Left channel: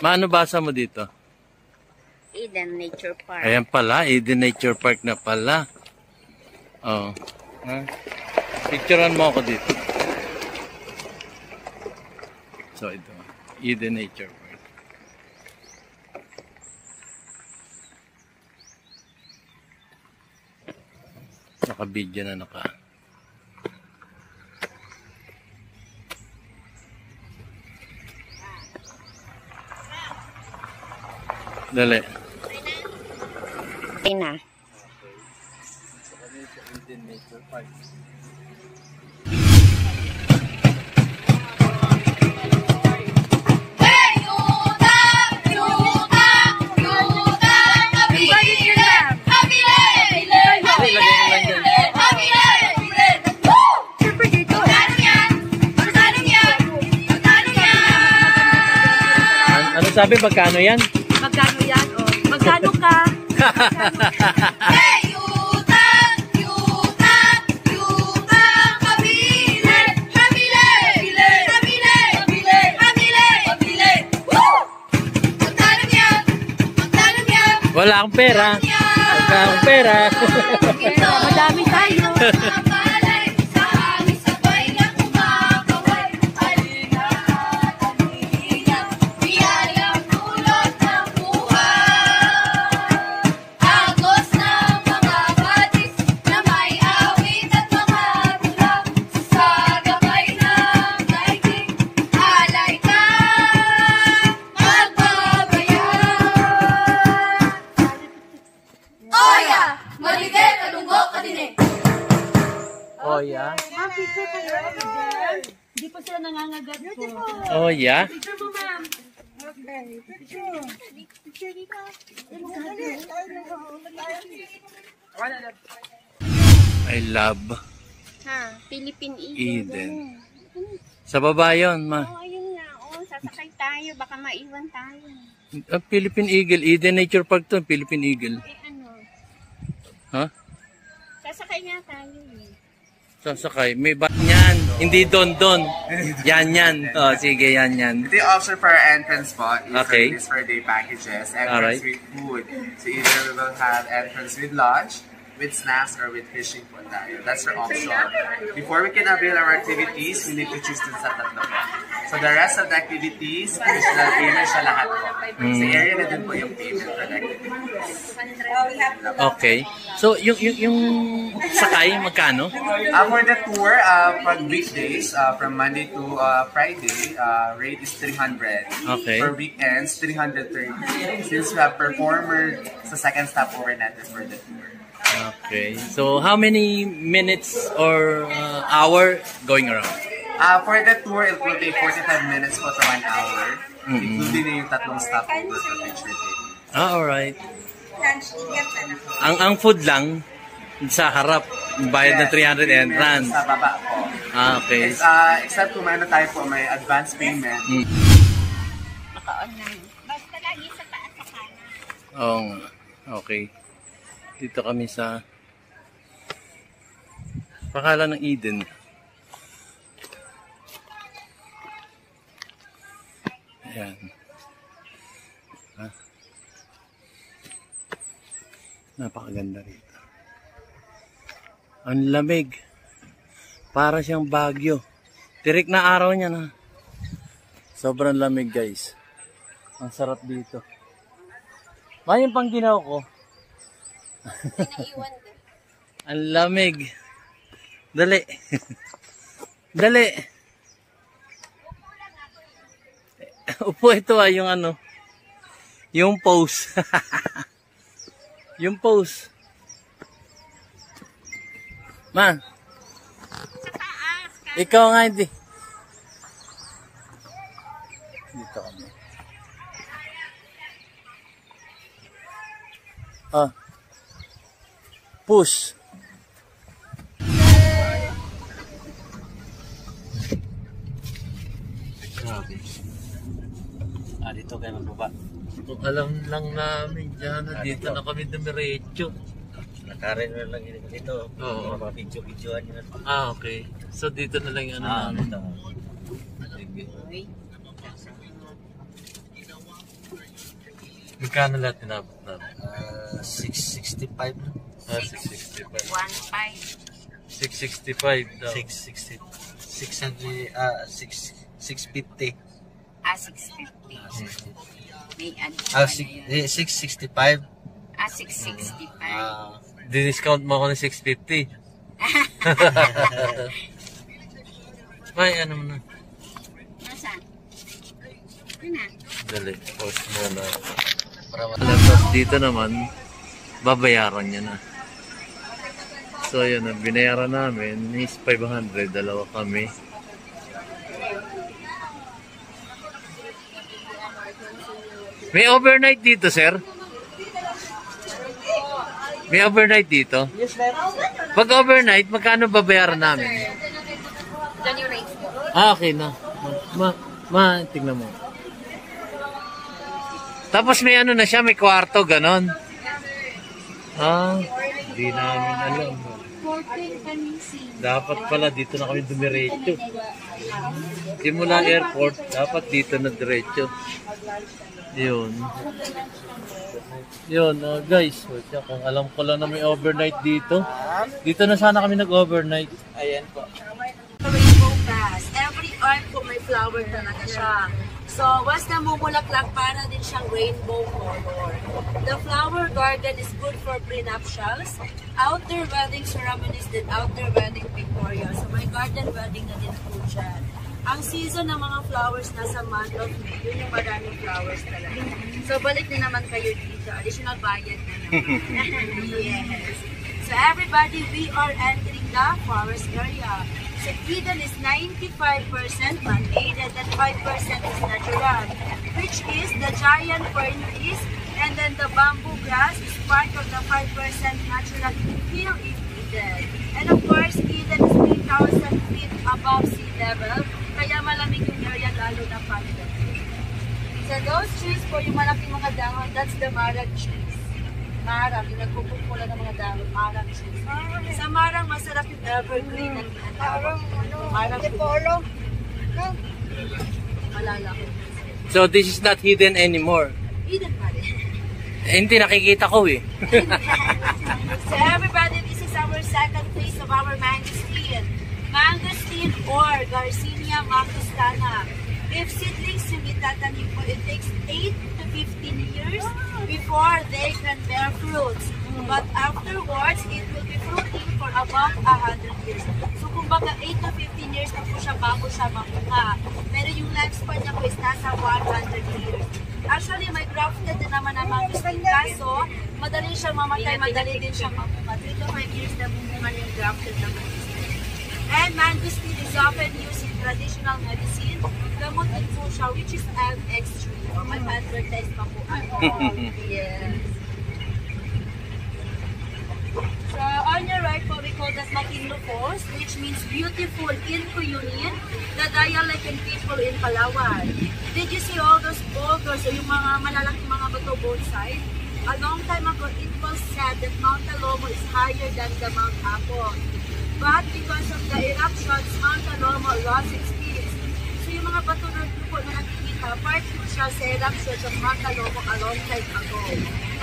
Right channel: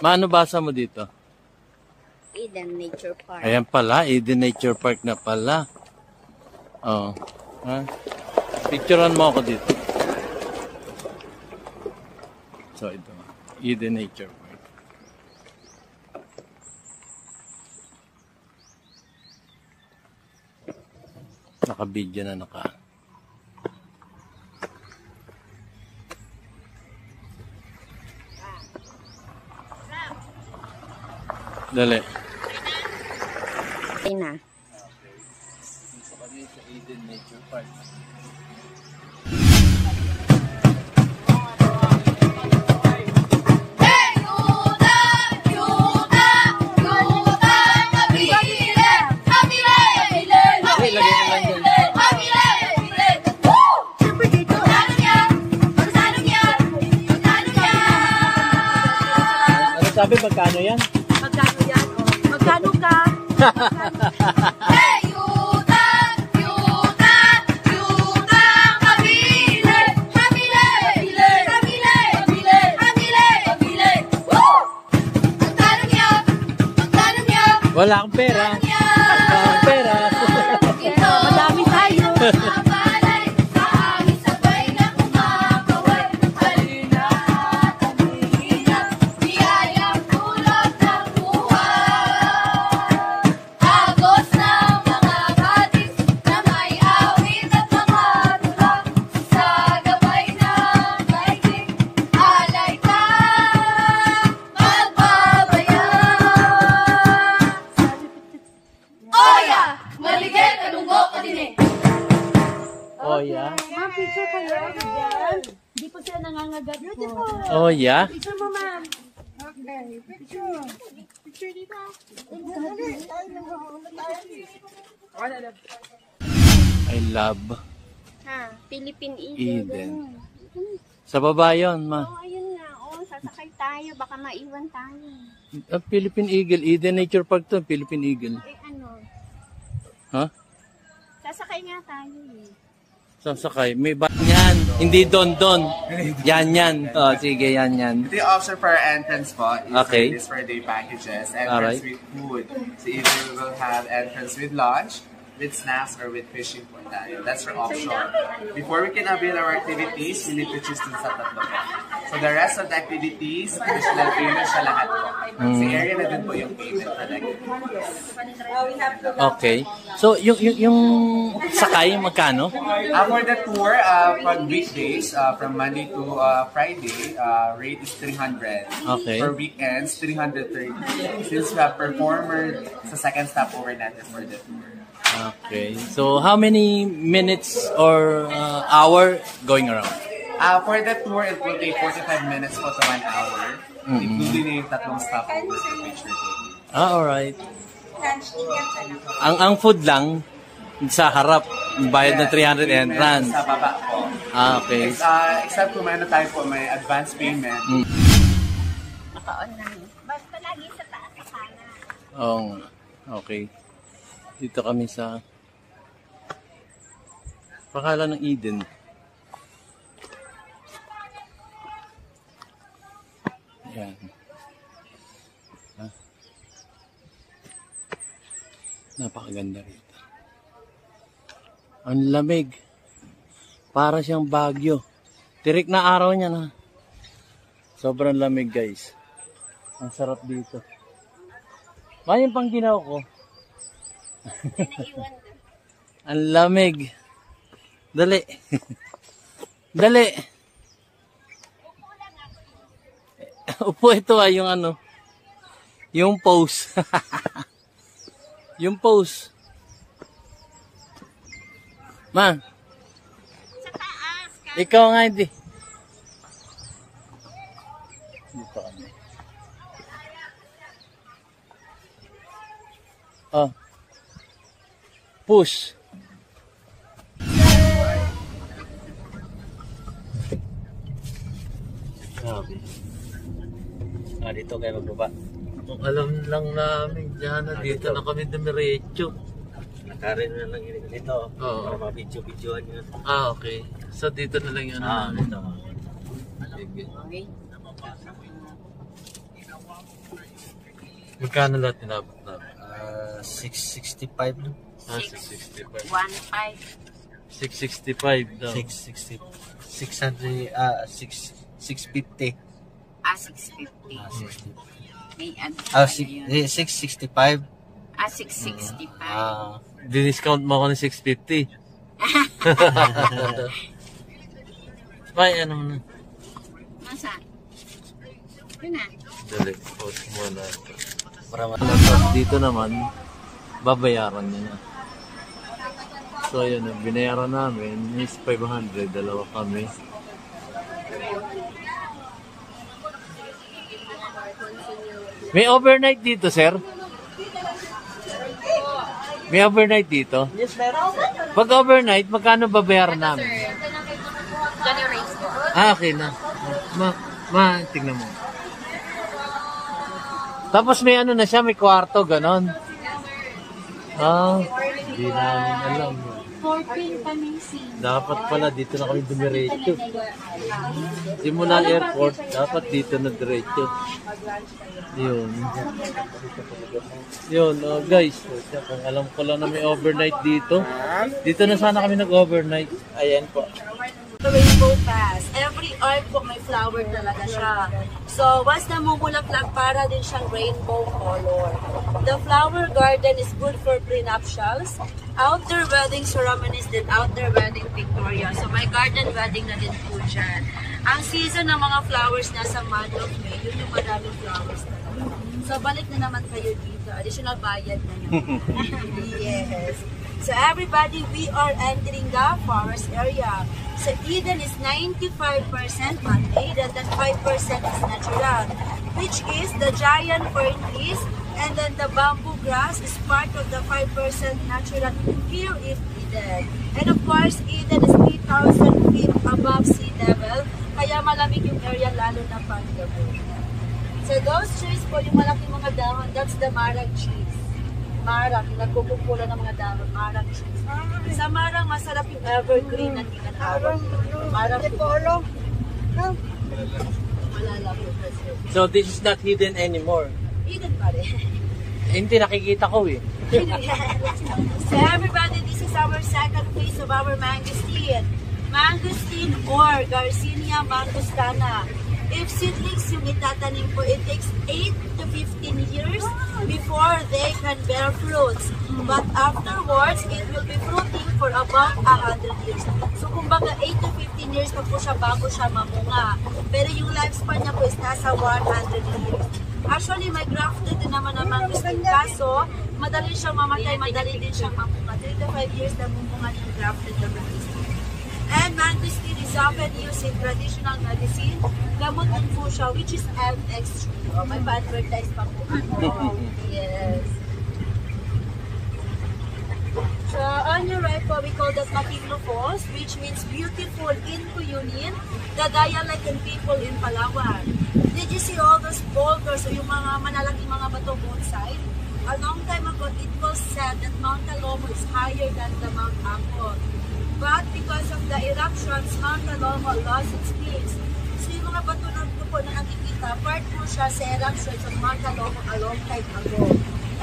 Maano basa mo dito? Eden Nature Park. Ayan pala, Eden Nature Park na pala. Oh. Ha? Picturean mo ako dito. So ito, Eden Nature Park. Naka-video na naka. Dali. Okay na. Eden Nature Park. Ano sabi, magkano yan? Magkano yan? Oh, magkano ka? Wala akong pera. Wala akong pera. Madami tayo. Oh yeah. Hindi po sila nangangagat po. Oh yeah. Picture mo, ma'am. Okay. Picture. Picture dito. I love Ha, Philippine Eden. Sa baba yun, ma. Oh, ayun nga. Oh, sasakay tayo. Baka maiwan tayo. Philippine Eagle. Eden Nature Park to. Philippine Eagle. Eh, ano? Ha? Sasakay nga tayo eh. Sasakay. May ba yan? Hindi don. Yan. Oh, sige, yan. Ito yung option for our entrance po. Okay. This for day packages. Entrance Alright. with food. So either we will have entrance with lunch, with snacks, or with fishing po tayo. That's our option. Before we can avail our activities, we need to choose dun sa tatlo po. So the rest of the activities, additional payment siya lahat po. Sa area na din po yung payment for the activities. Okay. So, yung sakay, magkano? For the tour, pag weekdays, from Monday to Friday, rate is 300. Okay. For weekends, 330. Since we have performer sa second stopover natin for the tour. Okay. So, how many minutes or hour going around? For the tour, it will take 45 minutes po to 1 hour. Including na yung tatlong stopover for picture taking. Alright. Ang food lang sa harap, bayad na 300 entrance. Sa baba po. Okay. Except kung may tayo po, may advance payment. Naka-online. Basta lagi sa taas sa kanan. Oo nga. Okay. Dito kami sa pangalan ng Eden. Ayan. Napakaganda rito. Ang lamig. Para siyang Baguio. Tirik na araw niya na. Sobrang lamig, guys. Ang sarap dito. Yung pang ginaw ko. Ang lamig. Dali. Dali. Upo, ito yung ano. Yung pose. Yung pose. Ma. Ikaw nga hindi. Dito kami. Push. Grabe. Dito kayo magbaba. Kung alam lang namin dyan, dito na kami dumiretso. Nakarin na lang yun dito. Oo. Mga video-videoan yun. Okay. So dito na lang yung ano namin. Dito. Sige. Okay. Magkano lahat tinabot namin? 665 no? 665. 1.5. 665 daw. 660. 650. 650. 60. May ano Ah, pa na yun. 665. 665. Di-discount mo ako ng 650. Ay, ano mo na? Nasaan? Yun na. Dali, post muna. Tapos dito naman, babayaran niya na. So yun, ang binayaran namin is 500, dalawa kami. May overnight dito, sir? May overnight dito? Yes, meron. Pag overnight, magkano babayaran namin? Johnny Race po. Okay na. Tignan mo. Tapos may ano na siya, may kwarto, ganon. Hindi namin alam. 14 Pamisi. Dapat pala dito na kami dumiretso. Simula airport, dapat dito na diretso. Yun. Yun, guys. Kung alam ko lang na may overnight dito. Dito na sana kami nag-overnight. Ayan po. Rainbow Pass. Every arc po may flower talaga siya. So, once namumulaklak, para din siyang rainbow color. The flower garden is good for prenuptials, outdoor wedding ceremonies, then outdoor wedding pictorial. So, may garden wedding na din po dyan. Ang season ng mga flowers nasa month of May, yun yung maraming flowers talaga. So, balik na naman kayo dito. Additional bayad na naman. Yes. So, everybody, we are entering the forest area. So, Eden is 95% man-made and then 5% is natural, which is the giant fern trees, and then the bamboo grass is part of the 5% natural here in Eden. And of course, Eden is 3,000 feet above sea level, kaya malamig yung area lalo na pagdating. So, those trees po, yung malaking mga dahon, that's the marag trees. Marang, yung nagpupula ng mga dahon, marang trees. Sa marang, masarap yung evergreen na tinatawag. Marang polo. Alala ko. So this is not hidden anymore. Eden pa rin. Hindi, nakikita ko eh. So everybody, this is our second phase of our mangosteen. Mangosteen or Garcinia mangostana. If seedlings yung itatanim po, it takes 8 to 15 years before they can bear fruits. But afterwards, it will be fruiting for about 100 years. So, kumbaga 8 to 15 years pa po siya bago siya mamunga. Pero yung lifespan niya po is nasa 100 years. Actually, may grafted din naman ang mangosteen. Kaso, madali siyang mamatay, madali din siyang mamunga. 3 to 5 years na mamunga yung grafted na mangosteen. And mangosteen is often used in traditional medicine. Gamot din po siya, which is MX3. Oh, may pa-advertise pa po. Yes. So, on your right po, we call that Makinopos, which means beautiful in Cuyunin, the dialect and people in Palawan. Did you see all those boulders o yung mga malalaking mga bato both sides? A long time ago, it was said that Mount Talomo is higher than the Mount Apo. But because of the eruptions, Mount Talomo lost its peaks. So yung mga bato po na nakikita, part po siya sa eruptions of Mount Talomo a long time ago.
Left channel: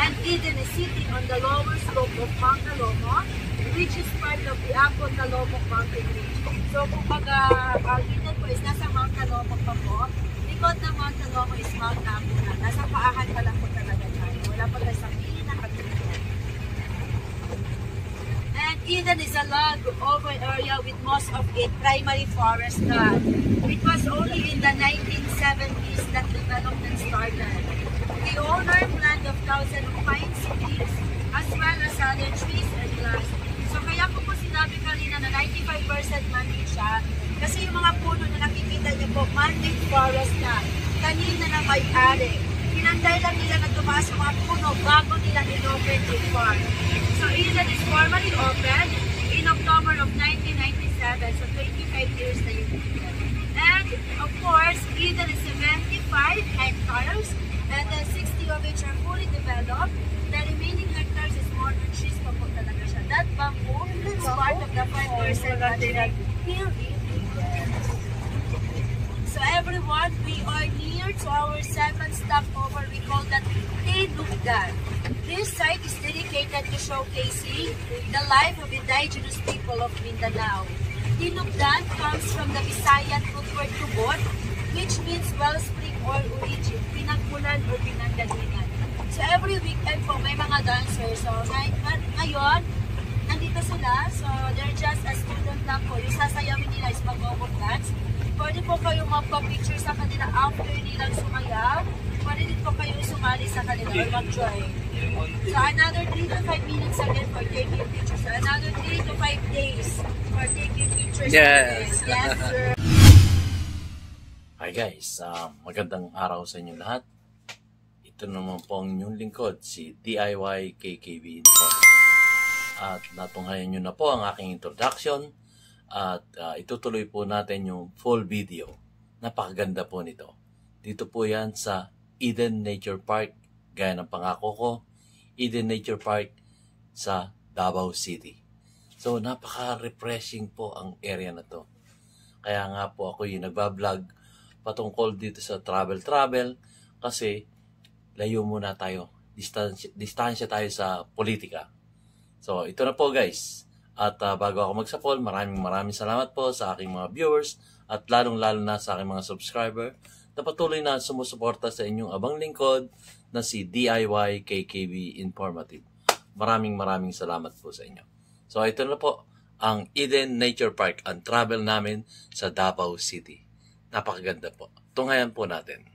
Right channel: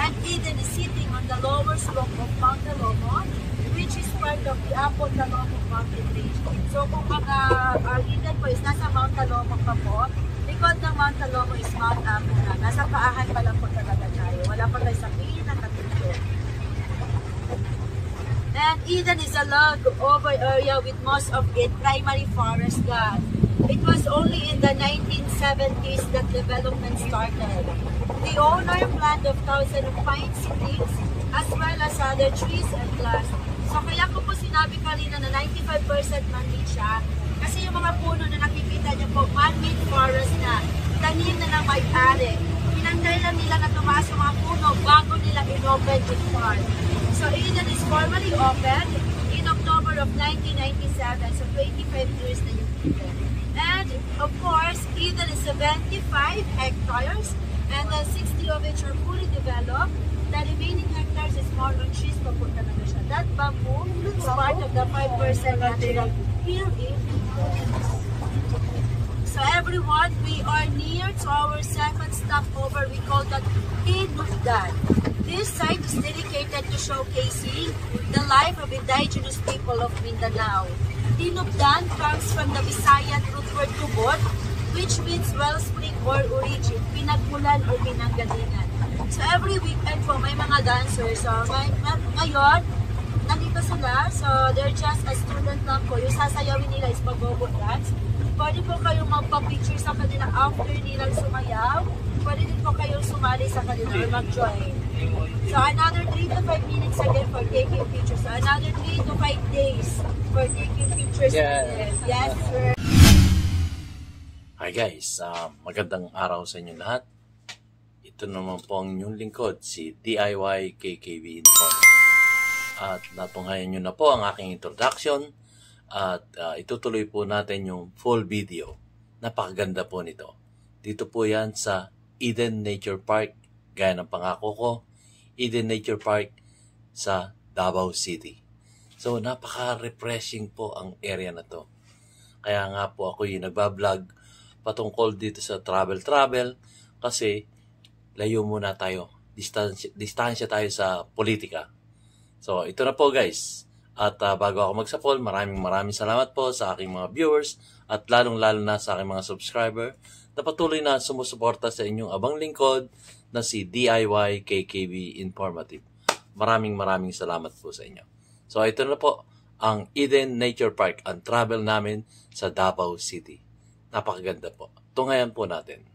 And Eden is sitting on the lower slope of Mount Talomo, which is part of the Apo Talomo mountain range. So kung baga, Eden po is nasa Mount Talomo pa po, likod ng Mount Talomo is Mount Apo na. Nasa paahan pa lang po talaga tayo. Wala pa tayo sa pinakatulog. And Eden is a log over area with most of it primary forest land. It was only in the 1970s that development started. The owner planted thousands of pine seedlings as well as other trees and grass. So kaya ko po sinabi kanina na 95% man-made siya kasi yung mga puno na nakikita niyo po, man-made forest na, tanim na ng may-ari. Pinanggal lang nila na tumaas yung mga puno bago nila in-open yung farm. So Eden is formally opened in October of 1997, so 25 years na yung Eden. And of course, Eden is 75 hectares and then 60 of which are fully developed. The remaining hectares is more on trees pa po talaga siya. That bamboo is part of the 5% natural hill in Eden. So everyone, we are near to our second stopover. We call that Eden Tinubdan. This site is dedicated to showcasing the life of indigenous people of Mindanao. Tinubdan comes from the Visayan root word tubod, which means wellspring or origin, pinagmulan or pinanggalingan. So every weekend po may mga dancers. So ngayon, nandito sila. So they're just a student lang po. Yung sasayawin nila is mag-bobok dance. Pwede po kayo magpa-picture sa kanila after nilang sumayaw. Pwede din po kayo sumali sa kanila or mag-join. So another 3 to 5 minutes again for taking pictures. So another 3 to 5 days for taking pictures. Yes. Yes, sir. Hi guys, magandang araw sa inyo lahat. Ito naman po ang inyong lingkod, si DIY KKB Info. At natunghayan nyo na po ang aking introduction at itutuloy po natin yung full video. Napakaganda po nito. Dito po yan sa Eden Nature Park, gaya ng pangako ko, Eden Nature Park sa Davao City. So napaka-refreshing po ang area na to. Kaya nga po ako yung nagbablog patungkol dito sa travel kasi layo muna tayo, distansya tayo sa politika. So ito na po guys, at bago ako magsapol, maraming salamat po sa aking mga viewers at lalong-lalo na sa aking mga subscriber na patuloy na sumusuporta sa inyong abang lingkod na si DIY KKB Informative. Maraming salamat po sa inyo. So ito na po ang Eden Nature Park, ang travel namin sa Davao City. Napakaganda po. Tunghayan po natin.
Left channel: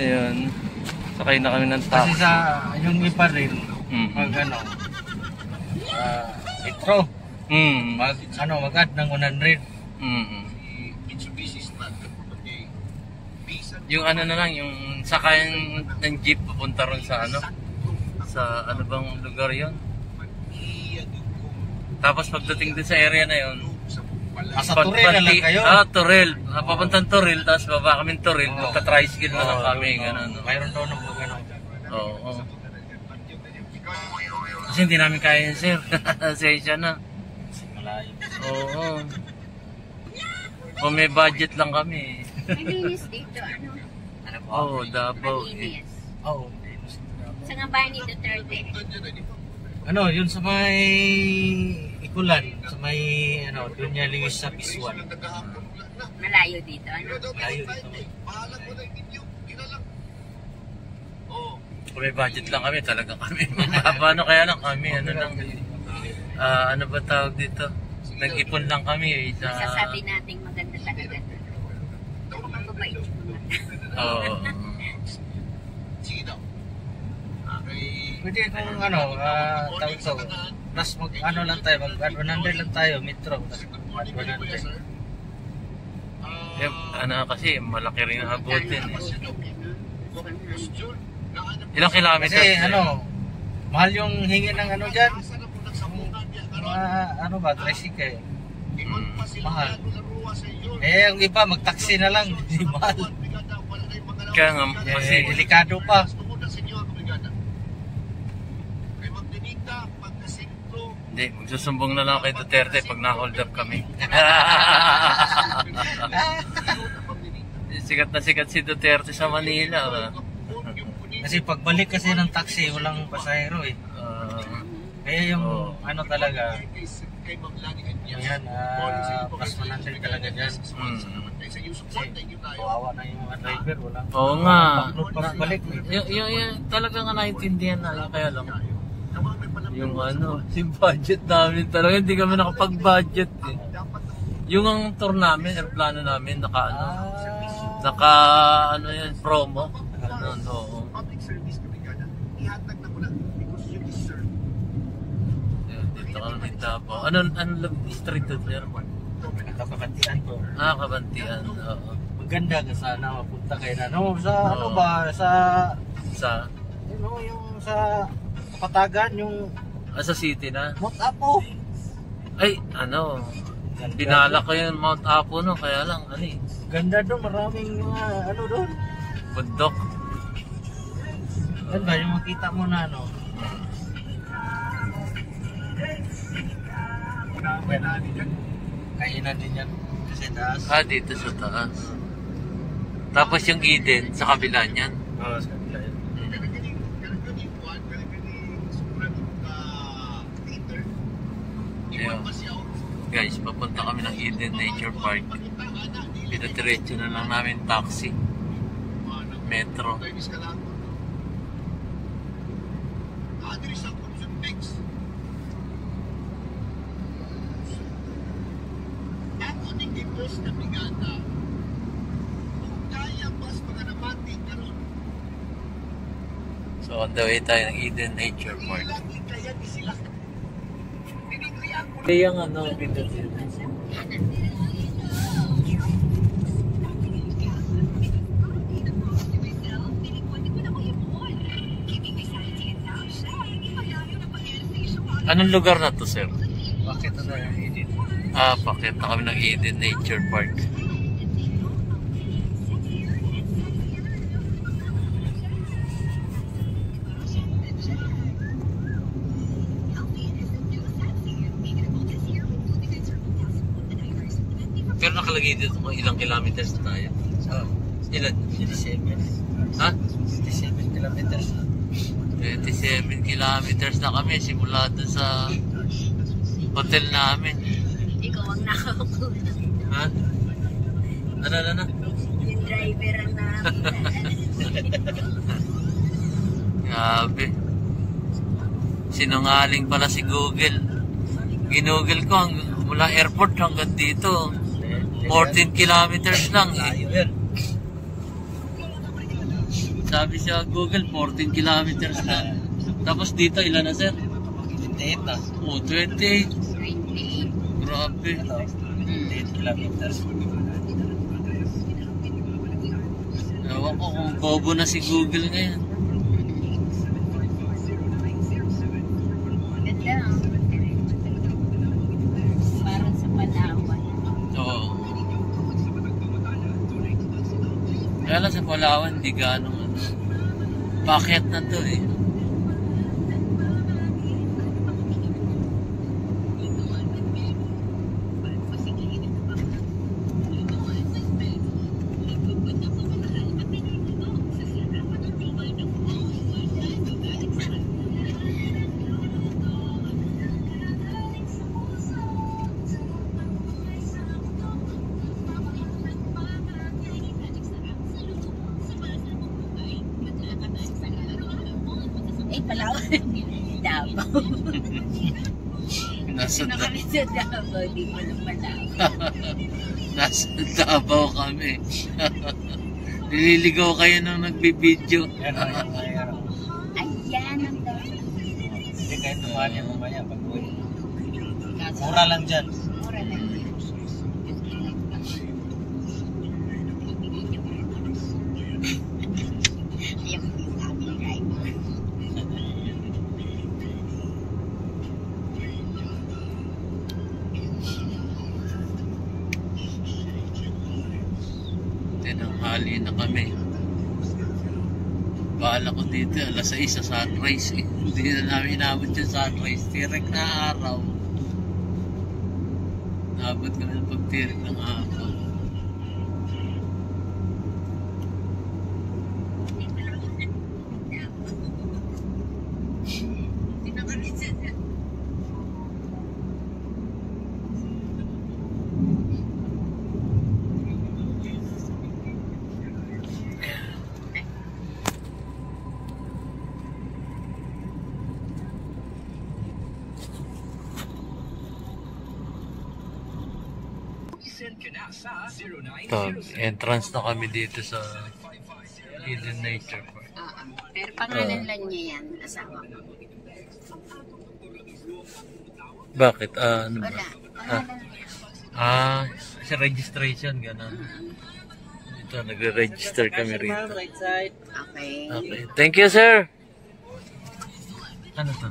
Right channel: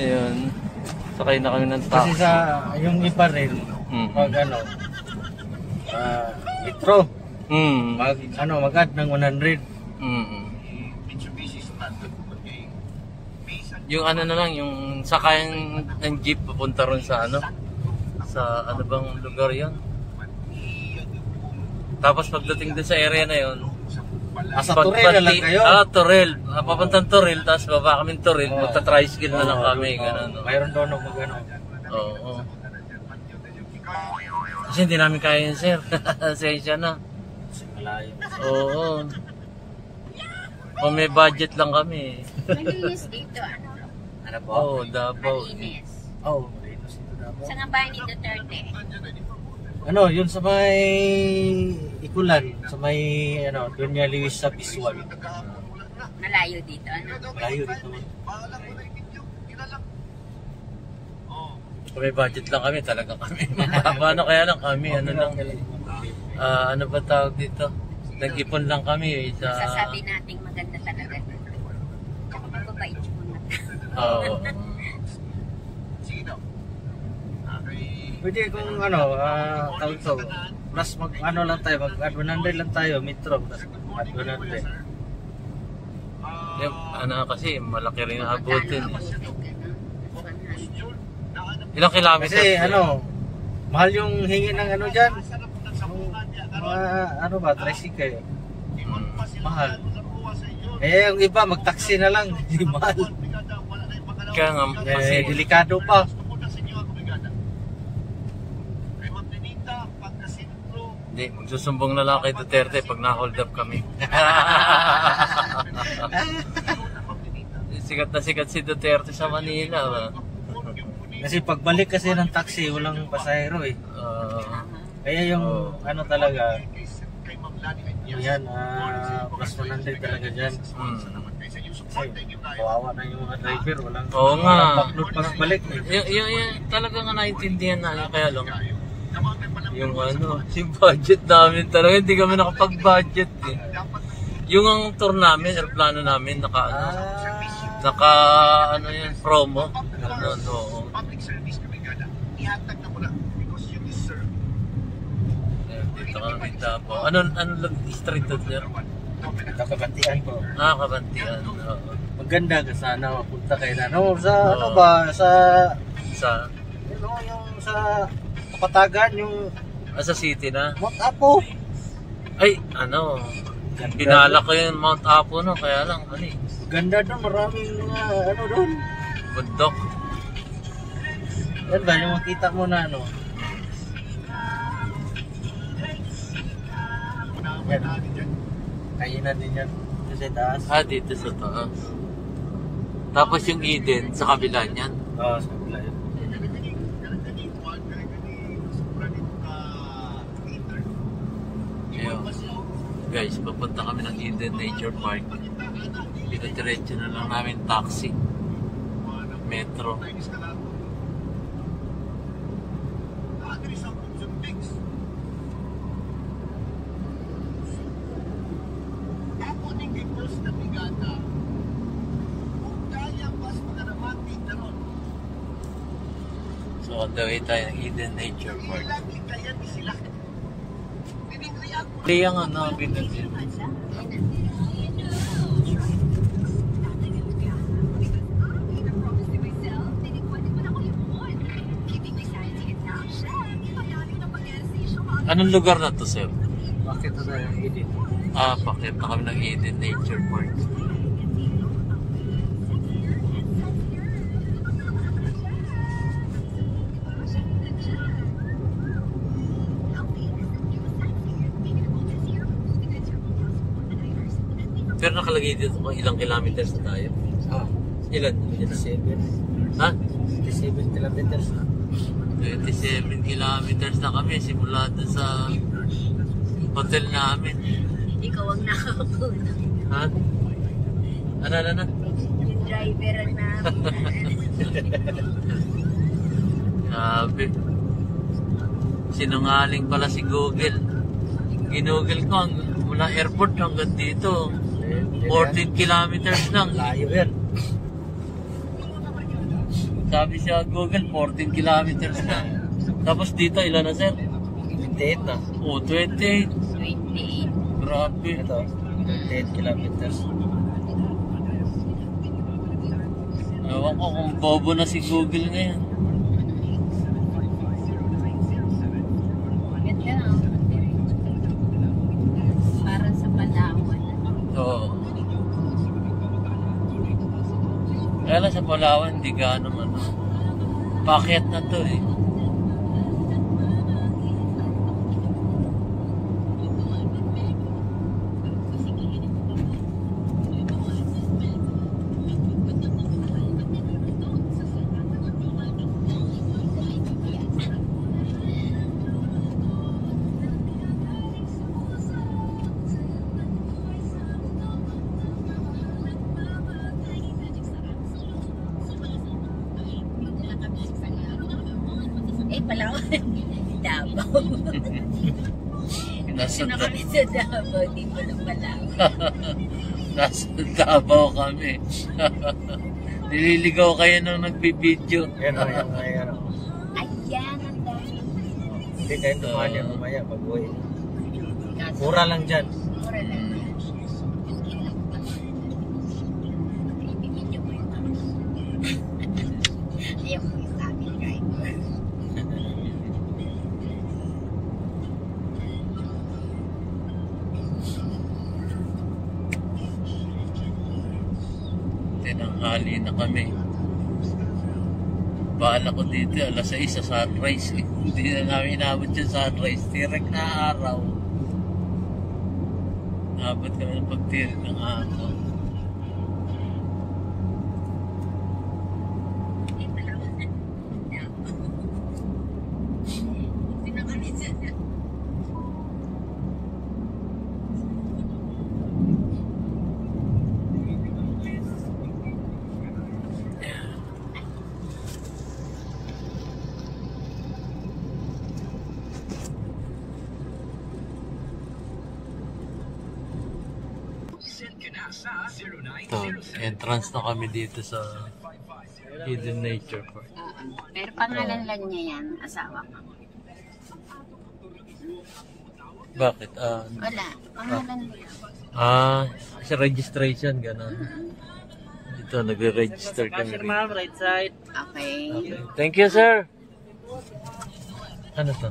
Ayun. Sakay na kami ng taxi. Kasi sa yung iba rin, pag litro, mag-add ng 100. Yung ano na lang, yung sakayan ng jeep papunta ron sa sa ano bang lugar yon. Tapos pagdating din sa area na yon, Sa Toril na lang kayo. Toril. Papuntang Toril, tapos baba kami Toril, magta-tricycle na lang kami, gano'n. Mayroon daw nung gano'n. Oo. Kasi hindi namin kaya yun, sir. Sensya na. Malayo. Oo. O may budget lang kami. Malinis dito, ano? Ano po? Oo, Davao. Malinis. Oh, Sa nga bahay ni Duterte. ano, yun sa may Ikulan, sa may Dunya Luis sa Bisuan. Malayo dito, ano? Malayo dito. Kung may budget lang kami, talagang kami. Paano kaya lang kami, ano lang. Ano ba tawag dito? Nag-ipon lang kami sa... Sasabi natin maganda talaga dito. Mababait mo na. Oo. Pwede kung tawag to, plus lang tayo, mag-add 100 lang tayo, metro, add 100. Kasi malaki rin ang abutin. Ilang kilometers? Kasi mahal yung hingi ng dyan. Tricycle. Mahal. Yung iba, mag-taxi na lang, hindi mahal. Kaya nga, kasi delikado pa. Hindi, magsusumbong na lang kay Duterte pag na-hold up kami. Sikat na sikat si Duterte sa Manila. Kasi pagbalik kasi ng taxi, walang pasahero eh. Kaya yung talaga, yan, plus 100 talaga dyan. Kasi kawawa na yung driver, walang backload pa balik. Yung talaga nga naintindihan na kaya lang. Yung yung budget namin talaga, hindi kami nakapag-budget eh. Yung ang tour namin, aeroplano namin, yun, promo. Dito kami Davao. Ano street to sir? Kabantian ko. Kabantian. Oo. Maganda ka sana mapunta kayo na. Sa yung sa Kapatagan, yung sa city na? Apo. Ay, Pinala ko yung Mount Apo no, kaya lang, ano eh. Ganda doon, maraming ano doon. Bundok. Yan ba, yung makita mo na ano. Kainan din yan. Kasi taas. Ah, dito sa taas. Tapos yung Eden, sa kabila niyan. Oo, sa kabila yun. Ayun. Guys, papunta kami ng Eden Nature Park. Pinadiretso na lang namin taxi. Metro. So on the way tayo ng Eden Nature Park. Hindi yung ano, anong lugar na to, sir? Bakit ito sa Eden? Ah, pakita kami ng Eden Nature Park. Pero nakalagay dito kung ilang kilometers na tayo. Oo. Ilan? 27. Ha? 27 kilometers. 27 kilometers na kami simula doon sa hotel namin. Ikaw ang nakaupo. Ha? Ano? Yung driver ang Grabe. Sinungaling pala si Google. Ginugol ko mula airport hanggang dito. 14 kilometers lang. Layo yan. Sabi siya Google, 14 kilometers lang. Tapos dito, ilan na, sir? 28 na. Oh, 28. 28. Grabe. Ito, 28 kilometers. Ewan ko kung bobo na si Google ngayon. Maganda. Parang sa Palawan. Oo. Kaya lang sa Palawan, hindi ganong ano. Paket na to eh. Palawan. Davao. Nasa Kami sa Davao, di pa na Palawan. Nasa Davao kami. Nililigaw kayo nung nagbibideo. Yan o, yan o. Ayan ang dami. Hindi kayo tumahan yan mamaya pag uwi. Mura lang dyan. Mura lang yan. Ayaw ko yung aming driver. Tinanghali na kami. Bahala ko dito, alas 6 sa sunrise eh. Hindi na namin inabot yung sunrise. Tirek na araw. Naabot kami ng pagtirik ng araw. Entrance na kami dito sa Eden Nature Park. Pero pangalan lang niya yan, asawa ko. Bakit? Ano ba? Wala, pangalan niya. Sa registration, gano'n. Dito, nagre-register kami rito. Right side. Okay. Okay. Thank you, sir! Ano to?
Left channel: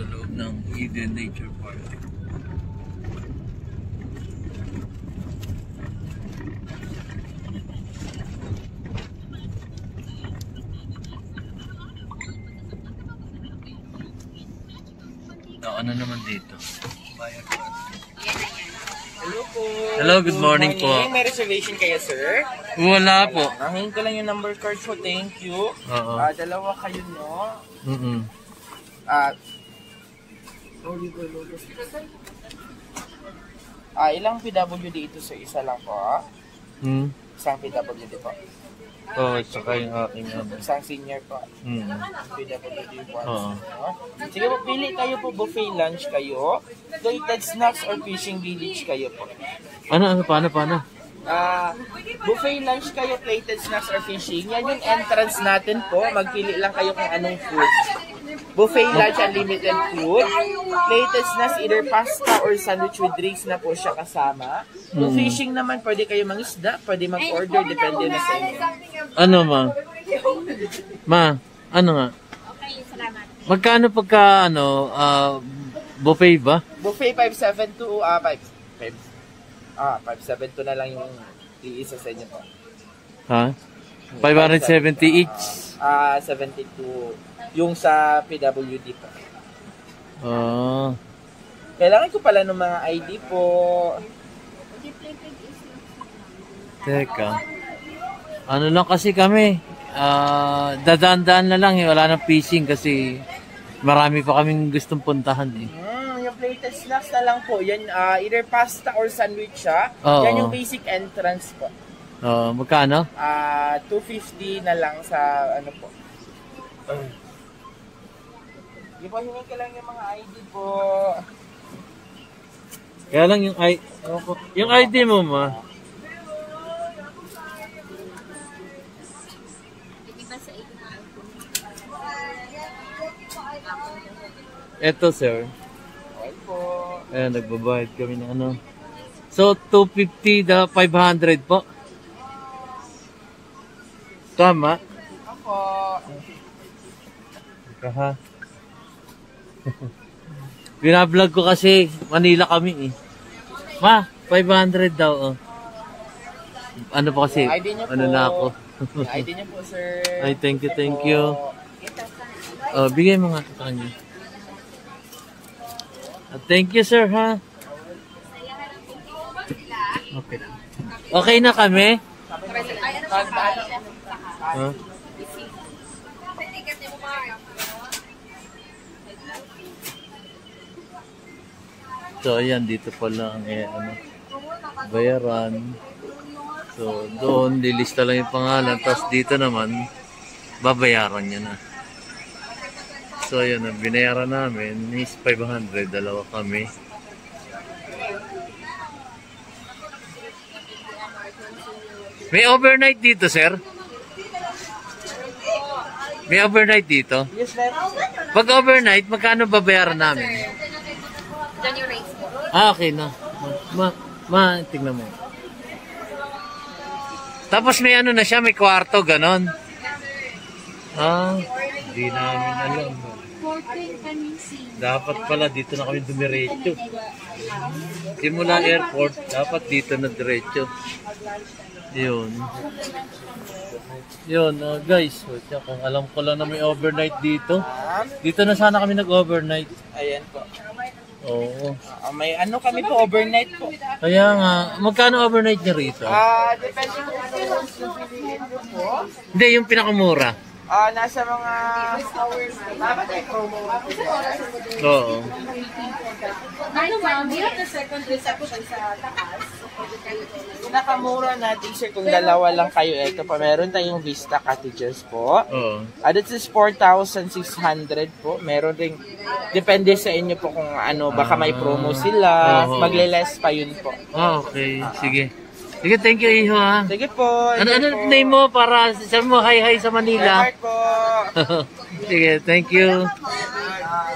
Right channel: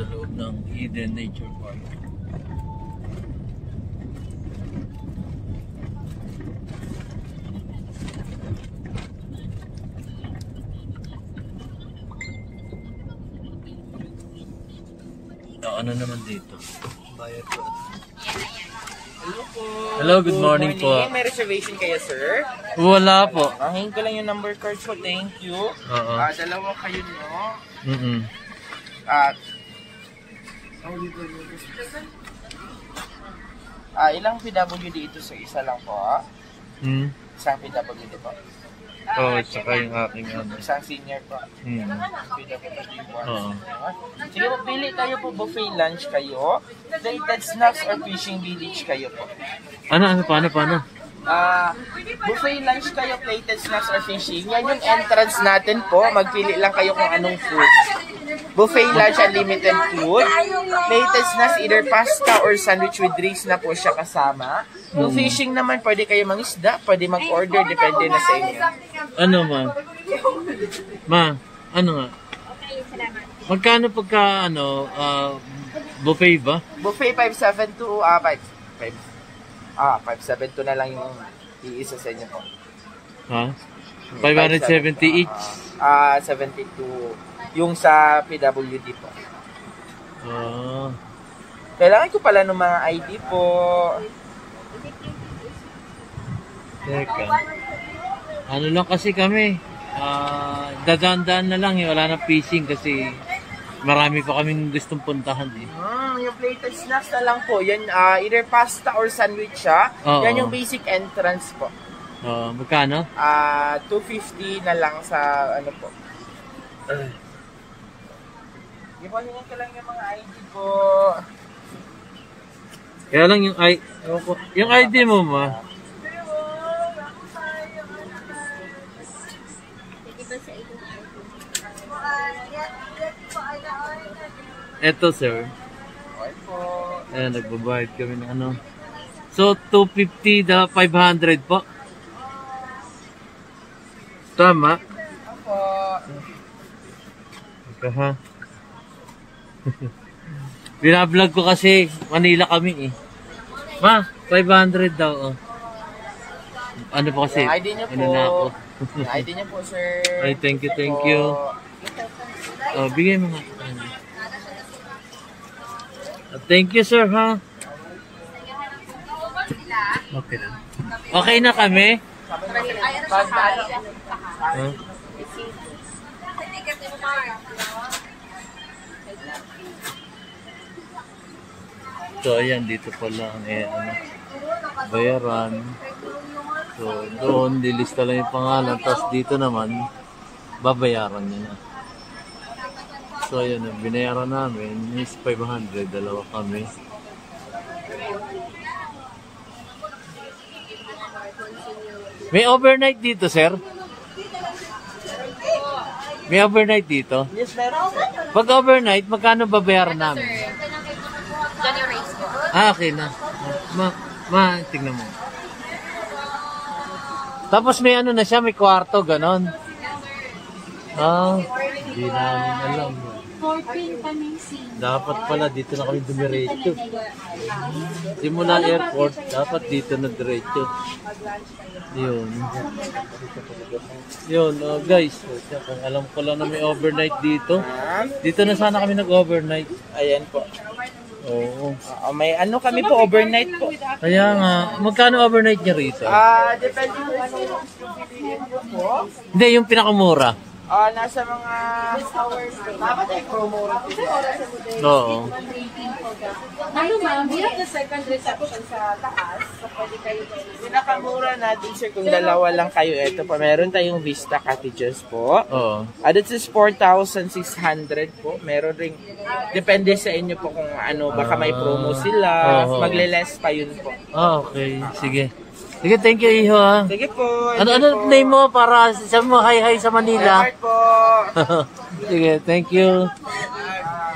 sa loob ng Eden Nature Park. Ano naman dito? Bayad ko. Hello po. Hello, good morning po. May reservation kayo, sir? Wala po. Hingin ko lang yung number card po. Thank you. Oo. Dalawa kayo, no? Ilang PWD ito, sir? Isa lang po. Isang PWD po. Oo, tsaka yung aking ano. Isang senior po. PWD po. Oo. Sige po, pili kayo po. Buffet lunch kayo. Plated snacks or fishing village kayo po. Ano, paano? Buffet lunch kayo, plated snacks or fishing. Yan yung entrance natin po. Magpili lang kayo kung anong food. Buffet lunch, unlimited food. Plated snacks, either pasta or sandwich with drinks na po siya kasama. Yung fishing naman, pwede kayo mangisda, pwede mag-order, depende na sa inyo. Ano, ma? Ma, ano nga? Magkano pagka, buffet ba? Buffet 572, 572 na lang yung iisa sa inyo po. Ha? 570 each? 72. Yung sa PWD po. Oh. Kailangan ko pala ng mga ID po. Teka. Ano lang kasi kami. Dadaan-daan na lang. Wala nang fishing kasi marami pa kaming gustong puntahan eh. Yung plated snacks na lang po. Yan, either pasta or sandwich siya. Oo. Yan yung basic entrance po. Magkano? 250 na lang sa ano po. Yung hingin ko lang yung mga ID po. Kaya lang yung ID mo, ma. Eto, sir. Okay po. Ayan, nagbabayad kami ng ano. So, 250 the 500 po. Tama? Ako. Ika ha. Binablog ko kasi Manila kami eh. Ma, 500 daw oh. Ano po kasi? Yung ID niyo po. Ano na ako? Yung ID niyo po, sir. Ay, thank you. Bigay mo nga sa kanya. Thank you, sir, ha? Okay na. Okay na kami? Huh? So, ayan, dito pala ang bayaran. So, doon, lilista lang yung pangalan. Tapos dito naman, babayaran niya na. So, ayan, ang binayaran namin is 500. Dalawa kami. May overnight dito, sir? May overnight dito? Yes, meron. Pag overnight, magkano babayaran namin? Okay na. Tingnan mo. Tapos may ano na siya, may kwarto, ganon. Hindi namin alam. Dapat pala dito na kami dumiretso. Simula airport, dapat dito na diretso. Yun, guys. Kung alam ko lang na may overnight dito. Dito na sana kami nag-overnight. Ayan po. Oo. May ano kami po, overnight po. Kaya nga, magkano overnight niya rito? Depende kung ano yung piliin nyo po. Hindi, yung pinakamura. Nasa mga dapat ay promo. Oo. Ano ma'am, we have the second reception sa taas. Pinakamura natin sir kung dalawa lang kayo. Ito pa, meron tayong Vista Cottages po. Oo. This is 4,600 po. Meron ring, depende sa inyo po kung ano, baka may promo sila. Oo. Magle-less pa yun po. Okay, sige. Sige, thank you, Iho, ha. Sige po. Ano name mo para sabi mo hi sa Manila? Edward po. Sige, thank you.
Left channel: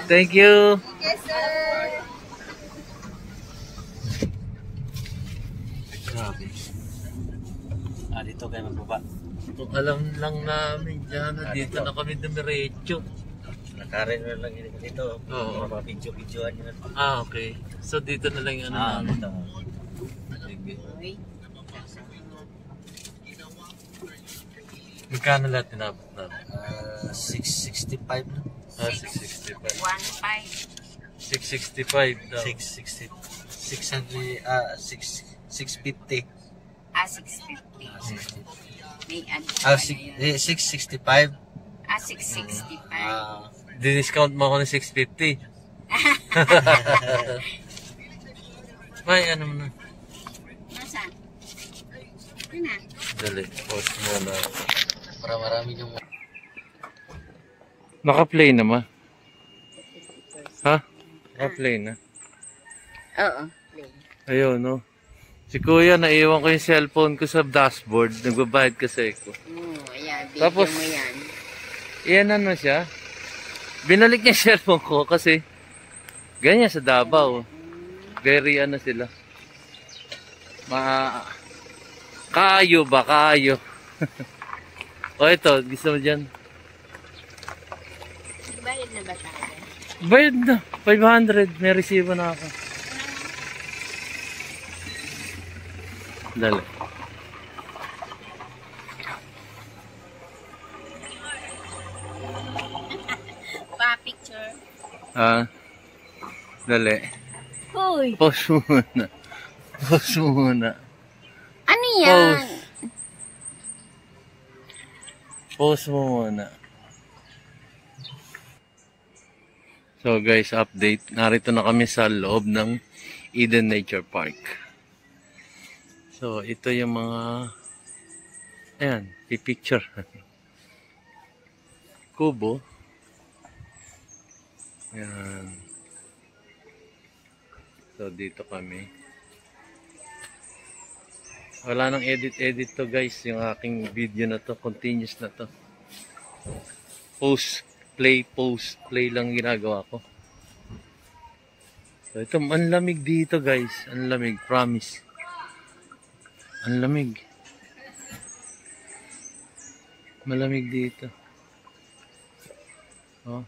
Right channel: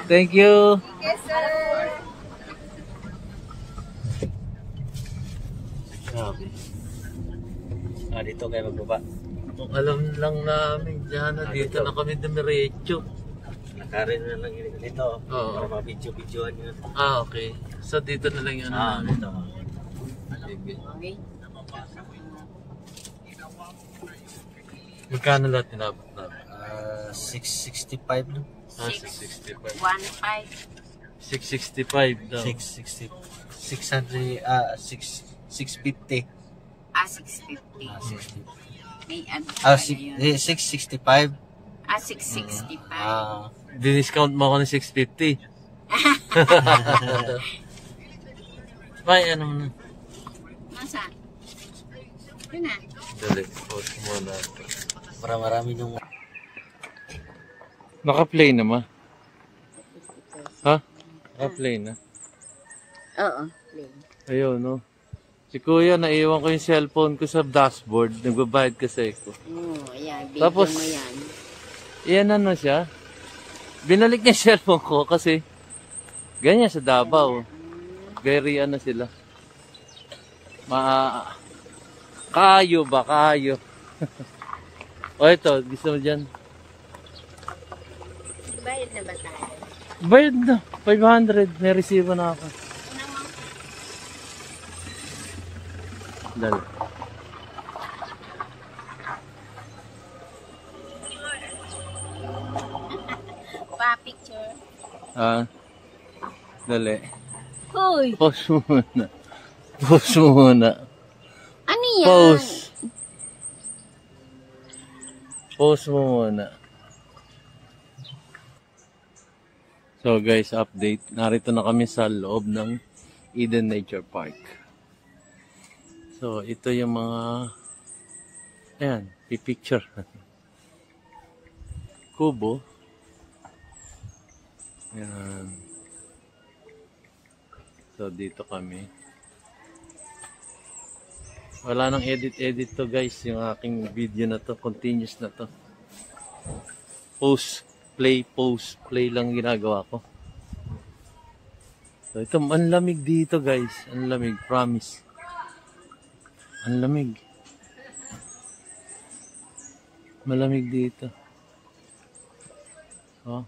Thank you. Yes, sir. Grabe. Dito kayo magbaba. Kung alam lang namin dyan, dito na kami dumiretso. Karen na lang dito. Oo. Para mga video-videoan nyo. Okay. So dito na lang yung ano Dito. Sige. Okay. Magkano lahat tinabot namin? 665 na. 665. 1.5. 665 daw. 660. 650. 650. 650. May ano. 665. 665. Di-discount mo ako ng 650. May ano mo na. Nasaan? Ito na. Dali. Post mo na. Para marami yung... Naka-play naman. Ha? Naka-play na. Oo. Ayun, no? Si Kuya, naiwan ko yung cellphone ko sa dashboard. Nagbabayad kasi ako. Ayan. Video Tapos, mo yan. Iyan ano siya. Binalik niya yung cellphone ko kasi ganyan sa Davao. Very ano sila. Kaayo ba? Kaayo. O ito, gusto mo dyan? Bayad na ba tayo? Bayad na. 500. May resibo na ako. Dali. Picture. Dali. Hoy! Post muna. Post muna. Ano yan? Post mo muna. So guys, update. Narito na kami sa loob ng Eden Nature Park. So ito yung mga ayan, picture. Kubo. Ayan. So dito kami. Wala nang edit to guys, yung aking video na to, continuous na to. Post play lang ginagawa ko. So ito, ang lamig dito guys, ang lamig, promise. Ang lamig. Malamig dito. Oh.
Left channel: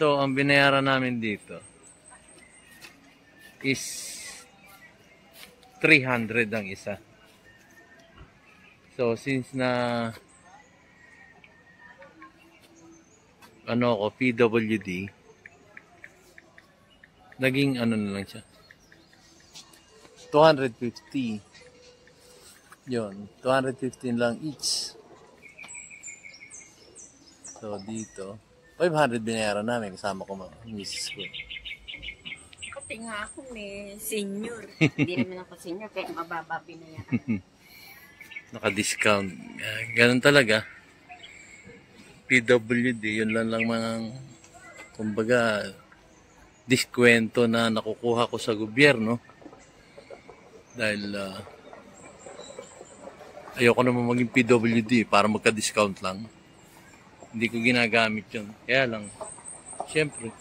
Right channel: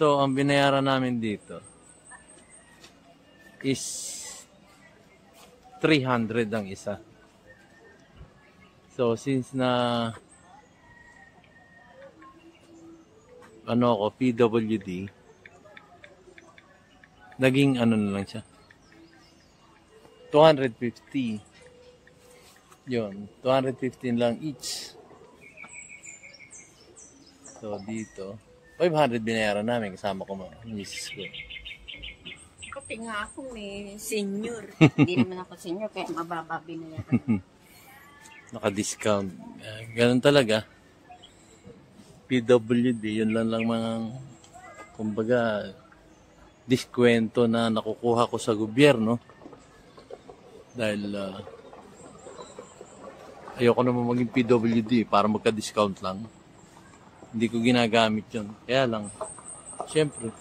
So, ang binayaran namin dito is 300 ang isa. So, since na ano ako, PWD, naging ano na lang siya. 250. Yun, 215 lang each. So, dito 500 binayaran namin kasama ko mga misis ko. Kasi nga ako senior. Hindi naman ako senior kaya mababa binayaran. Naka-discount. Ganun talaga. PWD, yun lang mga kumbaga diskwento na nakukuha ko sa gobyerno. Dahil ayoko naman maging PWD para magka-discount lang. Hindi ko ginagamit yun. Kaya lang, syempre,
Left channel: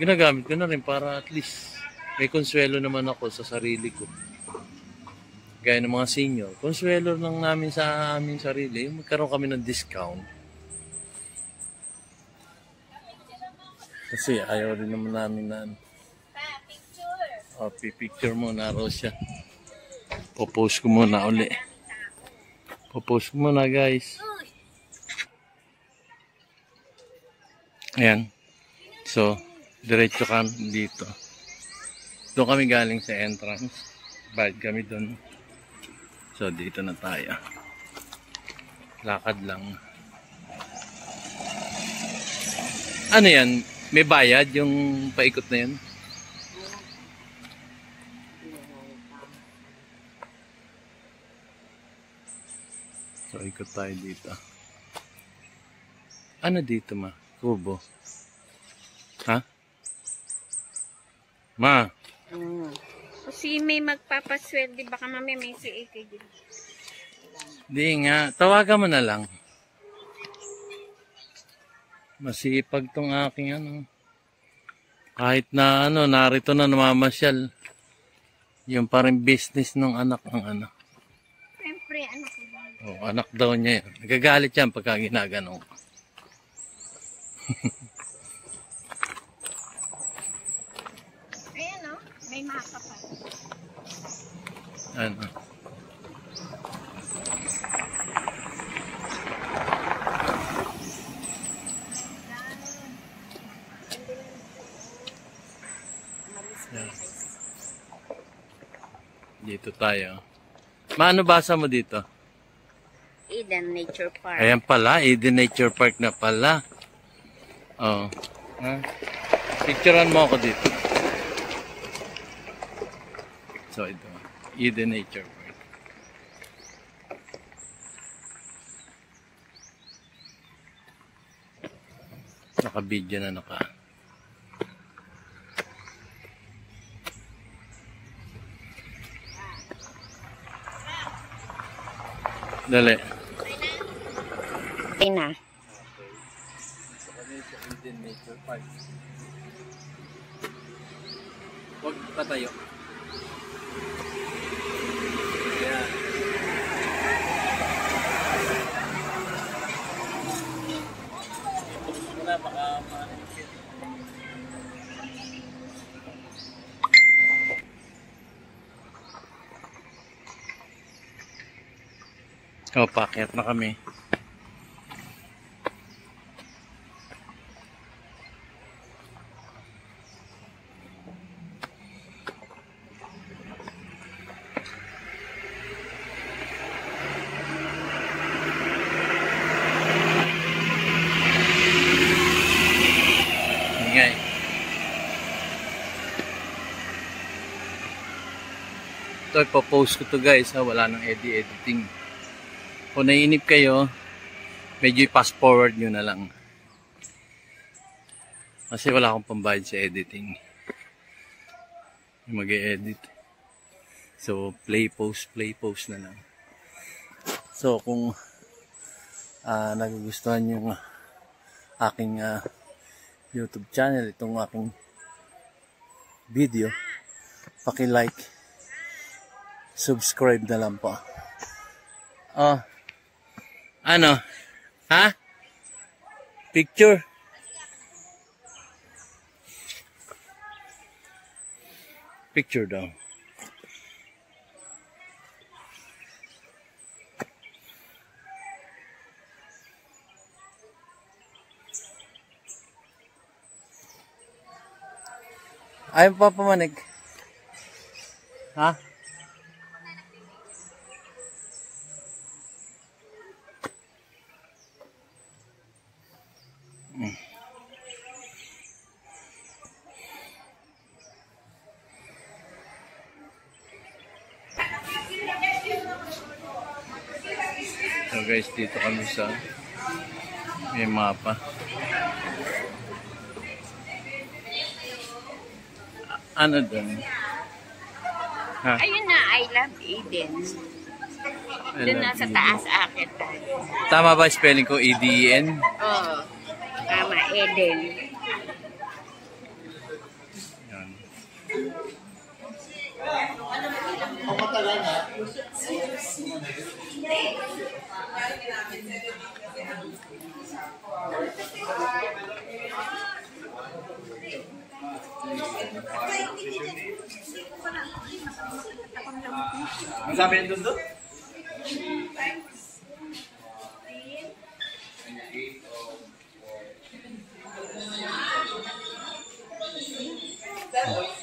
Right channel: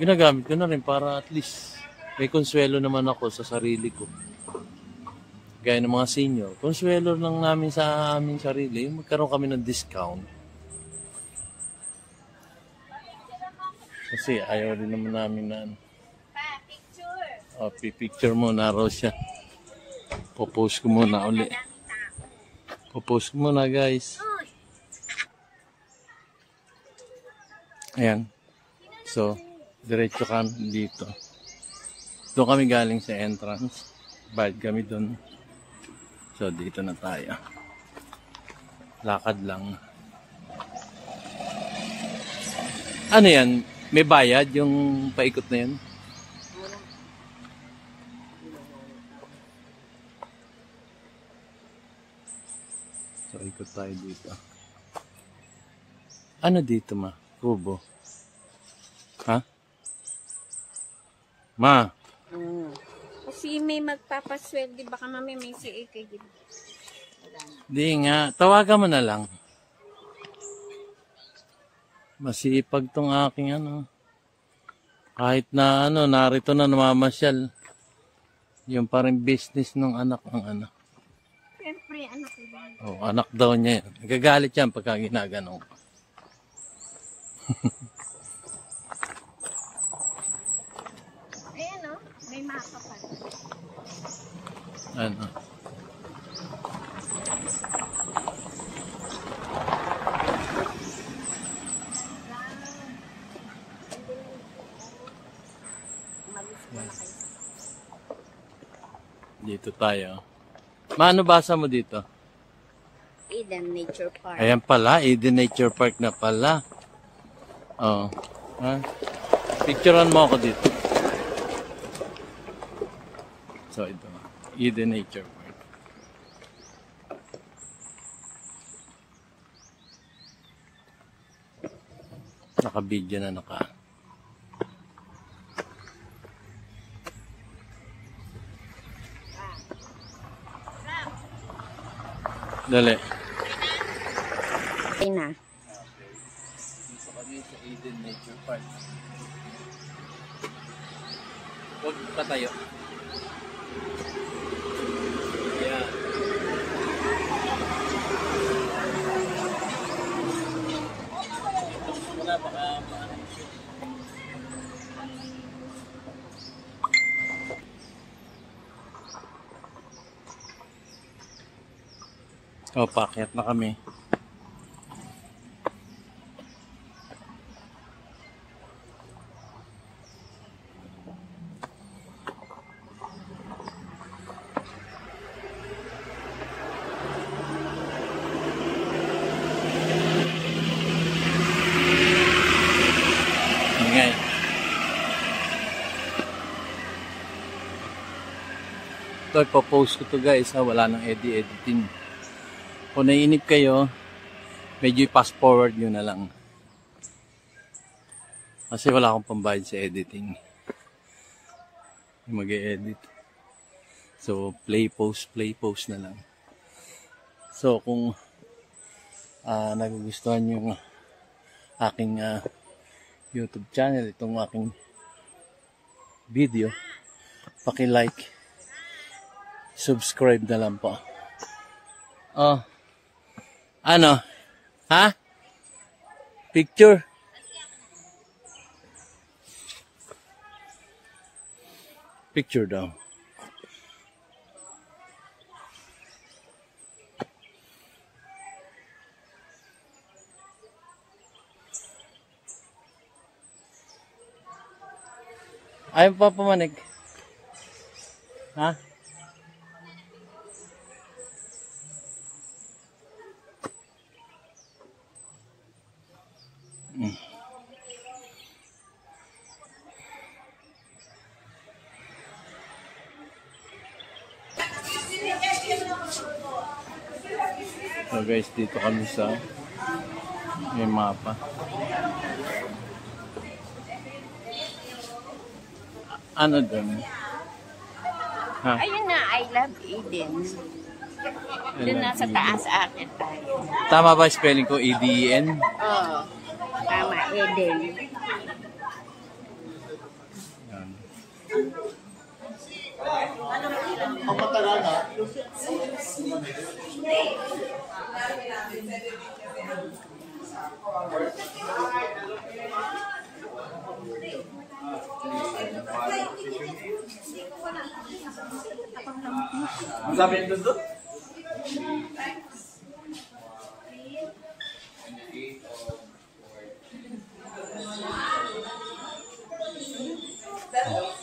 ginagamit ko na rin para at least may konsuelo naman ako sa sarili ko. Gaya ng mga senior. Konsuelo lang namin sa aming sarili. Magkaroon kami ng discount. Kasi ayaw rin naman namin na picture mo na raw siya. Popost ko muna uli. Popost ko muna guys. Ayan. So, diretso kami dito. Doon kami galing sa entrance. Bayad kami doon. So, dito na tayo. Lakad lang. Ano yan? May bayad yung paikot na yan? So, ikot tayo dito. Ano dito ma? Kubo. Ha? Ma? Kasi may magpapasweldi, baka mamaya may suiti din. Di nga. Tawagan mo na lang. Masipag tong aking ano. Kahit na ano, narito na namamasyal. Yung parang business ng anak ng ano. Oh, anak daw niya yan. Nagagalit yan pagka ginagano. Ayan o, may mapa pa. Ano? Yan. Dito tayo. Maano basa mo dito? Eden Nature Park. Ayan pala, Eden Nature Park na pala. Oh. Ha? Picturean mo ako dito. So ito, Eden Nature Park. Naka-video na naka. Dali. Okay na. Dito kami sa Eden Nature Park. Huwag patayo. Ayan. Tapos muna baka ma-shit. O, paakyat na kami. Ingay. Ito, ipopost ko to guys ha. Wala nang editing. Kung naiinip kayo, medyo i-fast forward nyo na lang. Kasi wala akong pambayad sa editing. Yung mag-e-edit. So, play post na lang. So, kung nagugustuhan yung aking YouTube channel, itong aking video, paki-like, subscribe na lang po. Oh. Ano? Ha? Picture? Picture daw. Ayaw pa pamanig. Ha? So guys, dito kami sa may mapa. Ano doon? Ha? Ayun na, I love Eden. Doon nasa taas akin tayo. Tama ba spelling ko? E-D-E-N? Oo. Tama, Eden. Yan. Sabi yan doon doon?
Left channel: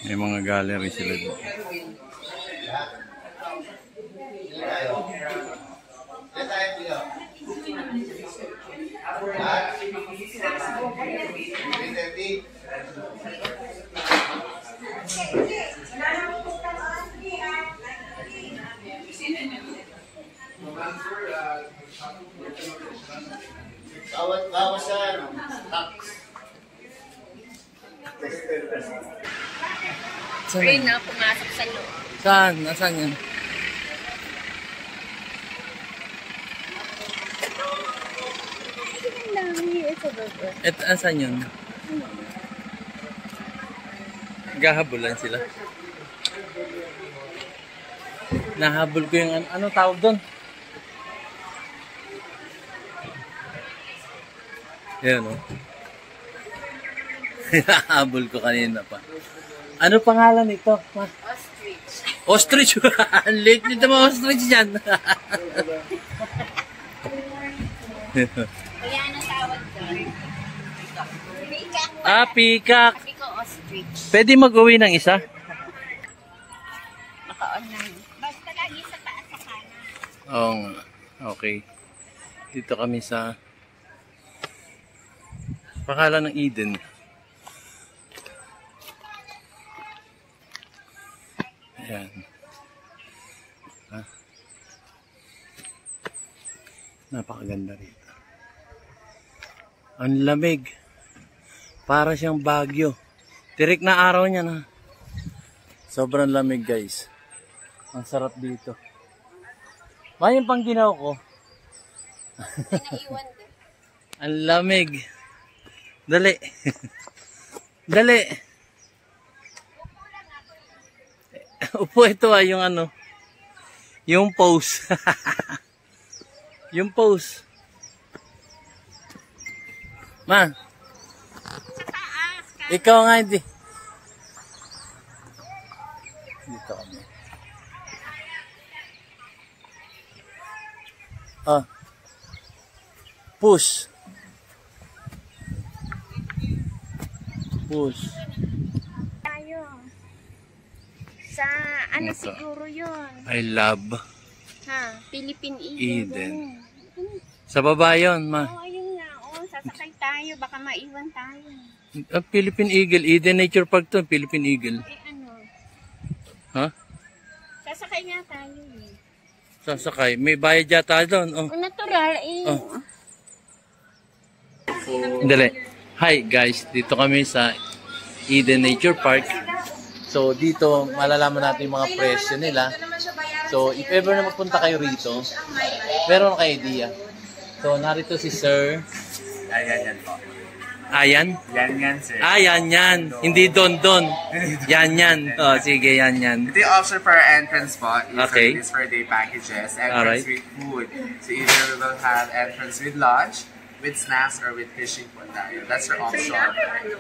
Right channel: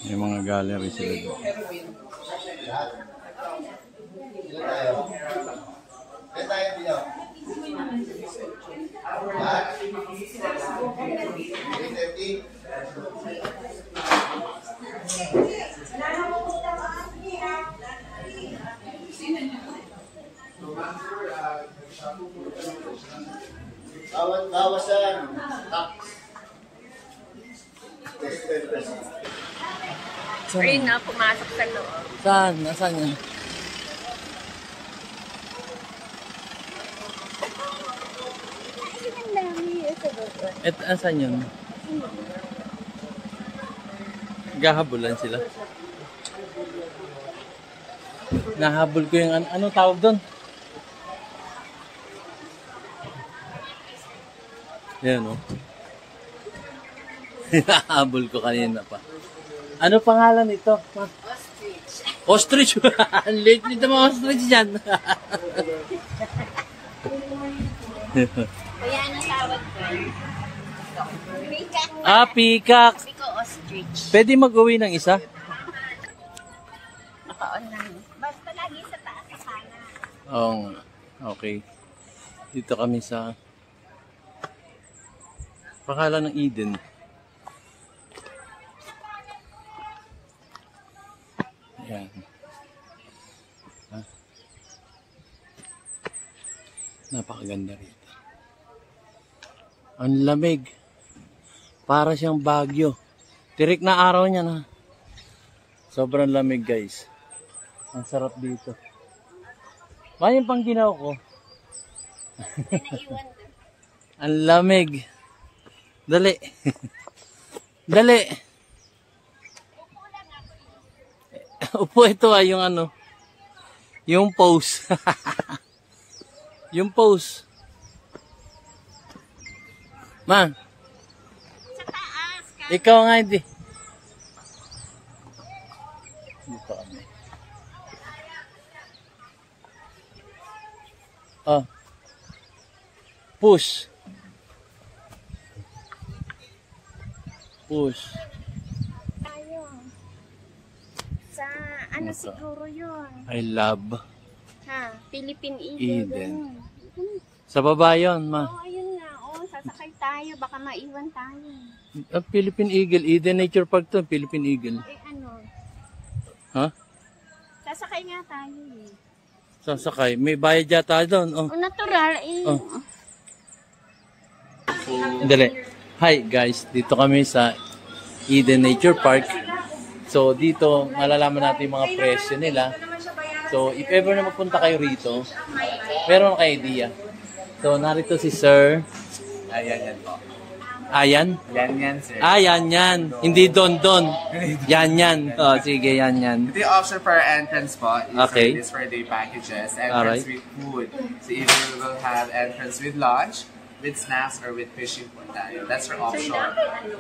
May mga gallery sila doon. Kawasan. Ayun na, pumasok sa loob. Saan? Nasaan yan? Ang dami. Ito ba? Asan yun? Gahabulan sila. Nahabol ko yung ano tawag doon? Yan, oh. Hinahabol ko kanina pa. Ano pangalan nito? Ostrich. Ostrich. Ang late nito mga ostrich dyan. Kaya ano tawag doon? Peacock. Ah, peacock. Sabi ko ostrich. Pwede mag-uwi ng isa? Nakaon lang. Basta lagi sa taas sa kanan. Oo nga. Okay. Dito kami sa pangalan ng Eden. Ayan. Napakaganda rito. Ang lamig. Para siyang Baguio. Tirik na araw niya na. Sobrang lamig guys. Ang sarap dito. Yung pang ginaw ko. Ang lamig. Dali. Dali. Upo ito yung ano. Yung pose. Yung pose. Ma. Ikaw nga hindi. Dito kami. Ah. Push. Push. Tayo. Sa ano Ito. siguro yun? I love Ha? Philippine Eden. Sa baba yun, ma. Oh, ayun nga. Oh, sasakay tayo. Baka maiwan tayo. Philippine Eagle. Eden Nature Park to. Philippine Eagle. Eh ano? Ha? Sasakay nga tayo eh. Sasakay. May bayad yata doon. Oh. Natural eh. Oh. Dali. Hi guys. Dito kami sa Eden Nature Park. So dito malalaman natin yung mga presyo nila. So if ever na magpunta kayo rito, meron kayo idea. So narito si Sir. Ayan yan po. Ayan? Yan sir. Ah, yan. Hindi don. Yan. Oh, sige, yan. Ito yung option for our entrance po. Okay. This for day packages. Entrance Alright. with food. So either we will have entrance with lunch, with snacks, or with fishing po tayo. That's our option.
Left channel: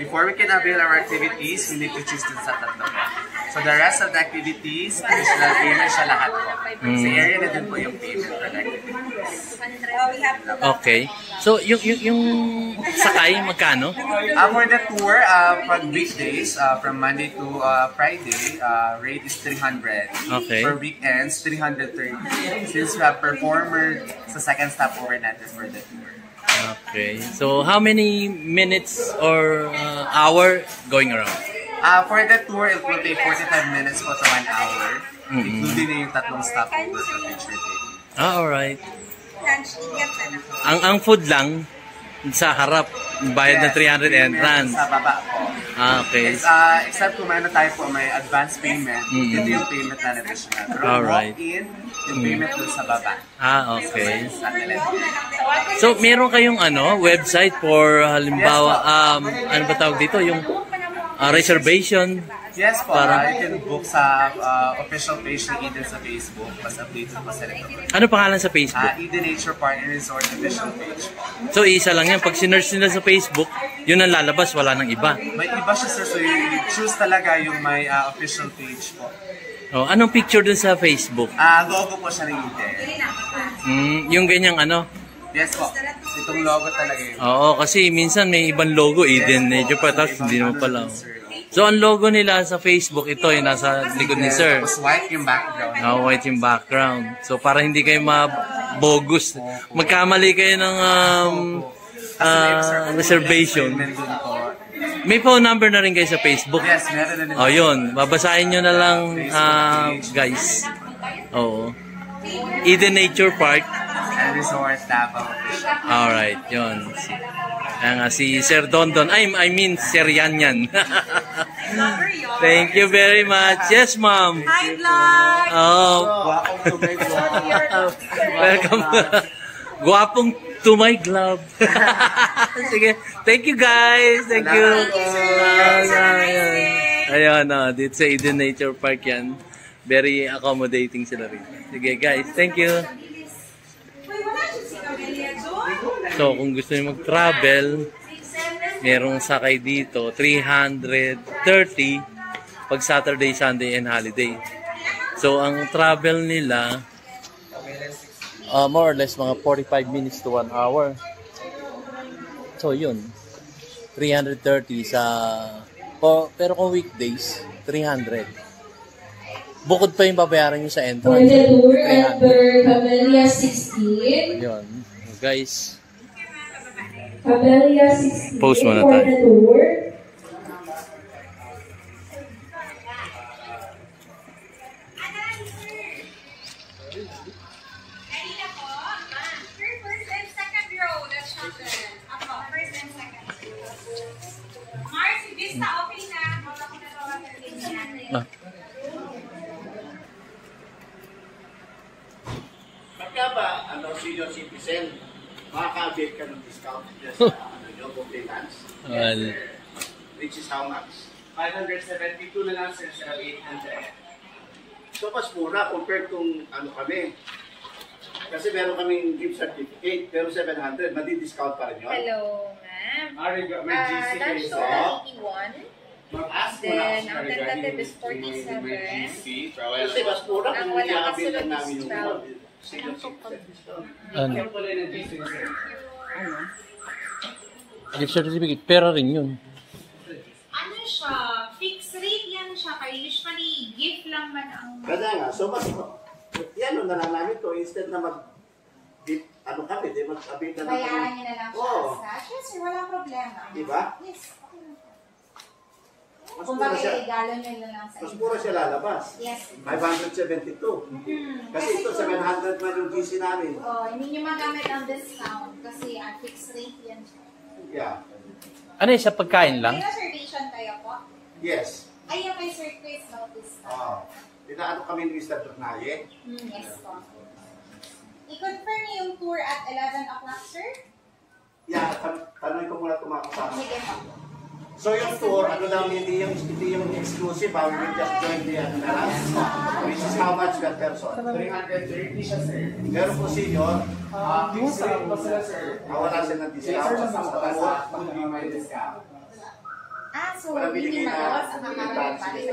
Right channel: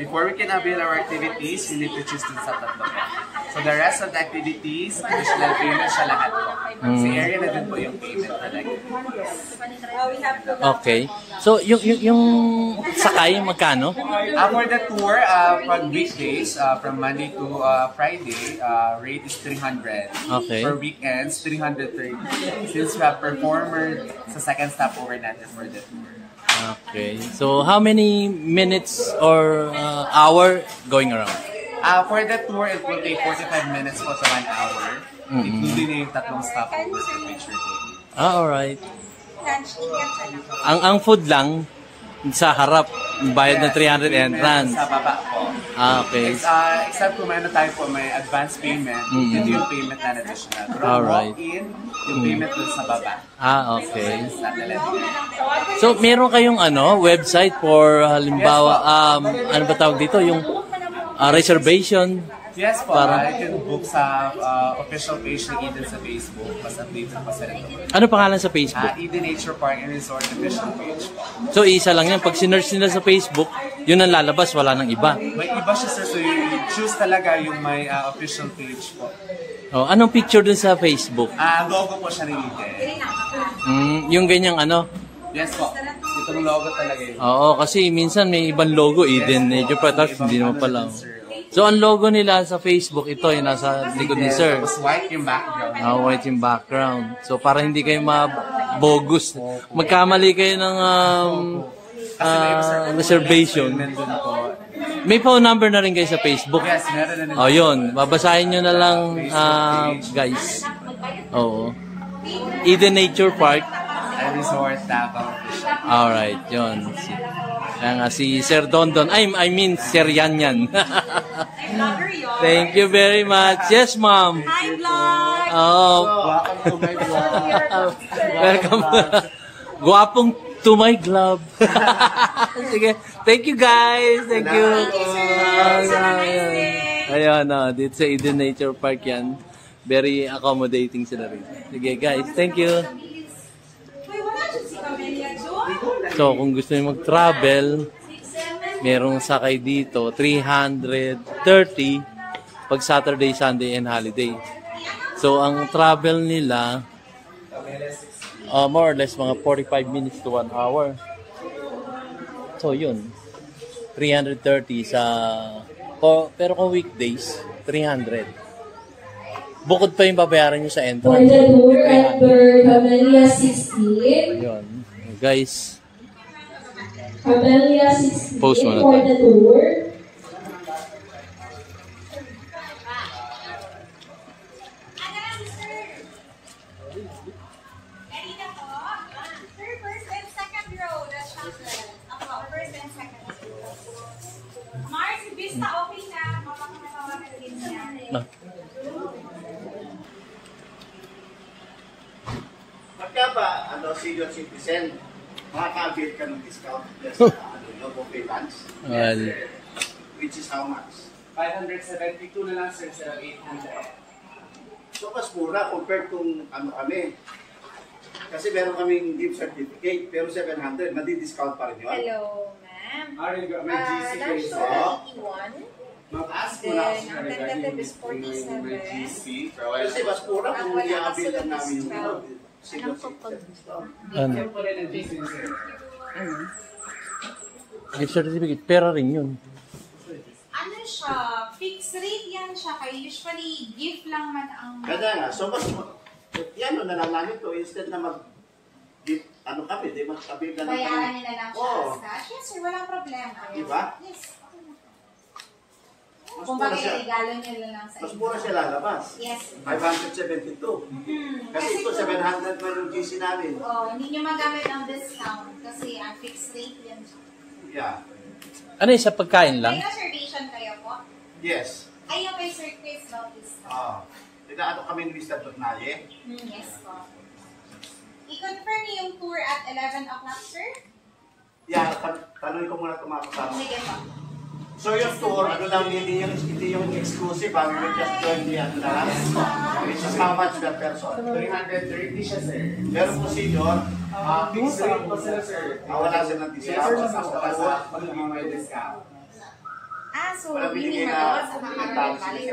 Before we can avail our activities, we need to choose dun sa tatlo po. So the rest of the activities, additional payment siya lahat po. Sa area na din po yung payment for the activities. Okay. So, yung sakay, magkano? For the tour, pag weekdays, from Monday to Friday, rate is 300. Okay. For weekends, 330. Since we have performer sa second stopover natin for the tour. Okay. So, how many minutes or hour going around? For the tour, it will take 45 minutes po to 1 hour. Including na yung tatlong stopover for picture taking. Alright. Ang food lang sa harap, bayad na 300 entrance. Sa baba po. Okay. Except kung may tayo po, may advance payment, ito yung payment na additional. Pero Alright. walk-in, yung payment dun sa baba. Okay. Sa telephone. So, meron kayong website for halimbawa, ano ba tawag dito? Yung reservation? Yes po, Para- you can book sa official page ng Eden sa Facebook. Mas updated pa sa ito. Ano pangalan sa Facebook? Eden Nature Park and Resort official page po. So, isa lang yan. Pag sinerch nila sa Facebook, yun ang lalabas. Wala nang iba. May iba siya sir, so you choose talaga yung may official page po. Oh, anong picture dun sa Facebook? Logo po siya ng Eden. Yung ganyang ano? Yes po, itong logo talaga yun. Oo, kasi minsan may ibang logo, Eden Nature Park, tapos hindi naman pala. So, ang logo nila sa Facebook, ito yung nasa likod ni Sir. Tapos white yung background. White yung background. So, para hindi kayo mabogus. Magkamali kayo ng reservation. Nandun po. May phone number na rin kayo sa Facebook. Yes, meron na din. Oh, yun. Babasahin nyo na lang, guys. Oo. Eden Nature Park. And Resort Davao official. Alright, yun. Si Sir Dondon. I mean, Sir Yanyan. Thank you very much. Yes, ma'am. Hi, vlog! Oh, Welcome to my vlog. welcome. Guwapong to my club. Sige. Thank you, guys. Thank you. Ayun, dito sa Eden Nature Park yan. Very accommodating sila rin. Sige, guys. Thank you. Wait, wala siya si Camelia, Joe? So, kung gusto niyo mag-travel, merong sakay dito, 330 pag Saturday, Sunday, and holiday. So, ang travel nila, more or less, mga 45 minutes to 1 hour. So, yun. 330 sa... pero kung weekdays, 300. Bukod pa yung babayaran nyo sa entrance. 300. Camellia 16. Yun. Guys. Camellia 16. Post muna for tayo. the tour. First and second row, that's chocolate. Ako, first and second. Mars, si Vista, okay na. Wala ko na tawagan din niya. Pagka ba, senior citizen, makaka-avail ka ng discount just buffet lunch. Well, Which is how much? 572 na lang, sir, 800. So, mas mura compared kung kami. Kasi meron kaming gift certificate, pero 700, madi-discount pa rin yun. Hello, ma'am. May GC kayo, Lunch sir. 81. Mag-ask mo na ako Then, sa ang regarding tentative is 47. may GC. Kasi mas mura Ang kung wala i-avail lang kasunod namin is yung 12. senior citizen discount. ano? Kaya po rin ang GC, sir. Gift certificate, pera rin yun. Ano siya? Fixed rate yan siya. Kaya usually, gift lang man ang... Kaya nga, so mas, yan o nananalit to, instead na kami, di mag-avail na lang Bayaran kami. niyo na lang siya Oo. as cash. Yes, sir. Walang problema. Diba? Yes. Mas Kung mura bakit siya, regalo niyo na lang sa mas inyo. mura siya lalabas. Yes. 572. Kasi ito, 700 pa yung GC namin. Oh, hindi niyo magamit ang discount kasi fixed rate yan siya. Yeah. Ano yun, sa pagkain lang? May reservation kayo po? Yes. Ayun kay Sir Chris Bautista. Ano kaming Mr. Tornaye? Yes po. I-confirm niyo yung tour at 11 o'clock, sir? Yeah, tanongin ko muna tumakasama. Sige po. So yung tour, lang, hindi yung exclusive, we will just join the na lang. Which is how much per person? 330 siya, sir. Pero po senior, Fixed rate po sila, sir. wala silang Yes, discount. sir. Basta full may discount. So Wala hindi binigay na magawa sa kakaroon balik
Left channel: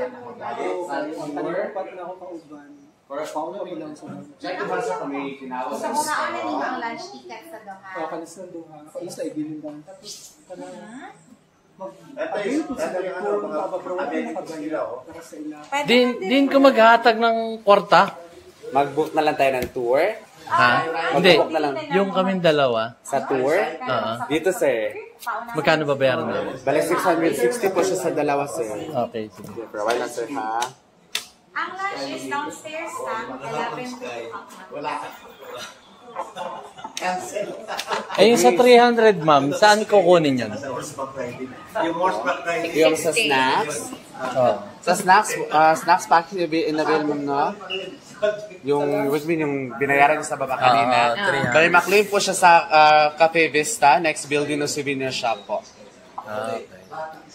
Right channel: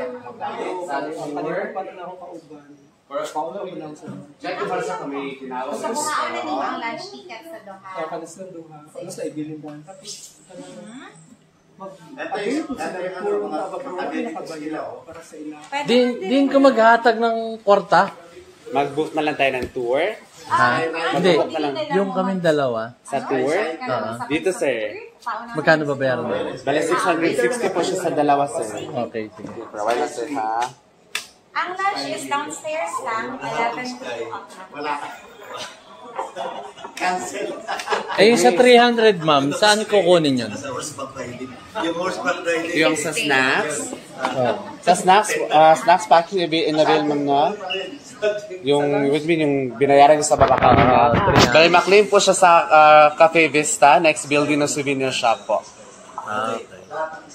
sa Check ko sa kami tinawag. Gusto ko nga ulit yung ang lunch ticket sa Doha. Ito yung mga amenities nila. Din ko maghatag ng kwarta. Mag-book na lang tayo ng tour. Ha? Hindi. Mag-book na lang Yung kaming dalawa. sa tour. Oo. Dito, sir. Magkano babayaran namin? Bale, 660 po siya sa dalawa, sir. Okay, sige. Provide lang, sir, ha? Ang lunch is downstairs lang, 11 to 2 o'clock. Wala ka. Cancel. Ayun sa 300, ma'am, saan kukunin yun? Yung horseback riding. Yung sa snacks. Oh. Sa snacks package, in-avail, ma'am, no? Yung, which mean, yung binayaran niyo sa baba kanina. Bale, maklaim po siya sa Cafe Vista, next building ng souvenir shop po. Okay.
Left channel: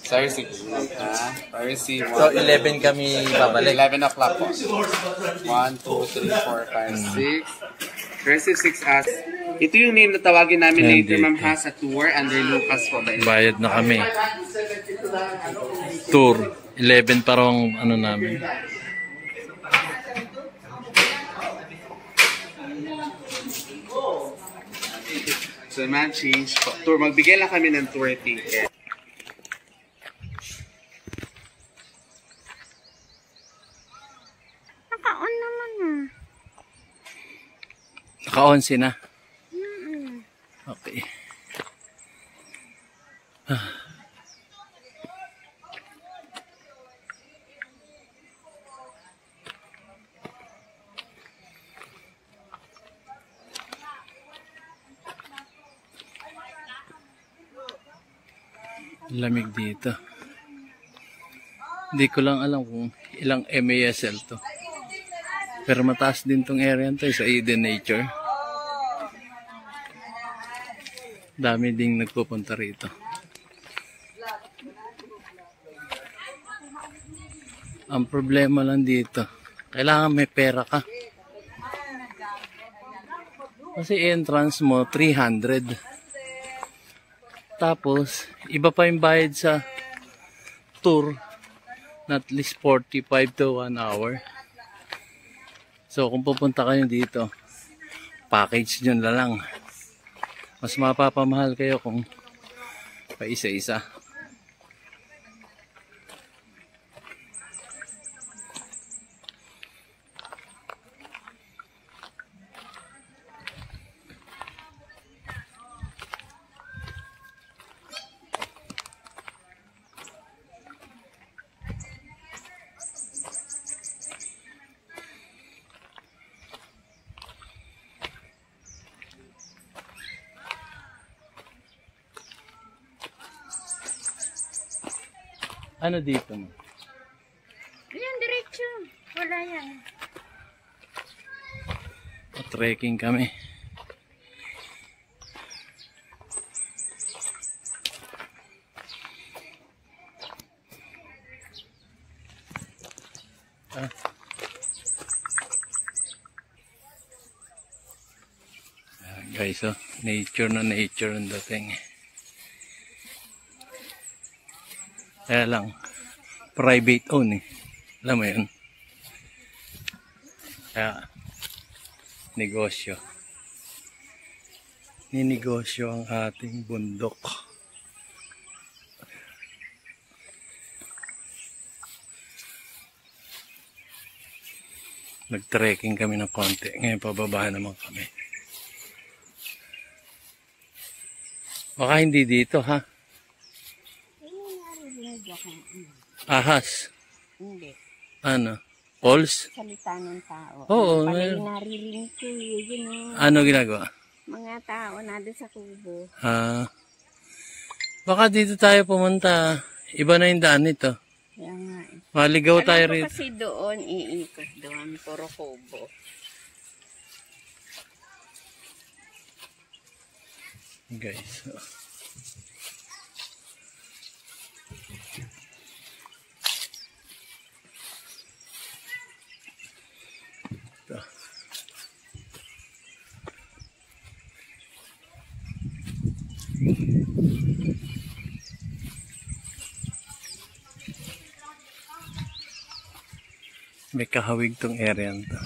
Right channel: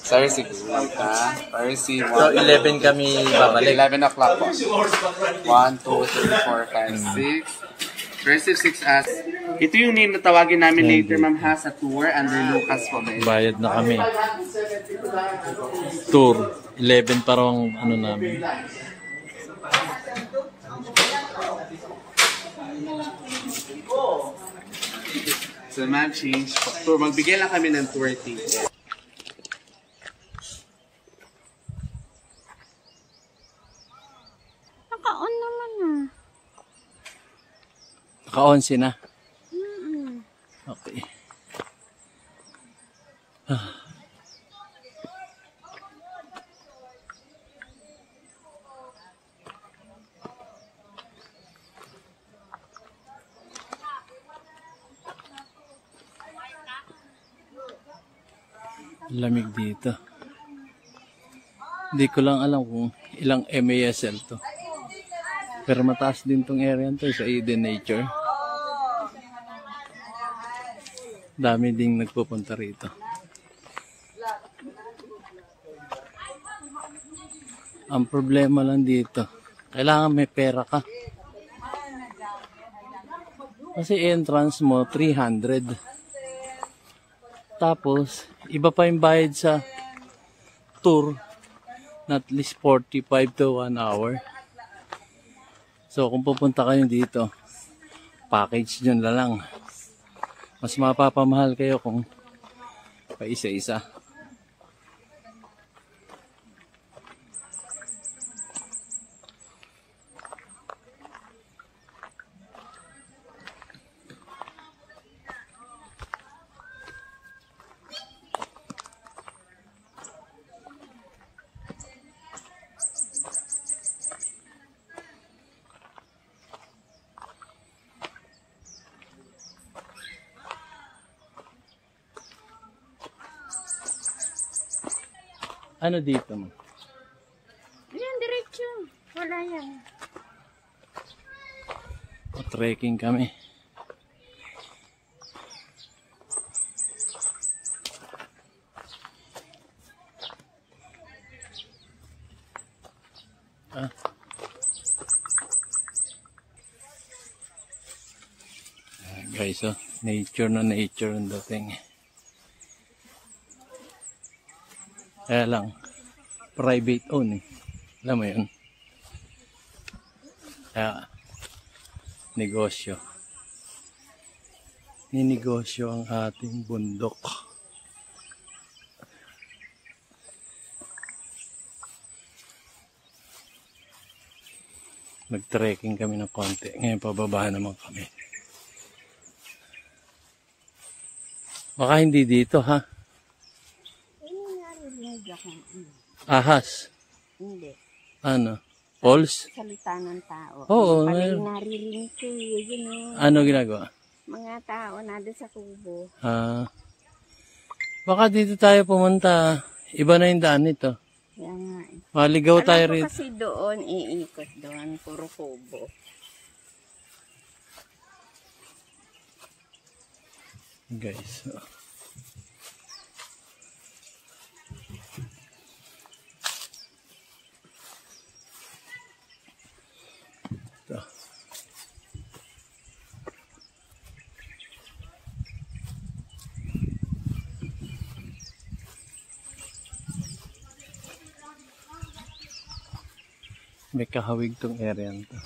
Sorry, sige. Sorry, So, 11 kami babalik. 11 o'clock po. 1, 2, 3, 4, 5, 6. First 6 as. Ito yung ninatawagin namin Yan later, dito. ma'am, ha, sa tour under Lucas po. Bayad na kami. Tour. 11 parang ano namin. So, ma'am, change po. Tour. Magbigay lang kami ng tour ticket. Naka-on naman ah. Naka-11 na. Okay. Lamig dito. Hindi ko lang alam kung ilang MASL to. Pero mataas din tong area to sa Eden Nature. Dami ding nagpupunta rito. Ang problema lang dito, kailangan may pera ka. Kasi entrance mo 300. Tapos, iba pa yung bayad sa tour na at least 45 to 1 hour. So, kung pupunta kayo dito, package nyo na lang. Mas mapapamahal kayo kung pa isa-isa. Ano dito mo? Yan, diretso. Wala yan. Trekking kami. Guys, oh, nature na nature ang dating. Kaya lang, private own eh. Alam mo yun? Kaya, negosyo. Ninegosyo ang ating bundok. Nag-trekking kami ng konti. Ngayon pababa naman kami. Baka hindi dito ha? Ahas? Hindi. Ano? Pulse? Salita ng tao. Oo. Naririnig ko yun. Ano ginagawa? Mga tao na doon sa kubo. Baka dito tayo pumunta. Iba na yung daan nito. Yan nga. Maligaw tayo Alam ko rito. kasi doon, iikot doon. Puro kubo. Guys. Ito. May kahawig tong area nito.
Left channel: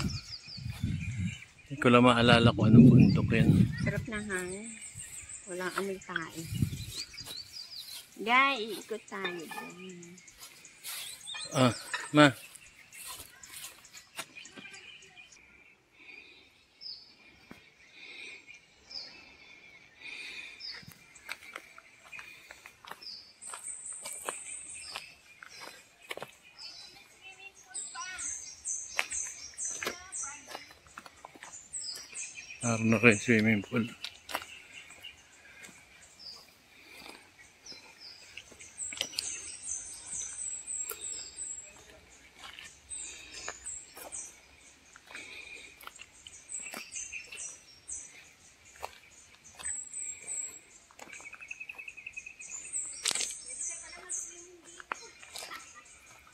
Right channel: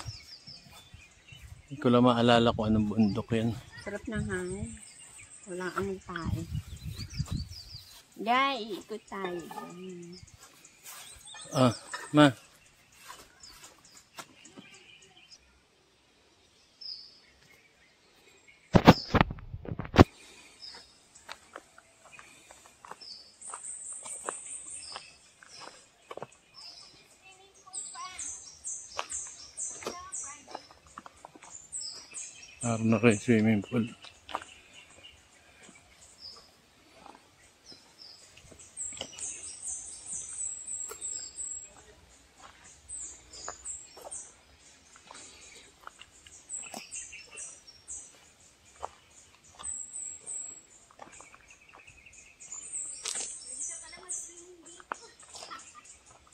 Hindi ko lang maalala kung anong bundok yan. Sarap na hangin. Walang amoy tayo. Diyan, iikot tayo. Ma. Naroon na rin swimming pool.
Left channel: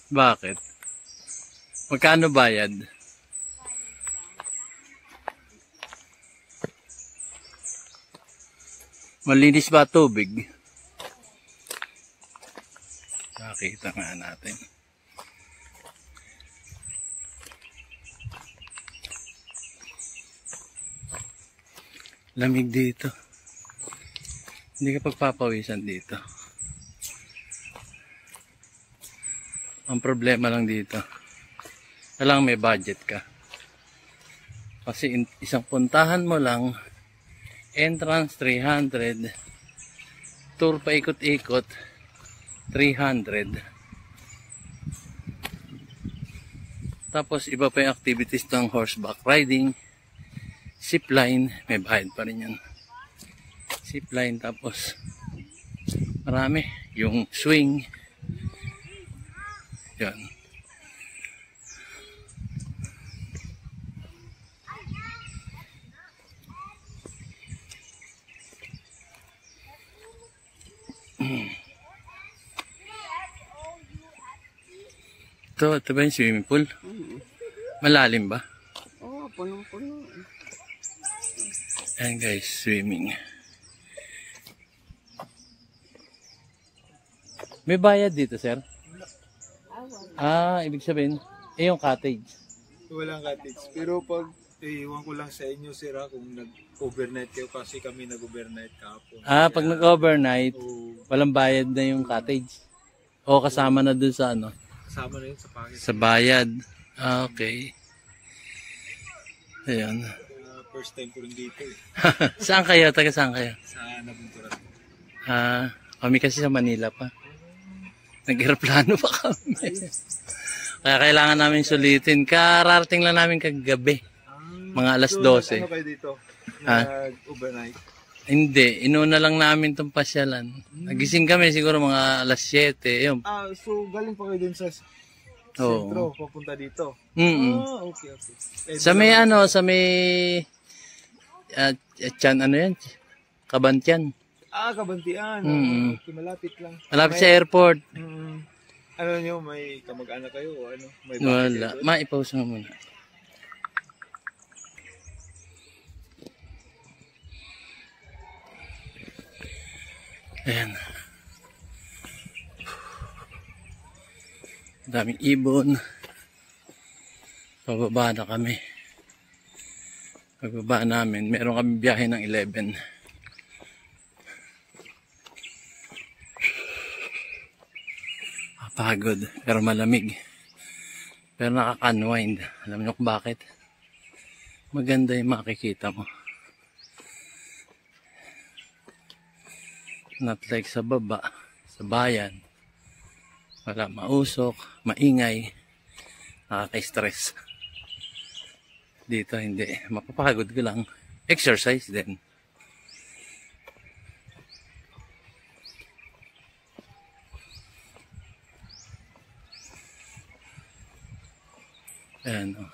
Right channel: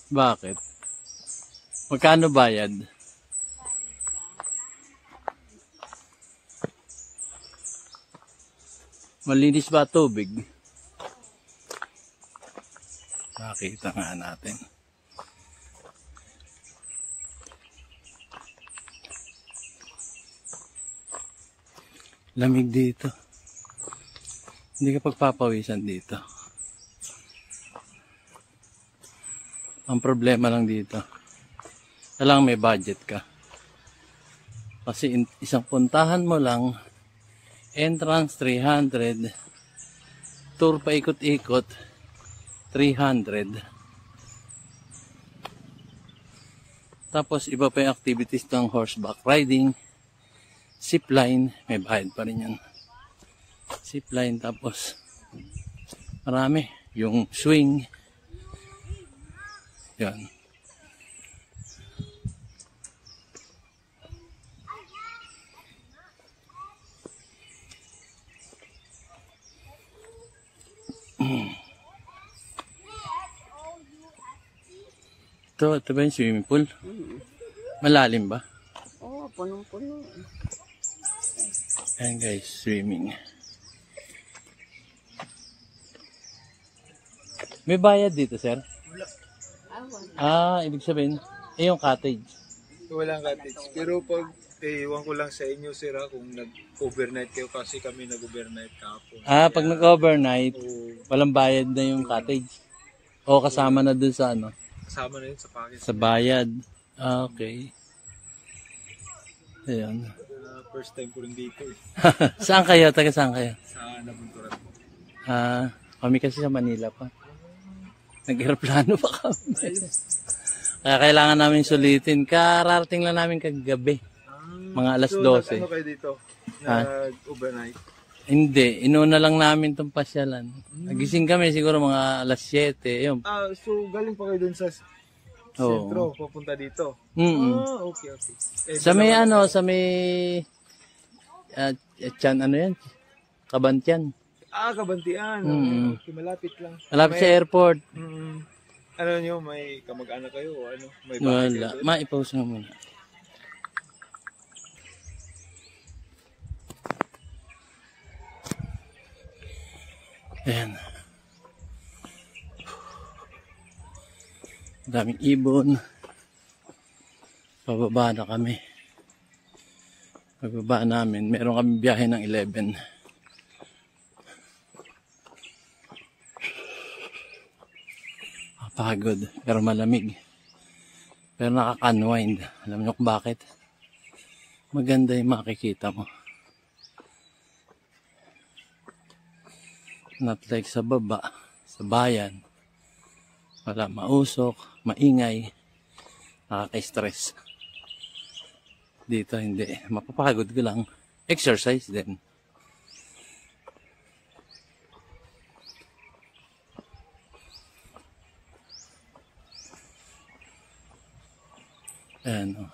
Bakit? Magkano bayad? Malinis ba tubig? Nakita nga natin. Lamig dito. Hindi ka pagpapawisan dito. Ang problema lang dito, kailangan may budget ka. Kasi isang puntahan mo lang, entrance 300, tour pa ikot-ikot 300. Tapos iba pa yung activities ng horseback riding, zipline, may bayad pa rin yan. Zipline, tapos marami, yung swing. Yan. Ito ba yung swimming pool? Malalim ba? Oo, punong-puno. Ayan guys, swimming. May bayad dito, sir? Ah, ibig sabihin, yung cottage. Walang cottage. Pero pag, iwan ko lang sa inyo, sir, kung nag-overnight kayo kasi kami nag-overnight kahapon. Ah, pag nag-overnight, Oo. walang bayad na yung cottage. O kasama na dun sa ano? Kasama na yun sa package. Sa bayad. Ah, okay. Ayan. First time ko rin dito eh. Saan kayo? Taga saan kayo? Sa Nabunturan. Ah, kami kasi sa Manila pa. Nag-aeroplano pa kami. Kaya kailangan namin sulitin. Kararating lang namin kagabi. Mga alas 12. Ano kayo dito? Ha? Nag-overnight? Hindi, inuna lang namin itong pasyalan. Nagising kami siguro mga alas 7. Yun. So galing pa kayo dun sa Oo. sentro, papunta dito? Okay. Sa may ano, sa may Tiyan, ano yan? Kabantian. Kabantian. Okay, malapit lang. Malapit sa airport. Ano nyo, may kamag-anak kayo o ano? May Wala. Maipause mo muna. Ayan. Daming ibon. Pababa na kami. Pagbaba namin, meron kami biyahe ng 11. Pagod, pero malamig. Pero nakaka-unwind. Alam niyo kung bakit? Maganda yung makikita mo. Not like sa baba, sa bayan. Wala mausok, maingay, nakaka-stress. Dito hindi, mapapagod ko lang. Exercise din. Ayan o.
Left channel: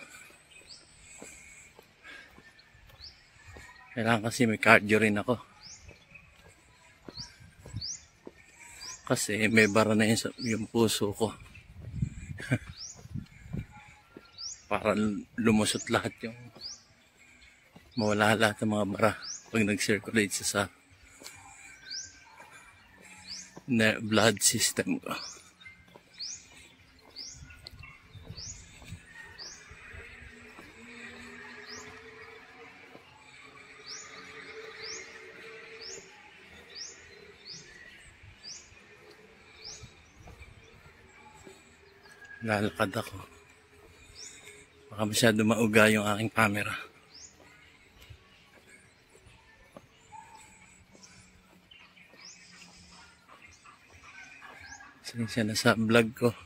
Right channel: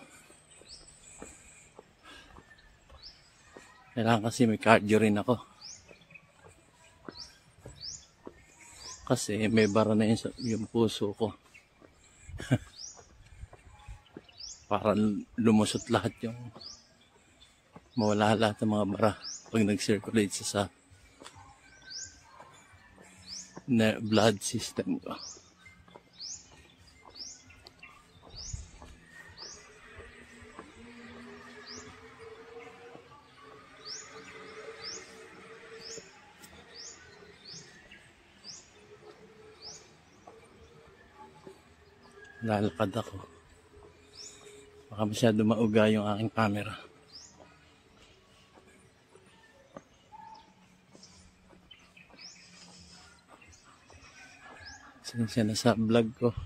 Kailangan kasi may cardio rin ako. Kasi may bara na yung puso ko. Para lumusot lahat yung mawala lahat ng mga bara pag nag-circulate sa blood system ko. Lalakad ako. Baka masyado mauga yung aking camera. Siya na sa vlog ko.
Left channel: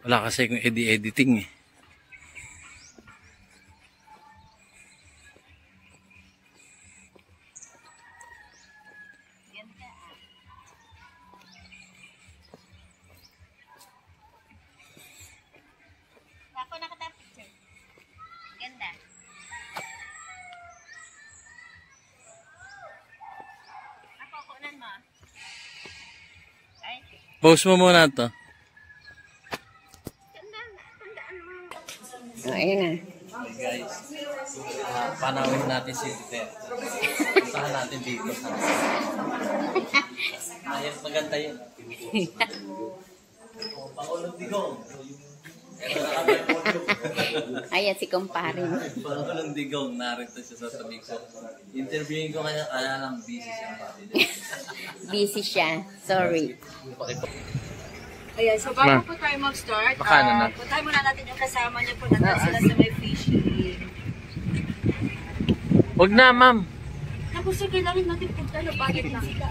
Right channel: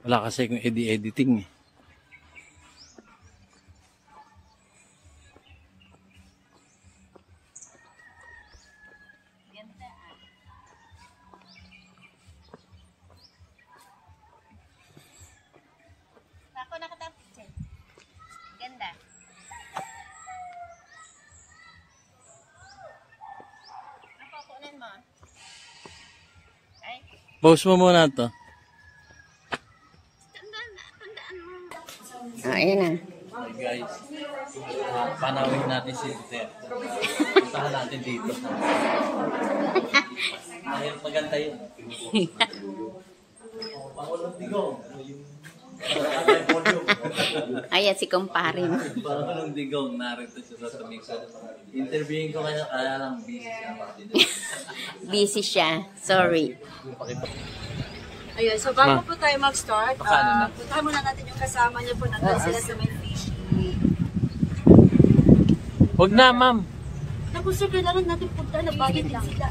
Wala kasi kung editing eh. Ako nakatapos. Ganda. Ako, kunan mo. Ay, Post mo muna to. tandaan mo. Ayan na. Hey guys, panawin natin si Duterte. Puntahan natin dito. Mahirap maganda yun. Pangulong Digong. Ayan si kumpare mo. Pangulong Digong, narito siya sa tabi ko. Interviewin ko kaya lang busy siya. Busy siya. Sorry. Ayan, so bago po tayo mag-start, Baka puntahan muna natin yung kasama niyo po natin sila sa may fishing. Huwag na, ma'am. Tapos sir, kailangan natin punta na bagay din sila.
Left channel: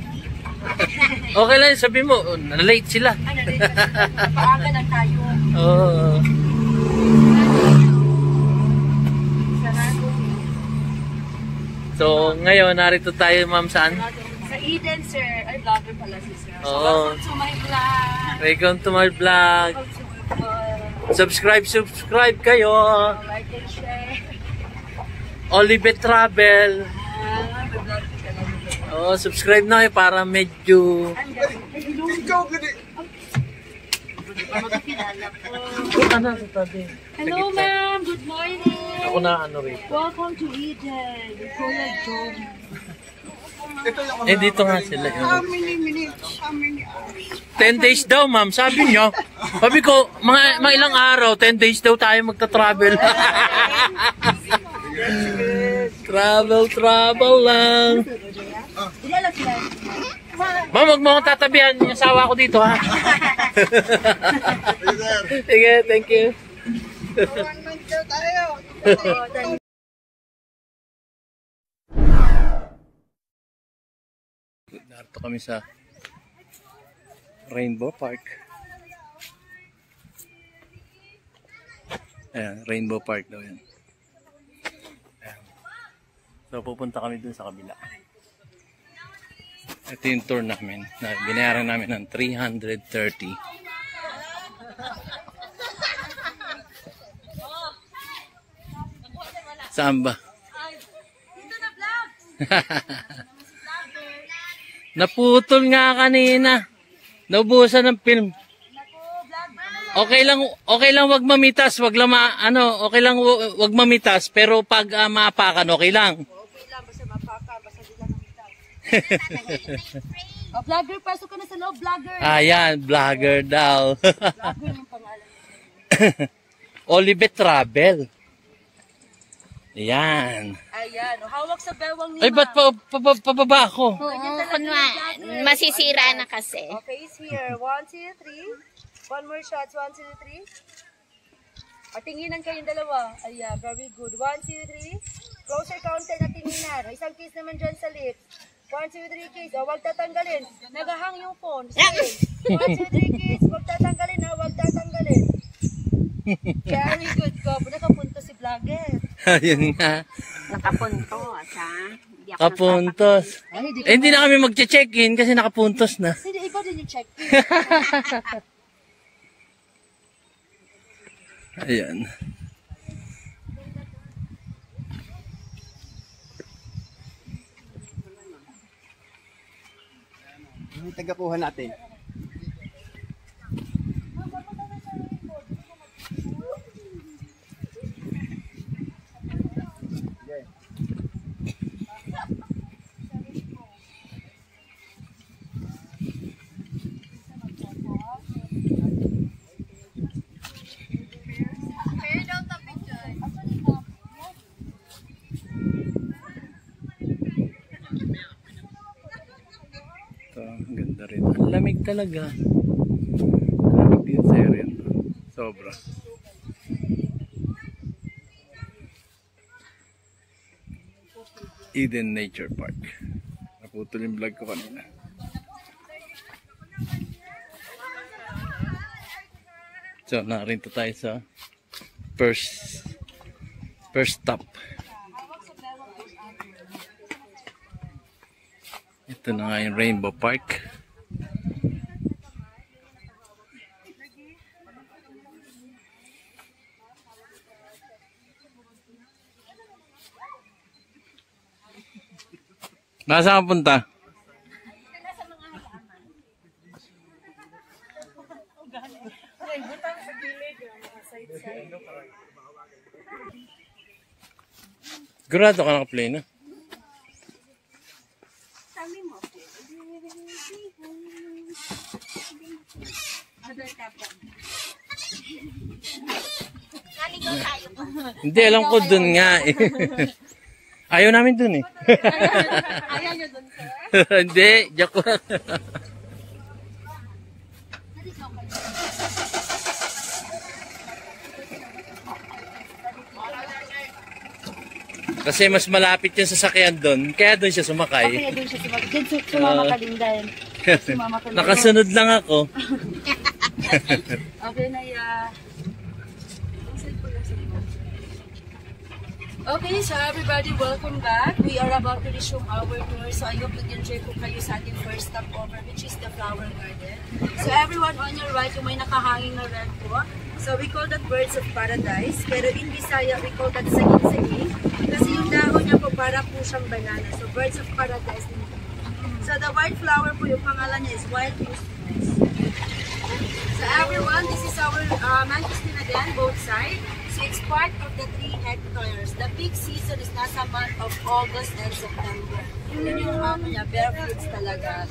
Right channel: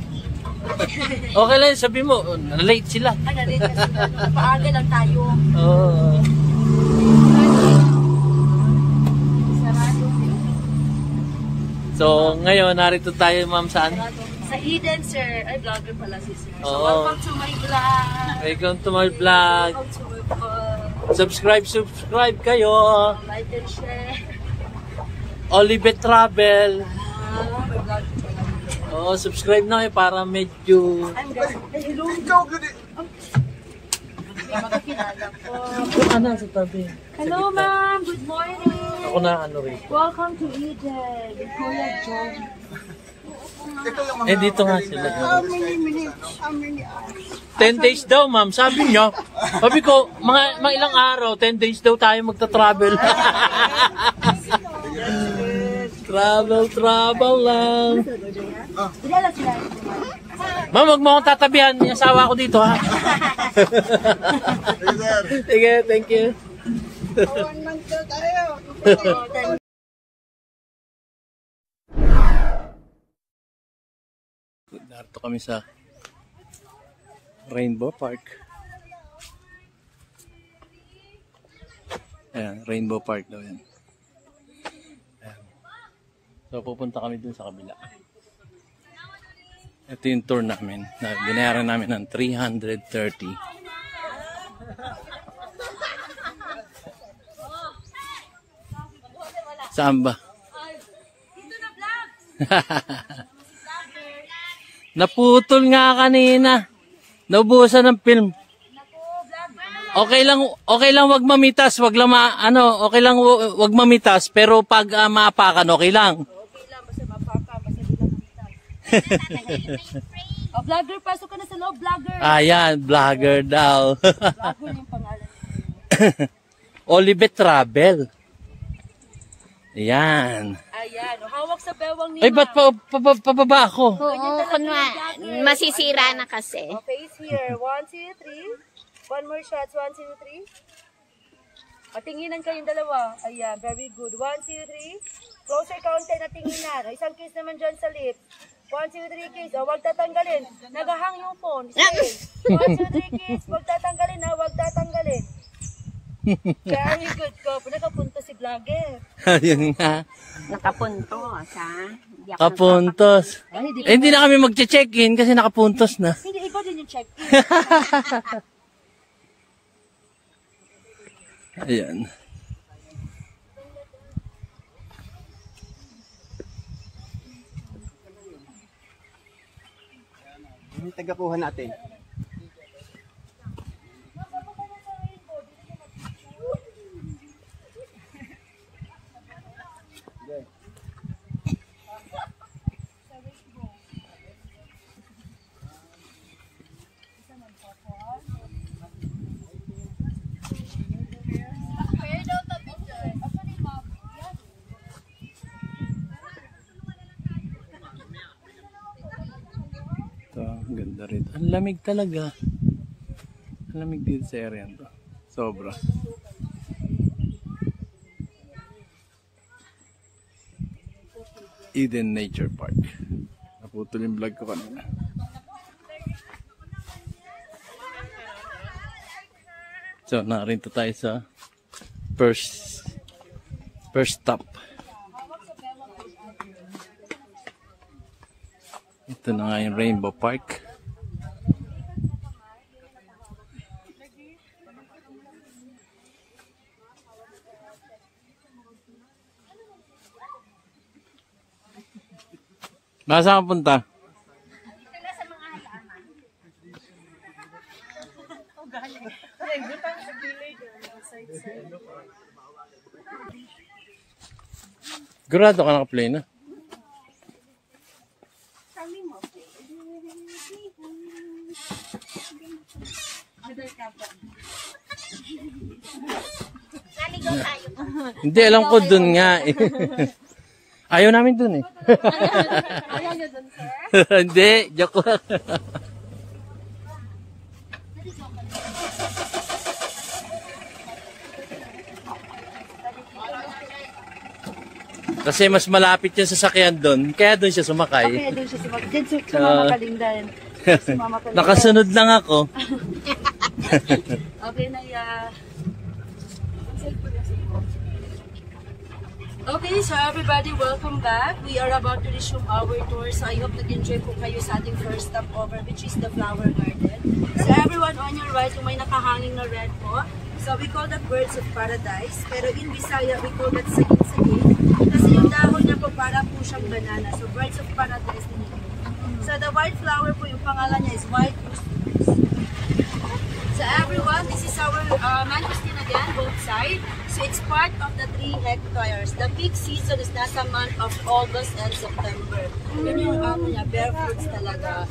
Okay lang, sabi mo, na-late sila. Ay, narin kasi paaga lang tayo. Oo. So, ngayon, narito tayo, ma'am, saan? Sa Eden, sir. Ay, vlogger pala si sir. So, Oo. welcome to my vlog. Welcome to my vlog. Welcome to my vlog. Subscribe kayo. Like and share. Olivet Travel. May vlog ka lang. Oo, subscribe na kayo para medyo... Hello. Ikaw gani! Magkakilala ko. Ano sa tabi? Hello, ma'am. Good morning. Ako na ano rin. Welcome to Eden with Kuya Joe. Eh, dito nga sila. How many minutes? How many hours? 10 days daw, ma'am. Sabi niyo. Sabi ko, mga ilang araw, 10 days daw tayo magta-travel. Travel lang. Ma'am, wag mo akong tatabihan. Yung asawa ko dito, ha? Sige, thank you. 1 month daw tayo. Narito kami sa Rainbow Park. Ayan, Rainbow Park daw yan. Ayan. So pupunta kami dun sa kabila. Ito yung tour namin. Binayaran namin ng 330. Saan ba? Naputol nga kanina. Naubusan ng film. Okay lang wag mamitas, wag lang okay lang wag mamitas, pero pag maapakan okay lang. Okay lang, basta mapaka, basta di lang namitas. Oh, vlogger, pasok ka na sa loob, vlogger. Ayan, vlogger daw. Vlogger yung pangalan. Olivet Travel. Ayan. Ayan, hawak sa bewang ni Ay, ba't pababa ako? Oo, masisira na kasi. Okay, here. 1, 2, 3. One more shots. 1, 2, 3. Tinginan kayong dalawa. Ayan, very good. 1, 2, 3. Closer counter na tinginan. Isang kiss naman dyan sa lips. 1, 2, 3 kiss. Huwag tatanggalin. Nagahang yung phone. Stay. 1, 2, 3 kiss. Huwag tatanggalin ha. Huwag tatanggalin. Very good ko. Nakapunto si vlogger. Ayun nga. Nakapuntos, ha? Kapuntos. Hindi na kami mag-check-in kasi nakapuntos na. Hindi, ikaw din yung check-in. Ayan. Ang tagapuhan natin. Ang ganda rin. Ang lamig talaga. Ang lamig din sa area to. Sobra. Eden Nature Park. Naputol yung vlog ko kanina. So, narinto tayo sa first stop. Ito na nga yung Rainbow Park. Nasaan ka punta? Dito na sa mga halaman. Grado ka naka-play na? Sabi mo. Naligaw tayo. Hindi, alam ko dun nga eh. Ayaw namin dun eh. Ayaw nyo dun, sir? Hindi, joke lang. Kasi mas malapit yung sasakyan doon, kaya doon siya sumakay. Kaya doon siya sumakay. Diyan sumama ka din dahil. Nakasunod lang ako. Okay na Okay, so everybody, welcome back. We are about to resume our tour. So I hope nag-enjoy ko kayo sa ating first stop over, which is the flower garden. So everyone on your right, yung may nakahanging na red po. So we call that birds of paradise. Pero in Bisaya, we call that saging-saging. Kasi yung dahon niya po para po siyang banana. So birds of paradise. So the white flower po, yung pangalan niya is white rose. So everyone, this is our mangosteen again, both sides. So it's part of the 3 hectares. The peak season is nasa month of August and September. Yun yung ano niya, bare fruits talaga.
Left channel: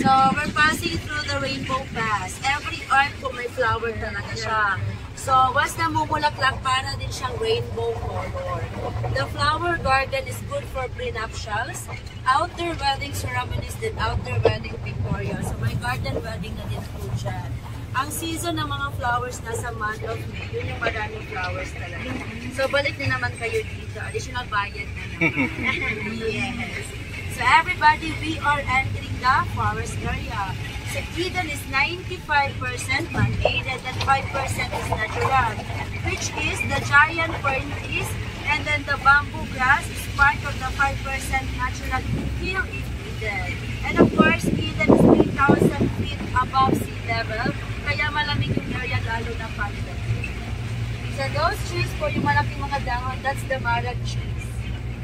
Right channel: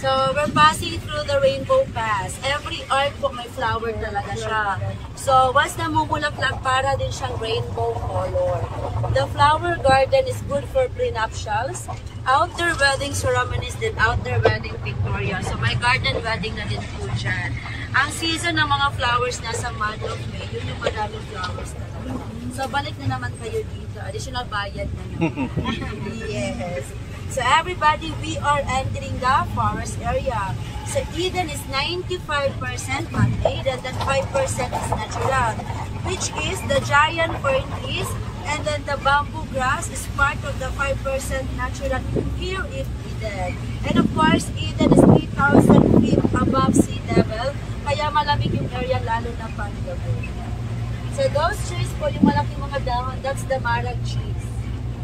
So, we're passing through the Rainbow Pass. Every arc po may flower talaga siya. So, once namumulaklak, para din siyang rainbow color. The flower garden is good for prenuptials, outdoor wedding ceremonies, then outdoor wedding pictorial. So, may garden wedding na din po dyan. Ang season ng mga flowers nasa month of May, yun yung maraming flowers talaga. So, balik na naman kayo dito. Additional bayad na naman. Yes. So everybody, we are entering the forest area. So Eden is 95% man-made and then 5% is natural, which is the giant fern trees, and then the bamboo grass is part of the 5% natural here in Eden. And of course, Eden is 3,000 feet above sea level, kaya malamig yung area lalo na pandemic. So those trees po, yung malaking mga dahon, that's the marag trees.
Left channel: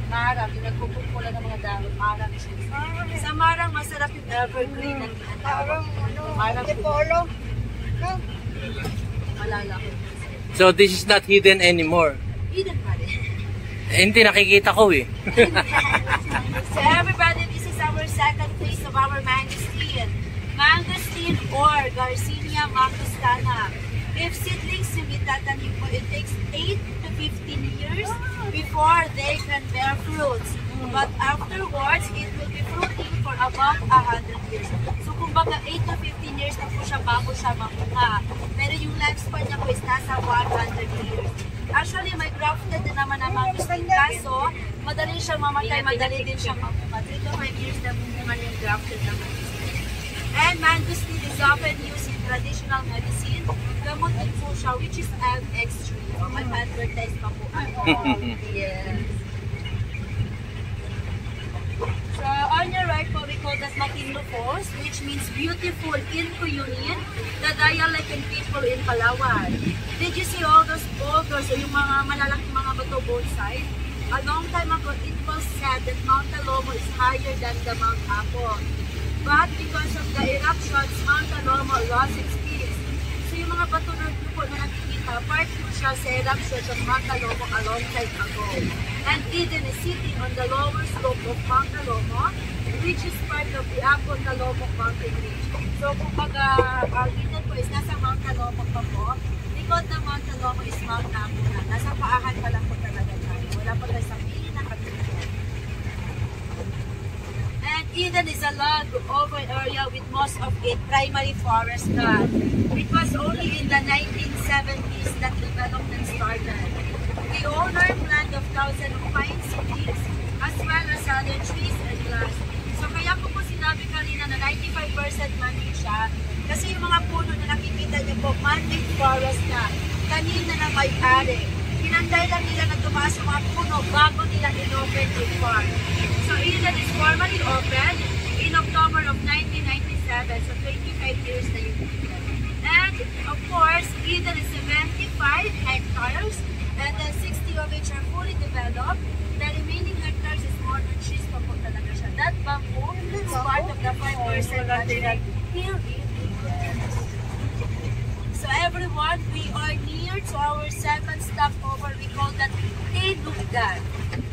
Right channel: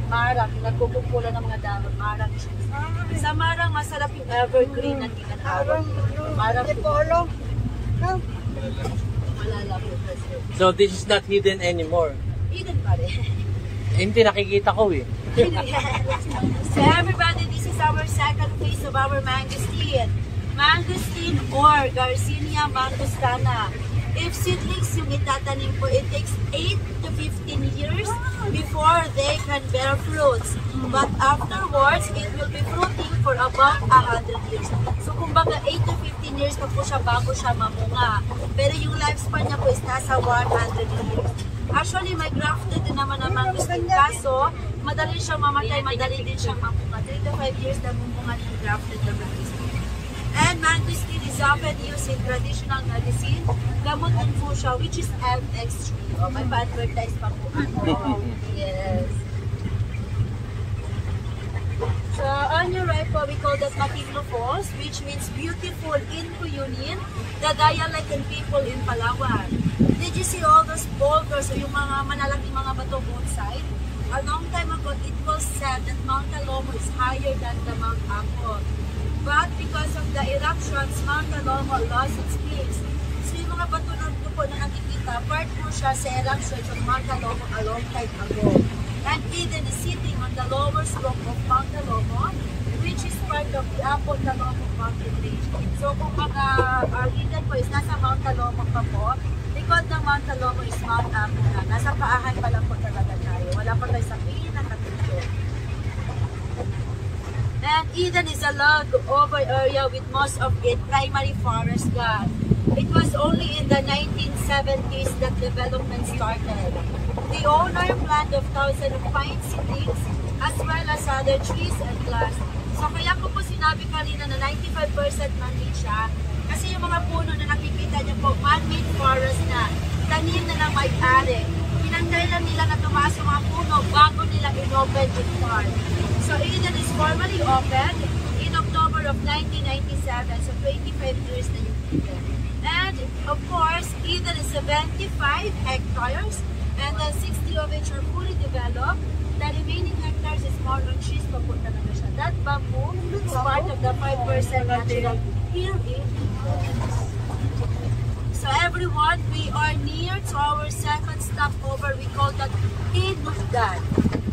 Marang, nagkukumpula ng mga dahon, marang trees. Sa marang, masarap yung evergreen na tinatawag. Marang polo. Malala ko. So this is not hidden anymore? Hidden pa rin. Hindi, nakikita ko eh. So everybody, this is our second phase of our mangosteen. Mangosteen or Garcinia mangostana. If seedlings yung itatanim po, it takes 8 to 15 years before they can bear fruits. But afterwards, it will be fruiting for about 100 years. So kumbaga 8 to 15 years na po siya bago siya mamunga. Pero yung lifespan niya po is nasa 100 years. Actually, may grafted din naman ang mangosteen. Kaso, madali siyang mamatay, madali din siyang mamunga. 3 to 5 years na mamunga yung grafted na mangosteen. And mangosteen is often used in traditional medicine. Gamot din po siya, which is MX3. Oh, may pa-advertise pa po ako. Yes. So, on your right po, we call that Matigno Falls, which means beautiful in Cuyunin, the dialect and people in Palawan. Did you see all those boulders, yung mga malalaking mga bato both sides? A long time ago, it was said that Mount Talomo is higher than the Mount Apo. But because of the eruptions, Mount Talomo lost its peaks. So yung mga bato na po na nakikita, part mo siya sa eruptions of Mount Talomo a long time ago. And Eden is sitting on the lower slope of Mount Talomo, which is part of the Apo Talomo mountain range. So kung Eden po is nasa Mount Talomo pa po, likod ng Mount Talomo is Mount Apo na. Nasa paahan pa lang po talaga tayo. Wala pa tayo sa pinakatulog. And Eden is a log over area with most of it primary forest land. It was only in the 1970s that development started. The owner planted 1,000 of pine seedlings as well as other trees and grass. So kaya ko po sinabi kanina na 95% man-made siya kasi yung mga puno na nakikita niyo po, man-made forest na, tanim na ng may-ari. Pinanggal lang nila na tumaas yung mga puno bago nila in-open yung farm. So Eden is formally opened in October of 1997, so 25 years na yung Eden. And of course, Eden is 75 hectares and then 60 of which are fully developed. The remaining hectares is more on trees pa po talaga siya. That bamboo is part of the 5% natural here in Eden. So everyone, we are near to our second stopover. We call that Inugdan.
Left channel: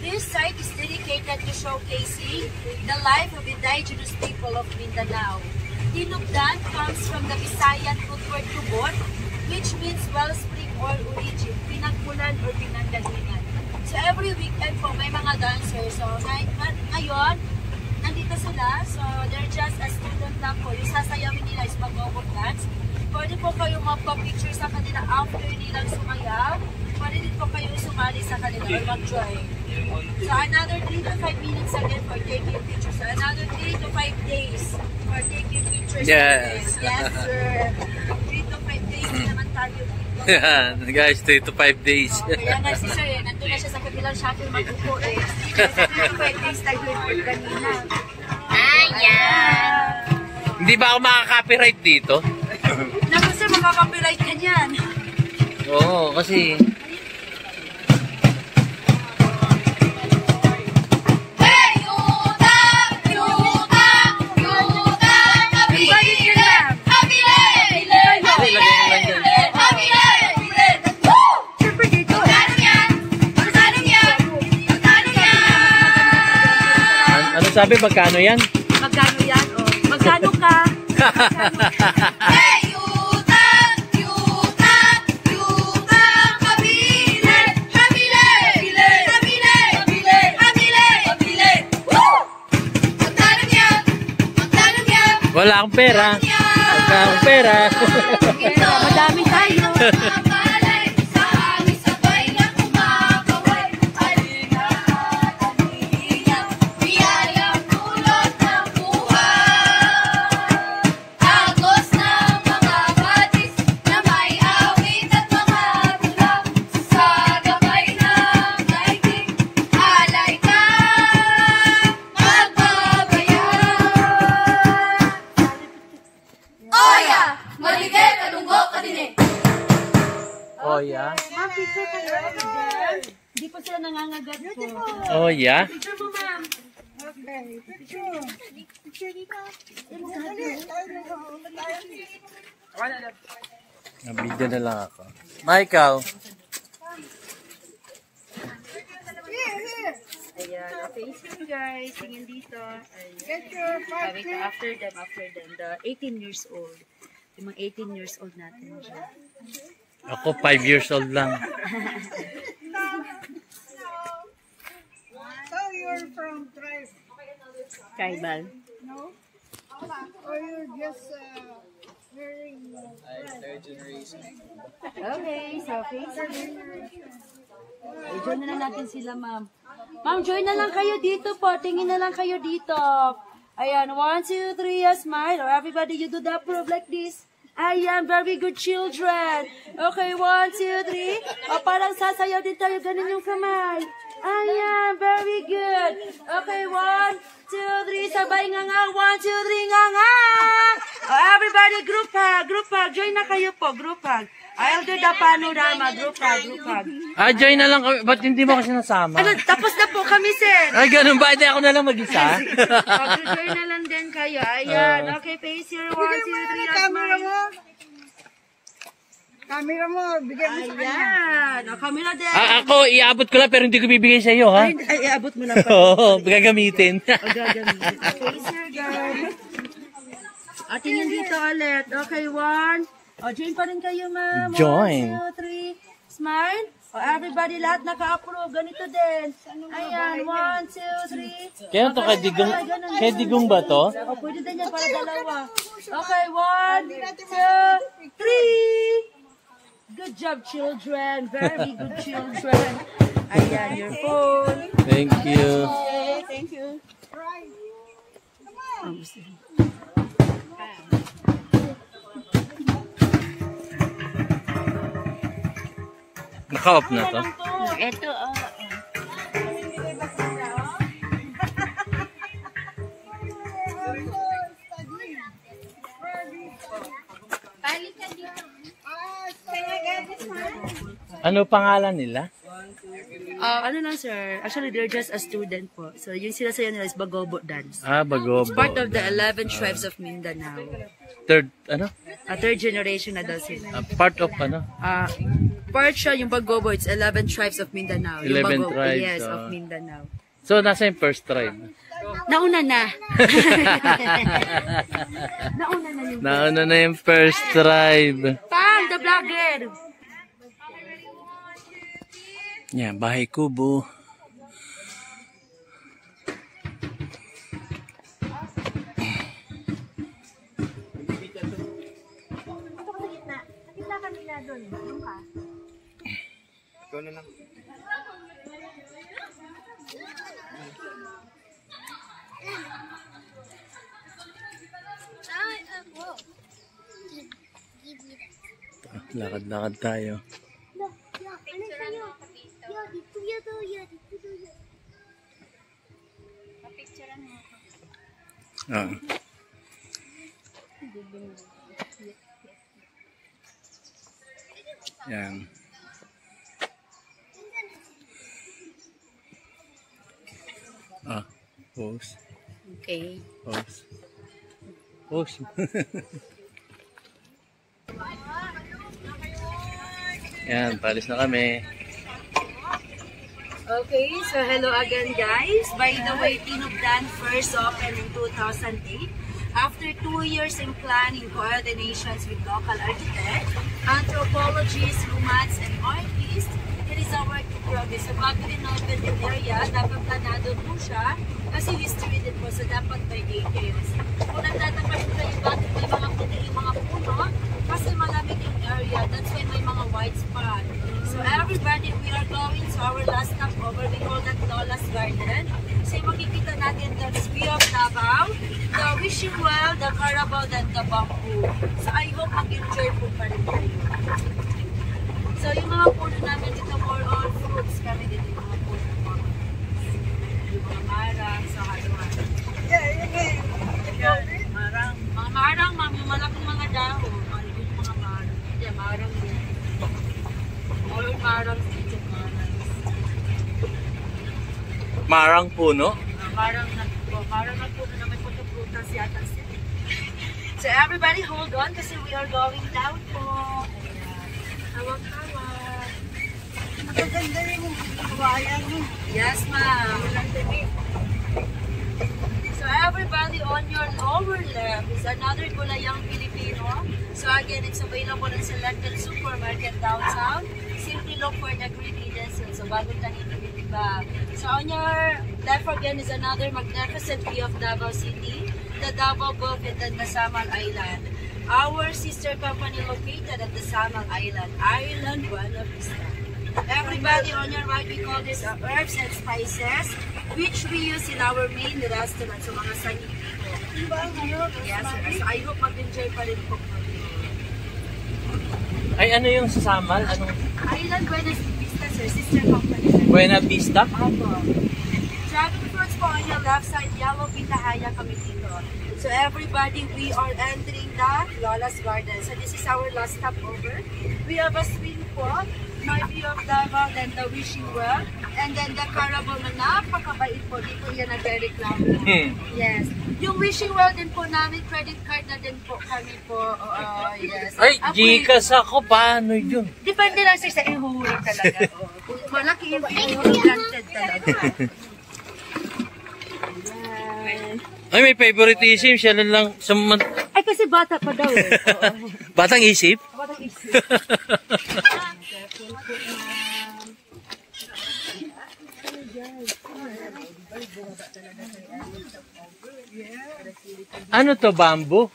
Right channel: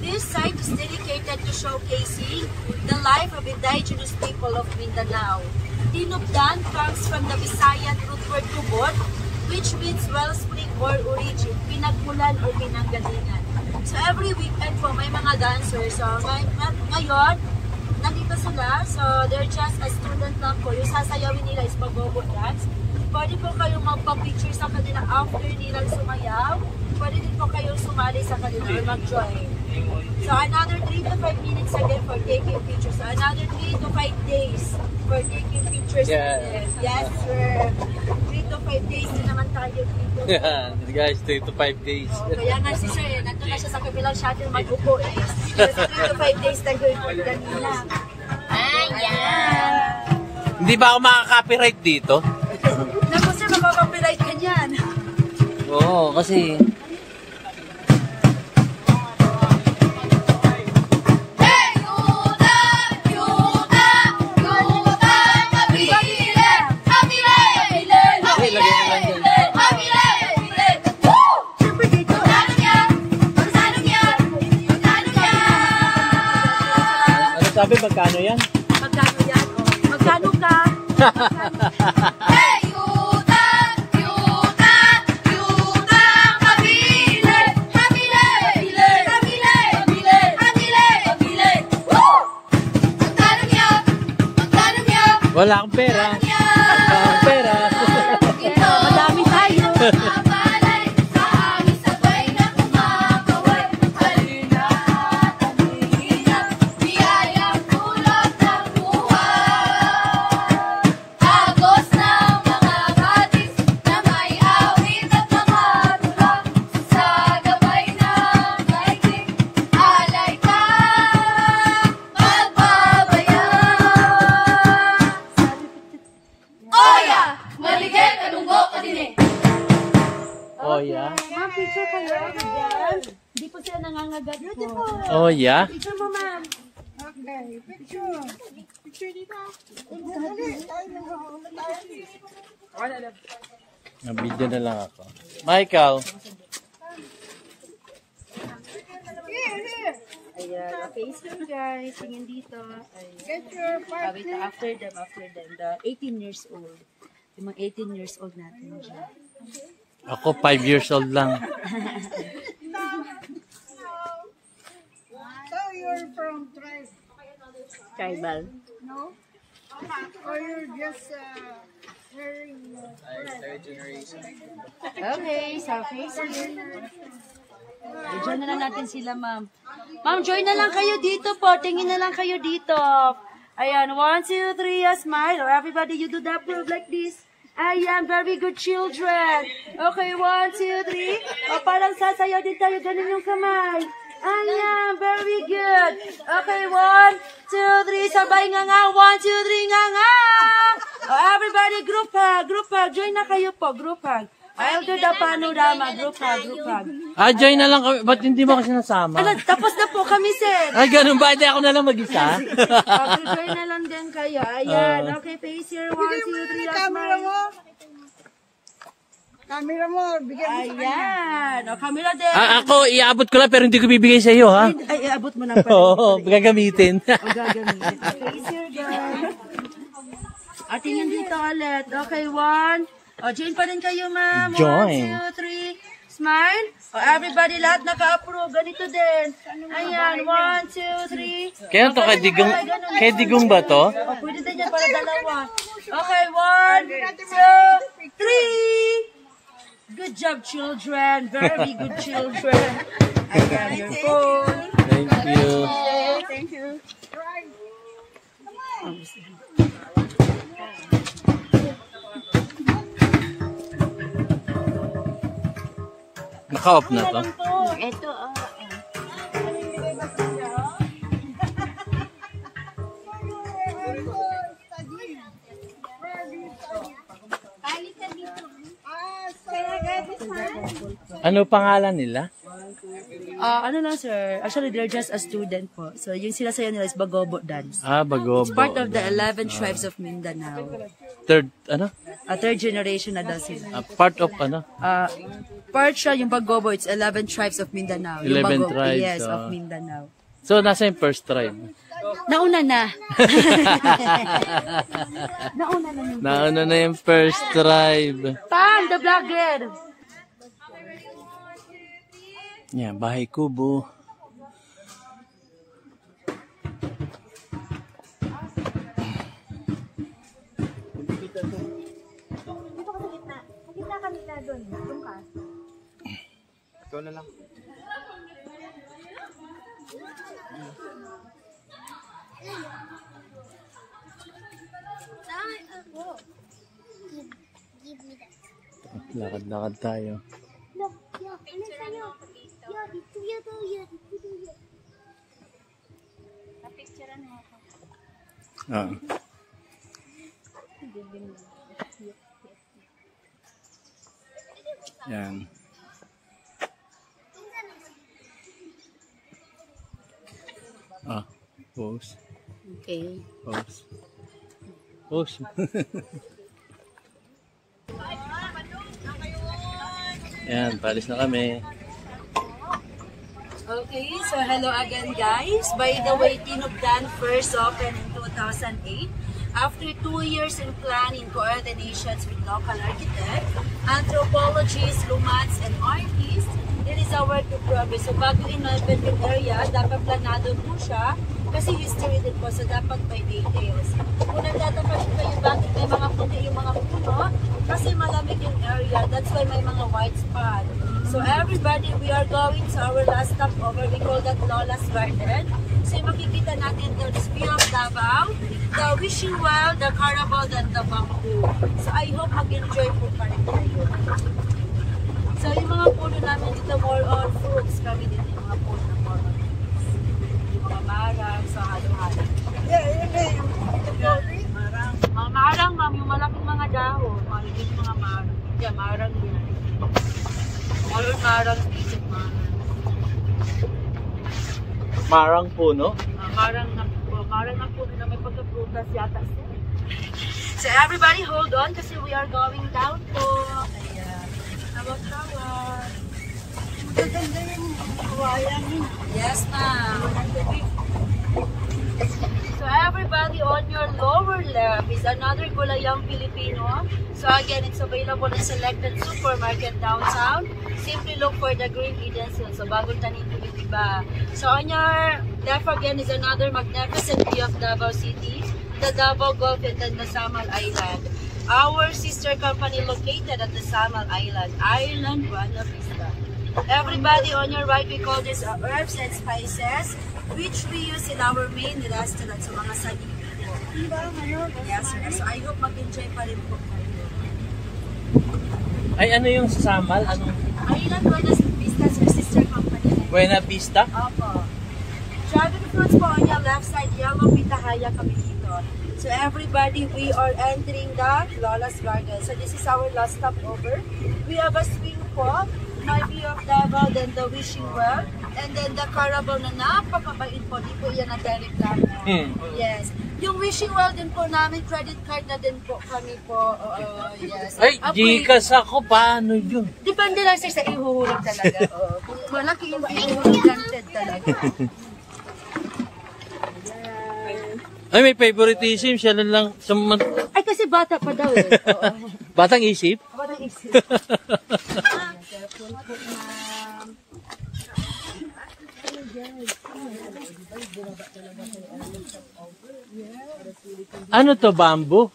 This site is dedicated to showcasing the life of indigenous people of Mindanao. Inugdan comes from the Visayan root word tubod, which means wellspring or origin, pinagmulan or pinanggalingan. So every weekend po may mga dancers. So ngayon, nandito sila. So they're just a student lang po. Yung sasayawin nila is pag-gogo dance. Pwede po kayo magpa-picture sa kanila after nilang sumayaw. Pwede din po kayo sumali sa kanila or mag-join. So another 3 to 5 minutes again for taking pictures. So another 3 to 5 days for taking pictures. Yes. Yes, sir. 3 to 5 days naman tayo dito. Yeah, guys, 3 to 5 days. Oh, kaya nga si sir, nandun na siya sa kabilang shuttle mag-upo eh. Kasi 3 to 5 days tayo kanina. Ayan! Hindi ba ako makaka-copyright dito? Naku sir, makaka-copyright ka niyan. Oo, kasi... Hey, Yuda! Yuda! Yuda! sabi, magkano yan? Magkano yan? Oh, magkano ka? Hey, yuta, yuta, yuta, kabile, kabile, kabile, kabile, kabile, kabile. Woo! Magkano niya? Magkano niya? Wala akong pera. Wala akong pera. Madami tayo. Malay, sa hangin sabay na kumakaway. Halina, halina, biyayang dulot ng buhay. Agos ng mga batis na may awit at mga tula. Sa gabay ng daigdig, alay ka, magbabayan. Oya, maligay kalunggo ka din eh. Oh, yeah? Ma'am, picture kayo. Hindi po sila nangangagat po. Oh, yeah? Picture mo, ma'am. Nabidyo na lang ako. Michael. Ayan, face you guys. Tingin dito. Get your partner. After them. The 18 years old. Yung mga 18 years old natin dyan. Ako 5 years old lang. So you're from tribe? Tribal. No? Or you're just wearing Okay, so face you. Join na lang natin sila, ma'am. Ma'am, join na lang kayo dito po. Tingin na lang kayo dito. Ayan, 1, 2, 3, a smile. Or everybody, you do that prove like this. Ayan, very good children. Okay, 1, 2, 3. O, parang sasayaw din tayo. Ganun yung kamay. Ayan, very good. Okay, 1, 2, 3. Sabay nga nga. 1, 2, 3 nga nga. O, everybody, group hug. Join na kayo po, group hug. I'll do the panorama, group hug. Ah, join na lang kami. Ba't hindi mo kasi nasama? Ano, tapos na po kami, sir. Ay, ganun ba? Hindi ako na lang mag-isa? Okay, join na lang din kayo. Ayan, okay, face your 1, 2, 3, a smile. camera mo. Bigyan mo sa kanya. Ayan, o, camera din. Ako, iabot ko lang pero hindi ko bibigay sa iyo, ha? Ay, abot mo lang pa. Oo, gagamitin. O, gagamitin. Face your girl. O, tingin dito ulit. Okay, 1. O, join pa rin kayo, ma'am. Join. 1, 2, 3. Smile. O, everybody, lahat naka-approve. Ganito din. Ayan, 1, 2, 3. Kaya to kay Digong ba to? O, pwede din yan para dalawa. Okay, 1, 2, 3. Good job, children. Very good children. Ayan, your phone. Thank you. Thank you. Naka-off na to? Ito, Ano pangalan nila? ano lang, sir. Actually, they're just a student po. So, yung sinasayo nila is Bagobo dance. Ah, Bagobo. It's part of the 11 tribes of Mindanao. Third, ano? Third generation na daw sila. Part of ano? Part siya, yung Bagobo, it's 11 tribes of Mindanao. 11 Yung Bagobo, tribes, yes, of Mindanao. So, nasa yung first tribe? Nauna na. Nauna na yung Nauna na yung first tribe. Pan, the vlogger. Yan, bahay kubo. Ikaw na lang. Lakad-lakad tayo. Ah. Yan. Pose. Okay. Pose. Pose. Yan, palis na kami. Okay, so hello again guys. By the way, Pinugdan first opened in 2008. After 2 years in planning, coordinations with local architects, anthropologists, lumats, and artists, it is our work to progress. So bago in-open yung area, dapat planado po siya kasi history din po, so dapat may details. Kung nagtataka rin kayo bakit may mga puti yung mga puno, kasi malamig yung area, that's why may mga white spot. So everybody, we are going to our last stop over. We call that Lola's Garden. So makikita natin the view of Davao, the wishing well, the carabao, and the bamboo. So I hope mag-enjoy po pa rin kayo. So yung mga puno namin dito, more of fruits kami dito, yung mga puno. Yung mga marang, sa halo-halo. Mga marang, ma'am, yung malaking mga dahon. Maligit mga marang. Yeah, marang din. Marang dito, marang. Marang puno? Marang na puno na may pagkaprutas yata siya. So everybody hold on kasi we are going down po. Ayan. Tawag-tawag. Magaganda yung kawayan. Yes, ma'am. So everybody on your lower left is another Gulayang Filipino. So again, it's available in selected supermarket downtown. Simply look for the Green Eden Seal. So bagong tanin to diba? So on your left again is another magnificent view of Davao City, the Davao Gulf, and then the Samal Island. Our sister company located at the Samal Island, Island Buena Vista. Everybody on your right, we call this herbs and spices, which we use in our main restaurant. So mga sani. Yes, sir. So I hope mag-enjoy pa rin po. Ay, ano yung sasamal? Anong? Island Buena Vista, sir. Sister company. Buena Vista? Opo. Dragon fruits po on your left side. Yellow pitahaya kami dito. So everybody, we are entering the Lola's Garden. So this is our last stop over. We have a swing po. My view of Davao, then the wishing well, and then the carabao na napakabait po. Dito yan ang direct namin. Yes. Yung wishing well din po namin, credit card na din po kami po. Yes. Ay, Gcash ako. Paano yun? Depende lang sir sa ihuhulog talaga. Malaki yung ihuhulog granted talaga. Ay, may favoritism. Siya lang. Ay, kasi bata pa daw eh. Batang isip? Batang isip. Ano to, bamboo?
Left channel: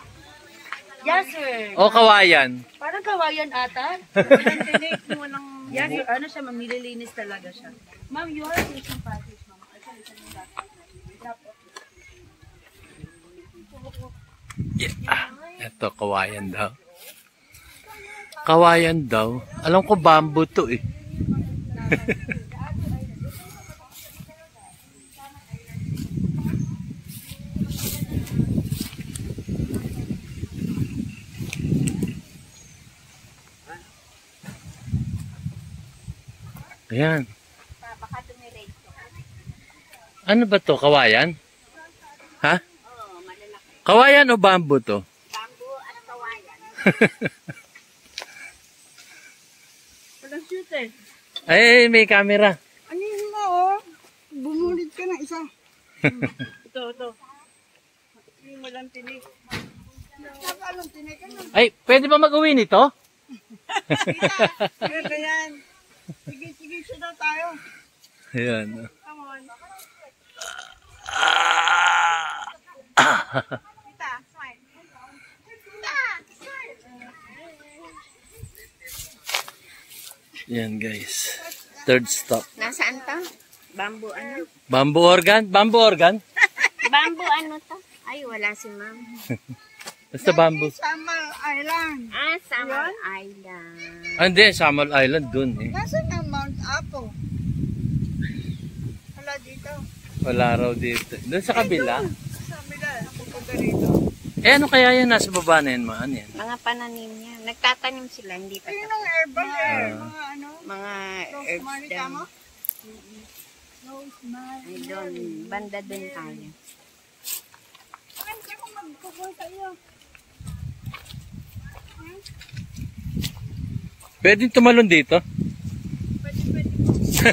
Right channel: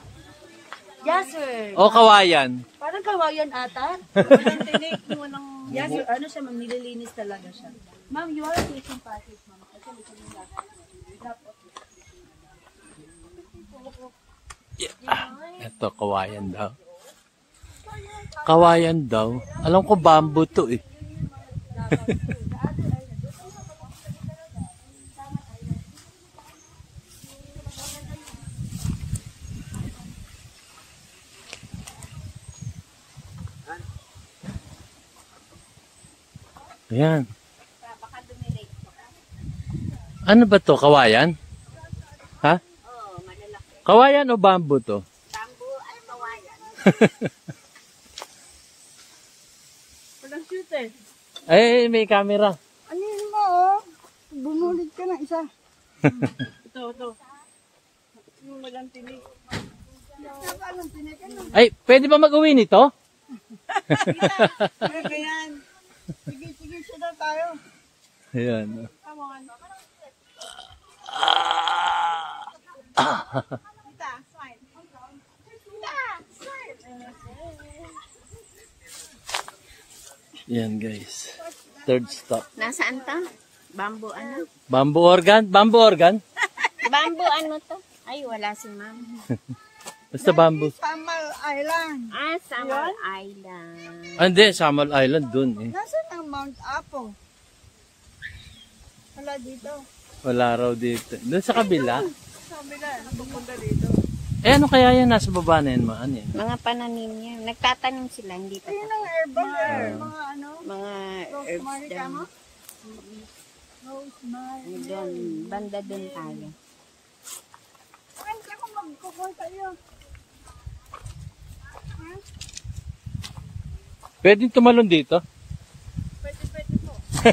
Yes, sir. O kawayan? Parang kawayan ata. Yes, sir. Ano siya, ma'am? Nililinis talaga siya. Ma'am, you are taking package, ma'am. Yeah. Ito, kawayan daw. Kawayan daw. Alam ko bamboo to eh. Ayan. Ano ba to? Kawayan? Ha? Kawayan o bamboo to? Bamboo at kawayan. Walang shoot eh. Ay, may camera. Ano yun ba oh? Bumulit ka ng isa. Ito. Yung walang tinik. Walang tinik. Ay, pwede ba mag-uwi nito? Ano yan? Sige, siya daw tayo. Ayan. Come on. Tita, smile. Tita, smile. Yan guys. Third stop. Nasaan to? Bamboo ano? Bamboo organ? Bamboo organ? Bamboo ano to? Ay, wala si ma'am. Basta bamboo. Samal Island. Ah, Samal Island. Ah, hindi. Samal Island dun eh. Nasaan ang Mount Apo? Wala dito. Wala raw dito. Doon sa kabila. Sabi na, pupunta dito. Eh ano kaya yan? Nasa baba na yan. Ano yan? Mga pananim niya. Nagtatanim sila, hindi pa. Ayun ang herbal eh. Mga ano? Mga herbs Rosemary daw. tama? Rosemary. Ay, doon, banda doon tayo. Ay, saan ka magpupunta iyo? Pwede tumalon dito? Pwede po. Hmm?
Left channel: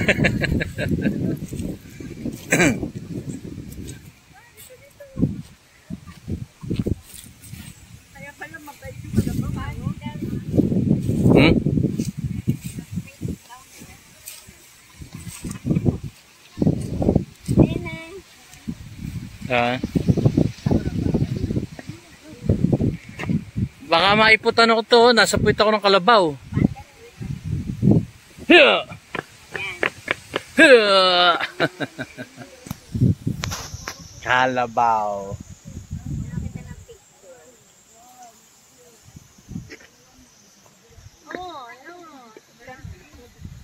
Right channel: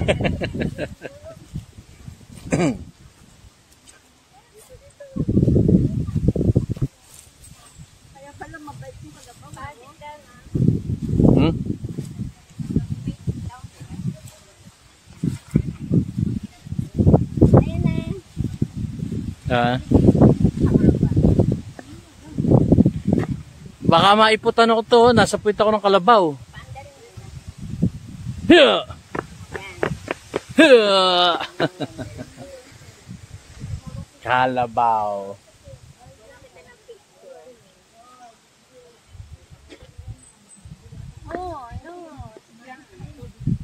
Baka maiputan ako to, nasa puwit ako ng kalabaw. Kalabaw.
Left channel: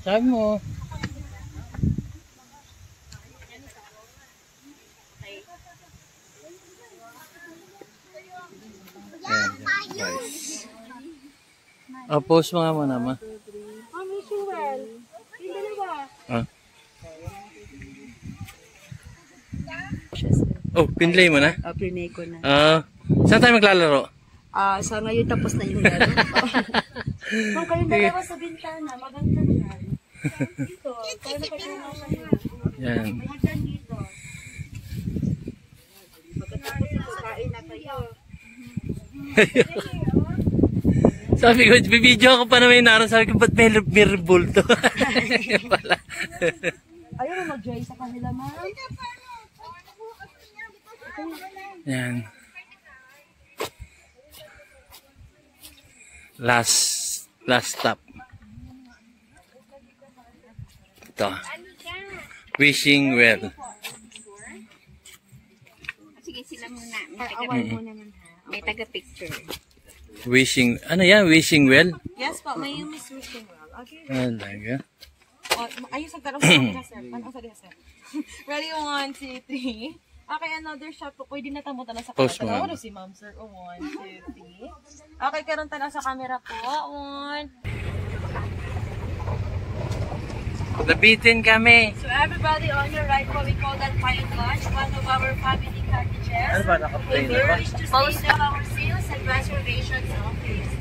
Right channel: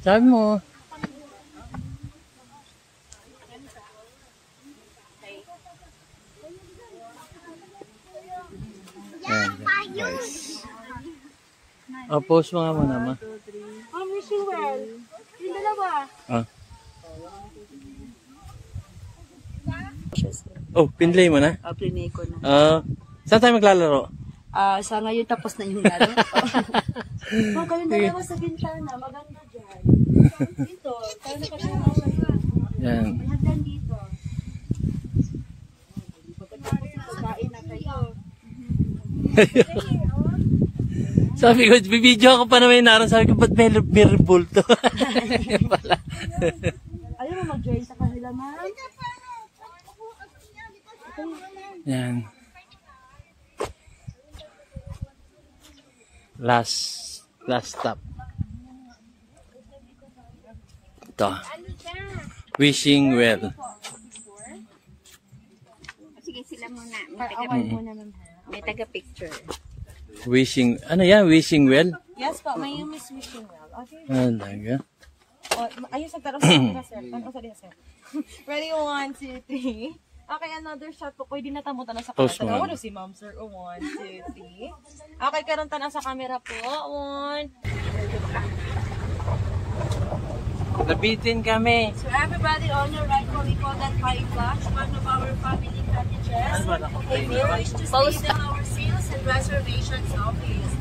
Sabi mo. Nice. Post mo nga muna, ma. Wishing well. Yung dalawa. Oh, pinlay mo na? Pinay ko na. Saan tayo maglalaro? Sa ngayon tapos na yung laro. So, kayong dalawa sa bintana, maganda dyan. Dito, tayo na kayo na siya. Yan. May hagdan dito. Pagkatapos ito, kain na kayo. Sabi ko, bibidyo ako pa naman naroon. Sabi ko, ba't may rebulto? Ayaw mo mag-joy sa kanila, man. Yan. Last stop. Ito. Wishing well. Sige, sila muna. May taga-picture. Wishing, ano yan? Wishing well? Yes po, may Miss Wishing well. Okay. Talaga. Ayun sa tarong sa kanila, sir. Ano sa diya, sir? Ready, 1, 2, 3. Okay, another shot po. Pwede na tamutan na sa Post camera. mo. Ano si ma'am, sir? 1, 2, 3. Okay, karon tanong sa camera po. 1. Nabitin kami. So everybody on your right, what we call that private lunch, one of our family cottages. If you wish to stay in our sales and reservations office.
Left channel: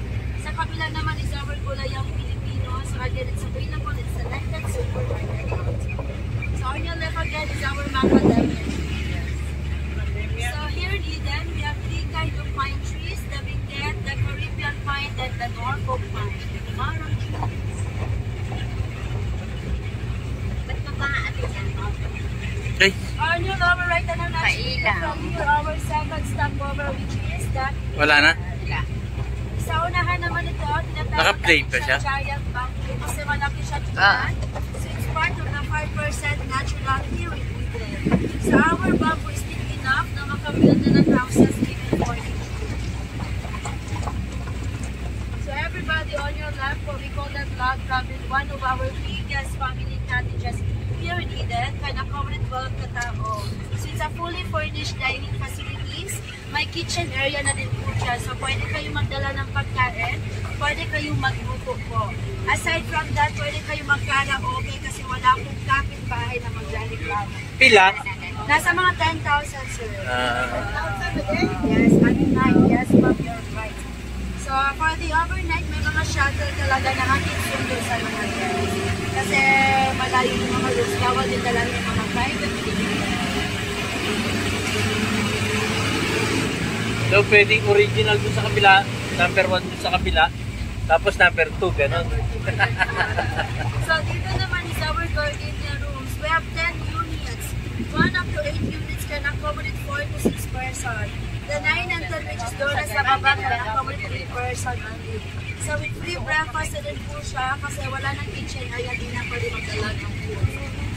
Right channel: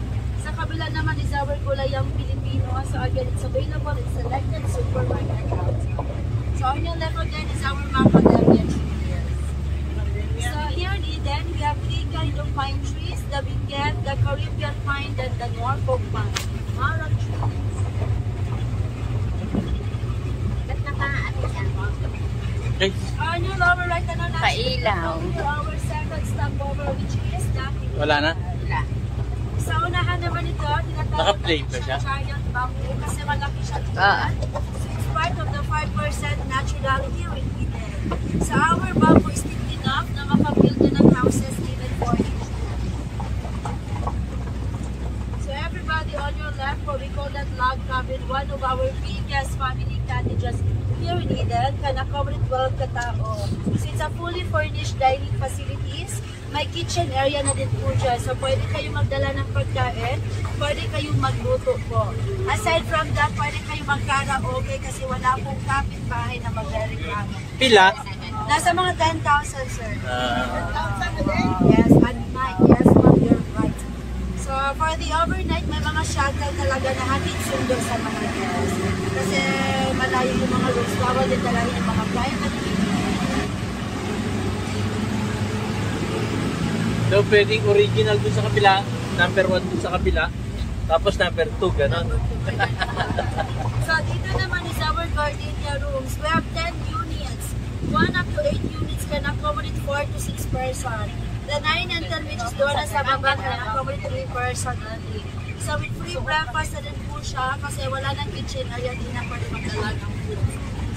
Sa kabila naman is our Gulayang Filipino. So again, it's available in selected supermarket outlets. So on your left again is our macadamia trees. So here in Eden, we have 3 kinds of pine trees: the Benguet, the Caribbean pine, and the Norfolk pine. Marang trees. Okay. On your lower right na natin, Pailaw. here our second stopover, which is that. Wala na? Sa unahan naman ito, tinatawag Naka-play pa siya? giant bamboo kasi malaki siya tingnan. So it's part of the 5% naturality repeated. So our bamboo is thick enough na makabuild na ng houses even for nature. So everybody on your left, what we call that log cabin, one of our biggest family cottages here in Eden, kana-covered 12 katao. So it's a fully furnished dining facilities. May kitchen area na din po siya. So pwede kayo magdala ng pagkain, pwede kayong magluto po. Aside from that, pwede kayong mag-karaoke kasi wala pong kapitbahay na magre-reklamo. Pila? Nasa mga 10,000, sir. 10,000 a day? Yes, at night. Yes, ma'am, you're right. So for the overnight, may mga shuttle talaga na hatid sundo sa mga guests. Kasi malayo yung mga guests. Kaya din talaga yung mga private. So, pwedeng original dun sa kabila, number 1 dun sa kabila, tapos number 2, ganon. So, dito naman is our gardenia rooms. We have 10 units. 1 up to 8 units can accommodate 4 to 6 person. The 9 and 10 which is doon na sa baba can accommodate 3 person only. So, with free breakfast na din po siya kasi wala ng kitchen area din na pwede magdala ng food.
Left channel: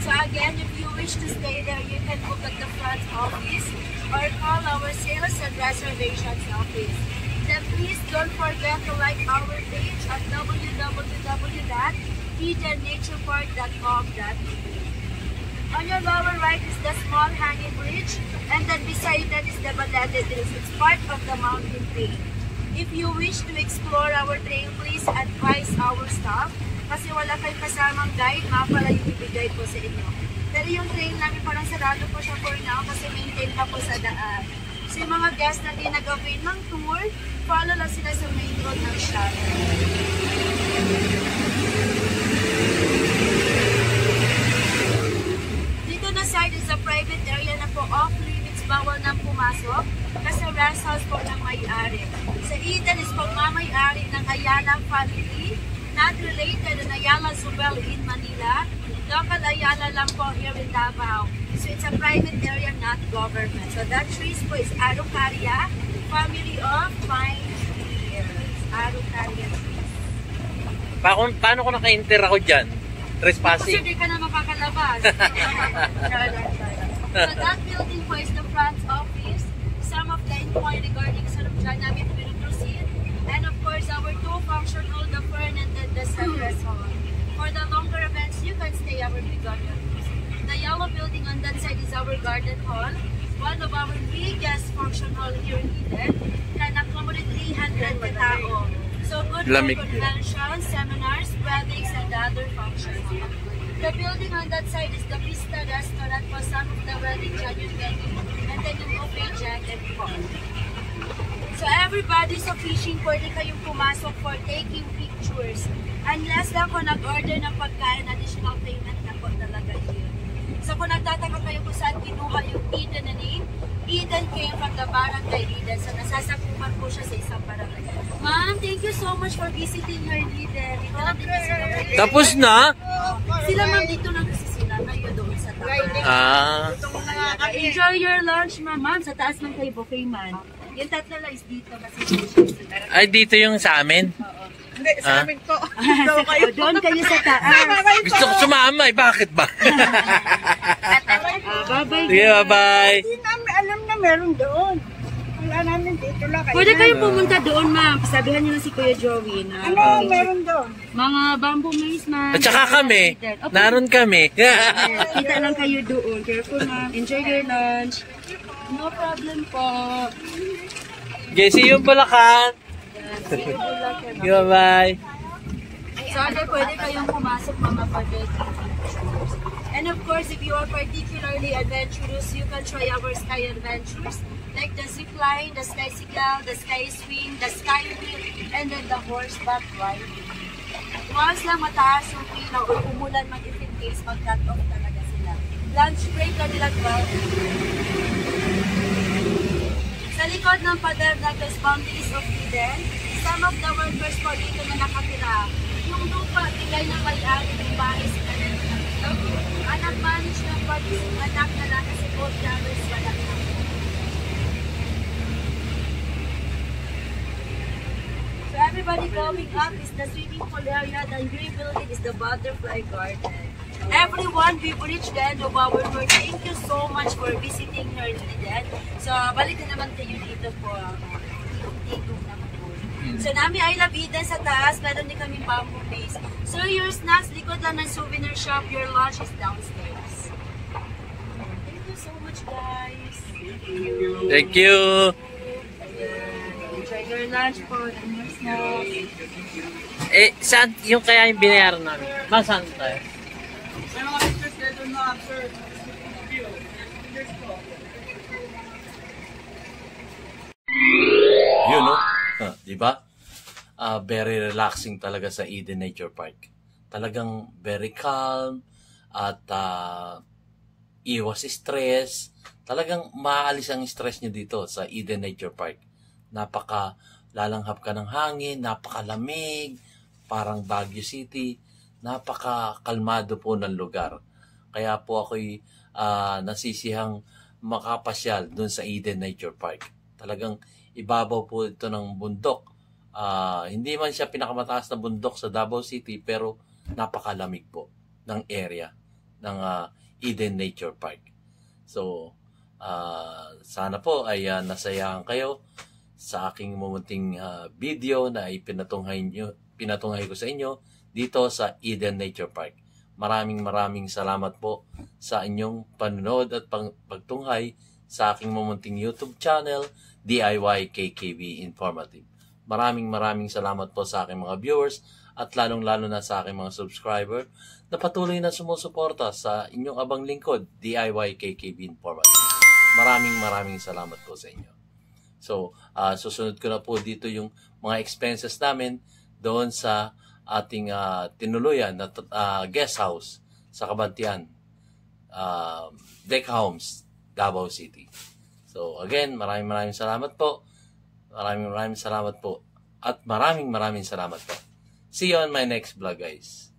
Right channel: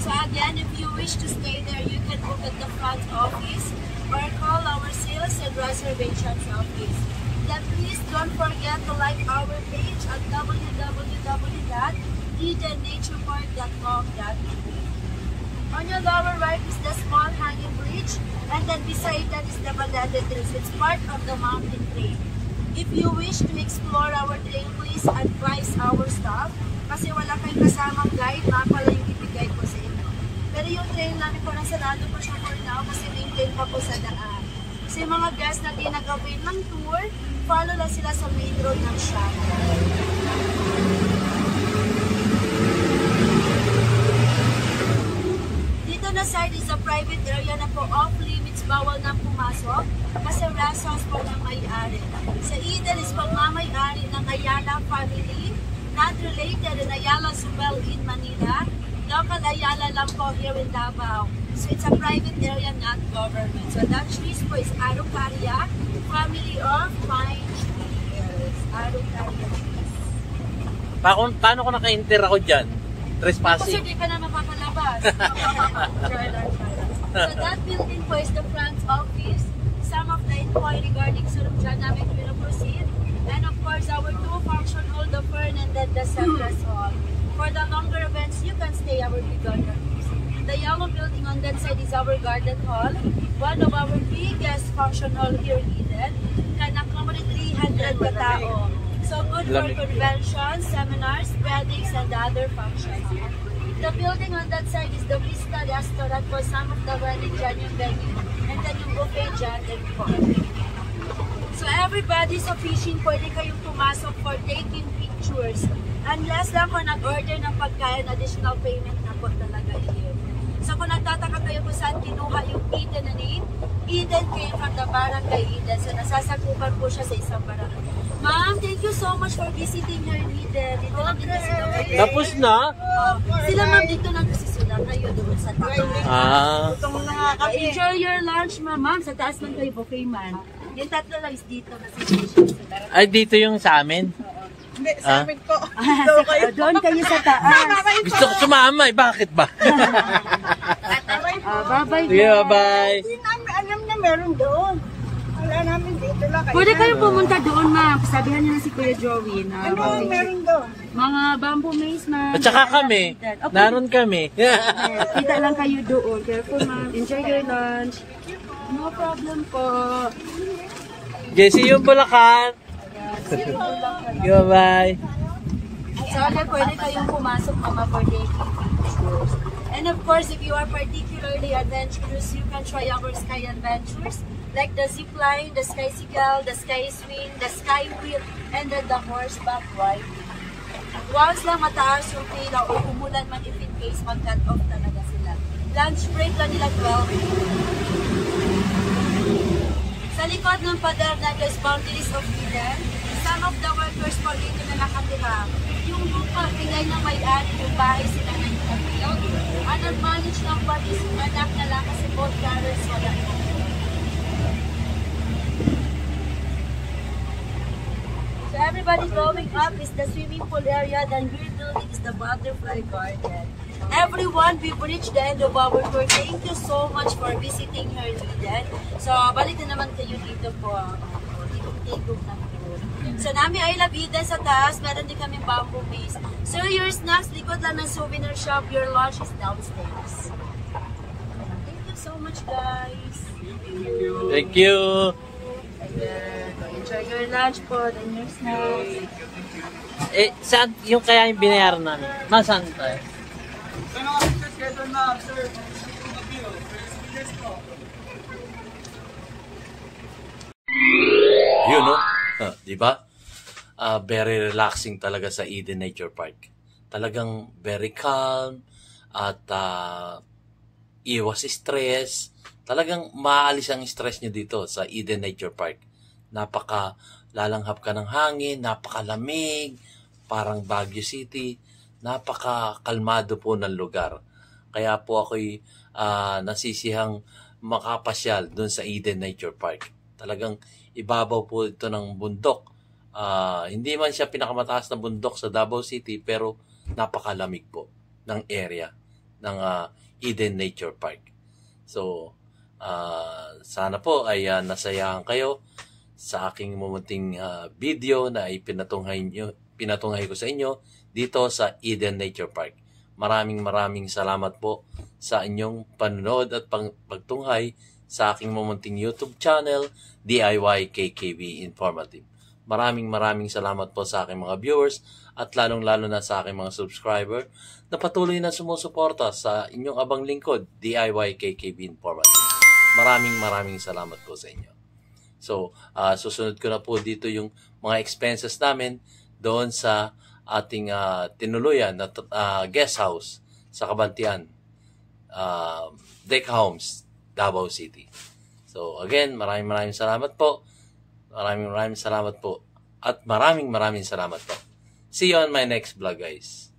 So, again, if you wish to stay there, you can book at the front office or call our sales and reservations office. Then please don't forget to like our page at www.edenaturepark.com.ph. On your lower right is the small hanging bridge, and then beside that is the Balete Hills. It's part of the mountain trail. If you wish to explore our trail, please advise our staff kasi wala kayong kasamang guide, mapala yung ibigay po sa inyo. Pero yung trail namin parang sarado po siya for now kasi maintain pa po sa daan. So yung mga guests na ginagawin ng tour, follow lang sila sa main road ng shop. Ayala family, not related to Ayala Subel in Manila. Local Ayala lang po here in Davao. So it's a private area, not government. So that trees po is Araucaria, family of pine trees. Araucaria trees. Paano ko naka-enter ako dyan? Kasi Trespassing. di ka na makakalabas. So that building po is the front office. Some of the inquiry regarding sa dyan namin pinoproceed. And of course, our two function hall, the Fern and then the Central Hall. For the longer events, you can stay our big garden. The yellow building on that side is our garden hall. One of our biggest function hall here in Eden. Can accommodate 300 katao. So good for conventions, seminars, weddings, and other functions. The building on that side is the Vista Restaurant for some of the wedding dyan yung venue. And then yung buffet dyan and fun. So everybody sa fishing, pwede kayong pumasok for taking pictures. Unless lang kung nag-order ng pagkain, additional payment na po talaga yun. So kung nagtataka kayo kung saan kinuha yung Eden na name, Eden came from the barangay Eden. So nasasakupan po siya sa isang barangay. Ma'am, thank you so much for visiting her Eden. Dito lang din kasi kami. Tapos na? Sila ma'am dito lang kasi sila kayo doon sa taas. Enjoy your lunch ma'am. Ma'am, sa taas lang kayo, buffet man. Yung tatlo lang is dito kasi Ay, dito yung sa amin? Hindi, sa amin po. Doon kayo sa taas. Gusto ko sumama eh. Bakit ba? Bye-bye. Sige, bye-bye. Hindi namin alam na meron doon. Wala namin dito lang. Pwede kayong pumunta doon ma'am. Sabihan niyo na si Kuya Joey na meron doon? mga bamboo maze ma'am. At saka kami. Naroon kami. Kita lang kayo doon. Careful ma'am. Enjoy your lunch. No problem po. Jesse yung Bulacan. Bye-bye. Sana pwede kayong pumasok mama for taking pictures. And of course, if you are particularly adventurous, you can try our sky adventures. Like the zip line, the sky signal, the sky swing, the sky wheel, and then the horseback riding. Once lang mataas yung pila o umulan man if in case mag-cut off talaga sila. Lunch break lang nila 12. Sa likod ng pader na is boundaries of Eden, some of the workers po dito na nakatira. Yung lupa, tingay na may-ari ng bahay sila na nakatira. Ang nag-manage ng parties yung anak na lang kasi both parents wala na. So everybody going up is the swimming pool area, then green building is the butterfly garden. Everyone, we've reached the end of our tour. Thank you so much for visiting her Eden. So, balik na naman kayo dito po. Tigong na po. So, nami I love Eden sa taas. Meron din kami bamboo maze. So, your snacks, likod lang ng souvenir shop. Your lunch is downstairs. Thank you so much, guys. Thank you. Enjoy your lunch po. Then your snacks. Eh, saan yung kaya yung binayaran namin? Masaan tayo? May mga pictures kayo doon na, sir. Yun, no? Di ba? Very relaxing talaga sa Eden Nature Park. Talagang very calm at iwas stress. Talagang maalis ang stress nyo dito sa Eden Nature Park. Napaka lalanghap ka ng hangin, napakalamig, parang Baguio City. Napaka-kalmado po ng lugar. Kaya po ako'y nasisihang makapasyal doon sa Eden Nature Park. Talagang ibabaw po ito ng bundok. Hindi man siya pinakamataas na bundok sa Davao City, pero napakalamig po ng area ng Eden Nature Park. So, sana po ay nasayahan kayo sa aking mumunting video na pinatunghay ko sa inyo dito sa Eden Nature Park. Maraming salamat po sa inyong panonood at pagtunghay sa aking mumunting YouTube channel, DIY KKB Informative. Maraming salamat po sa aking mga viewers at lalong-lalo na sa aking mga subscriber na patuloy na sumusuporta sa inyong abang lingkod, DIY KKB Informative. Maraming salamat po sa inyo. So, susunod ko na po dito yung mga expenses namin doon sa ating tinuluyan na guest house sa Kabantian, Deck Homes, Davao City. So again, maraming salamat po. Maraming salamat po. At maraming salamat po. See you on my next vlog, guys.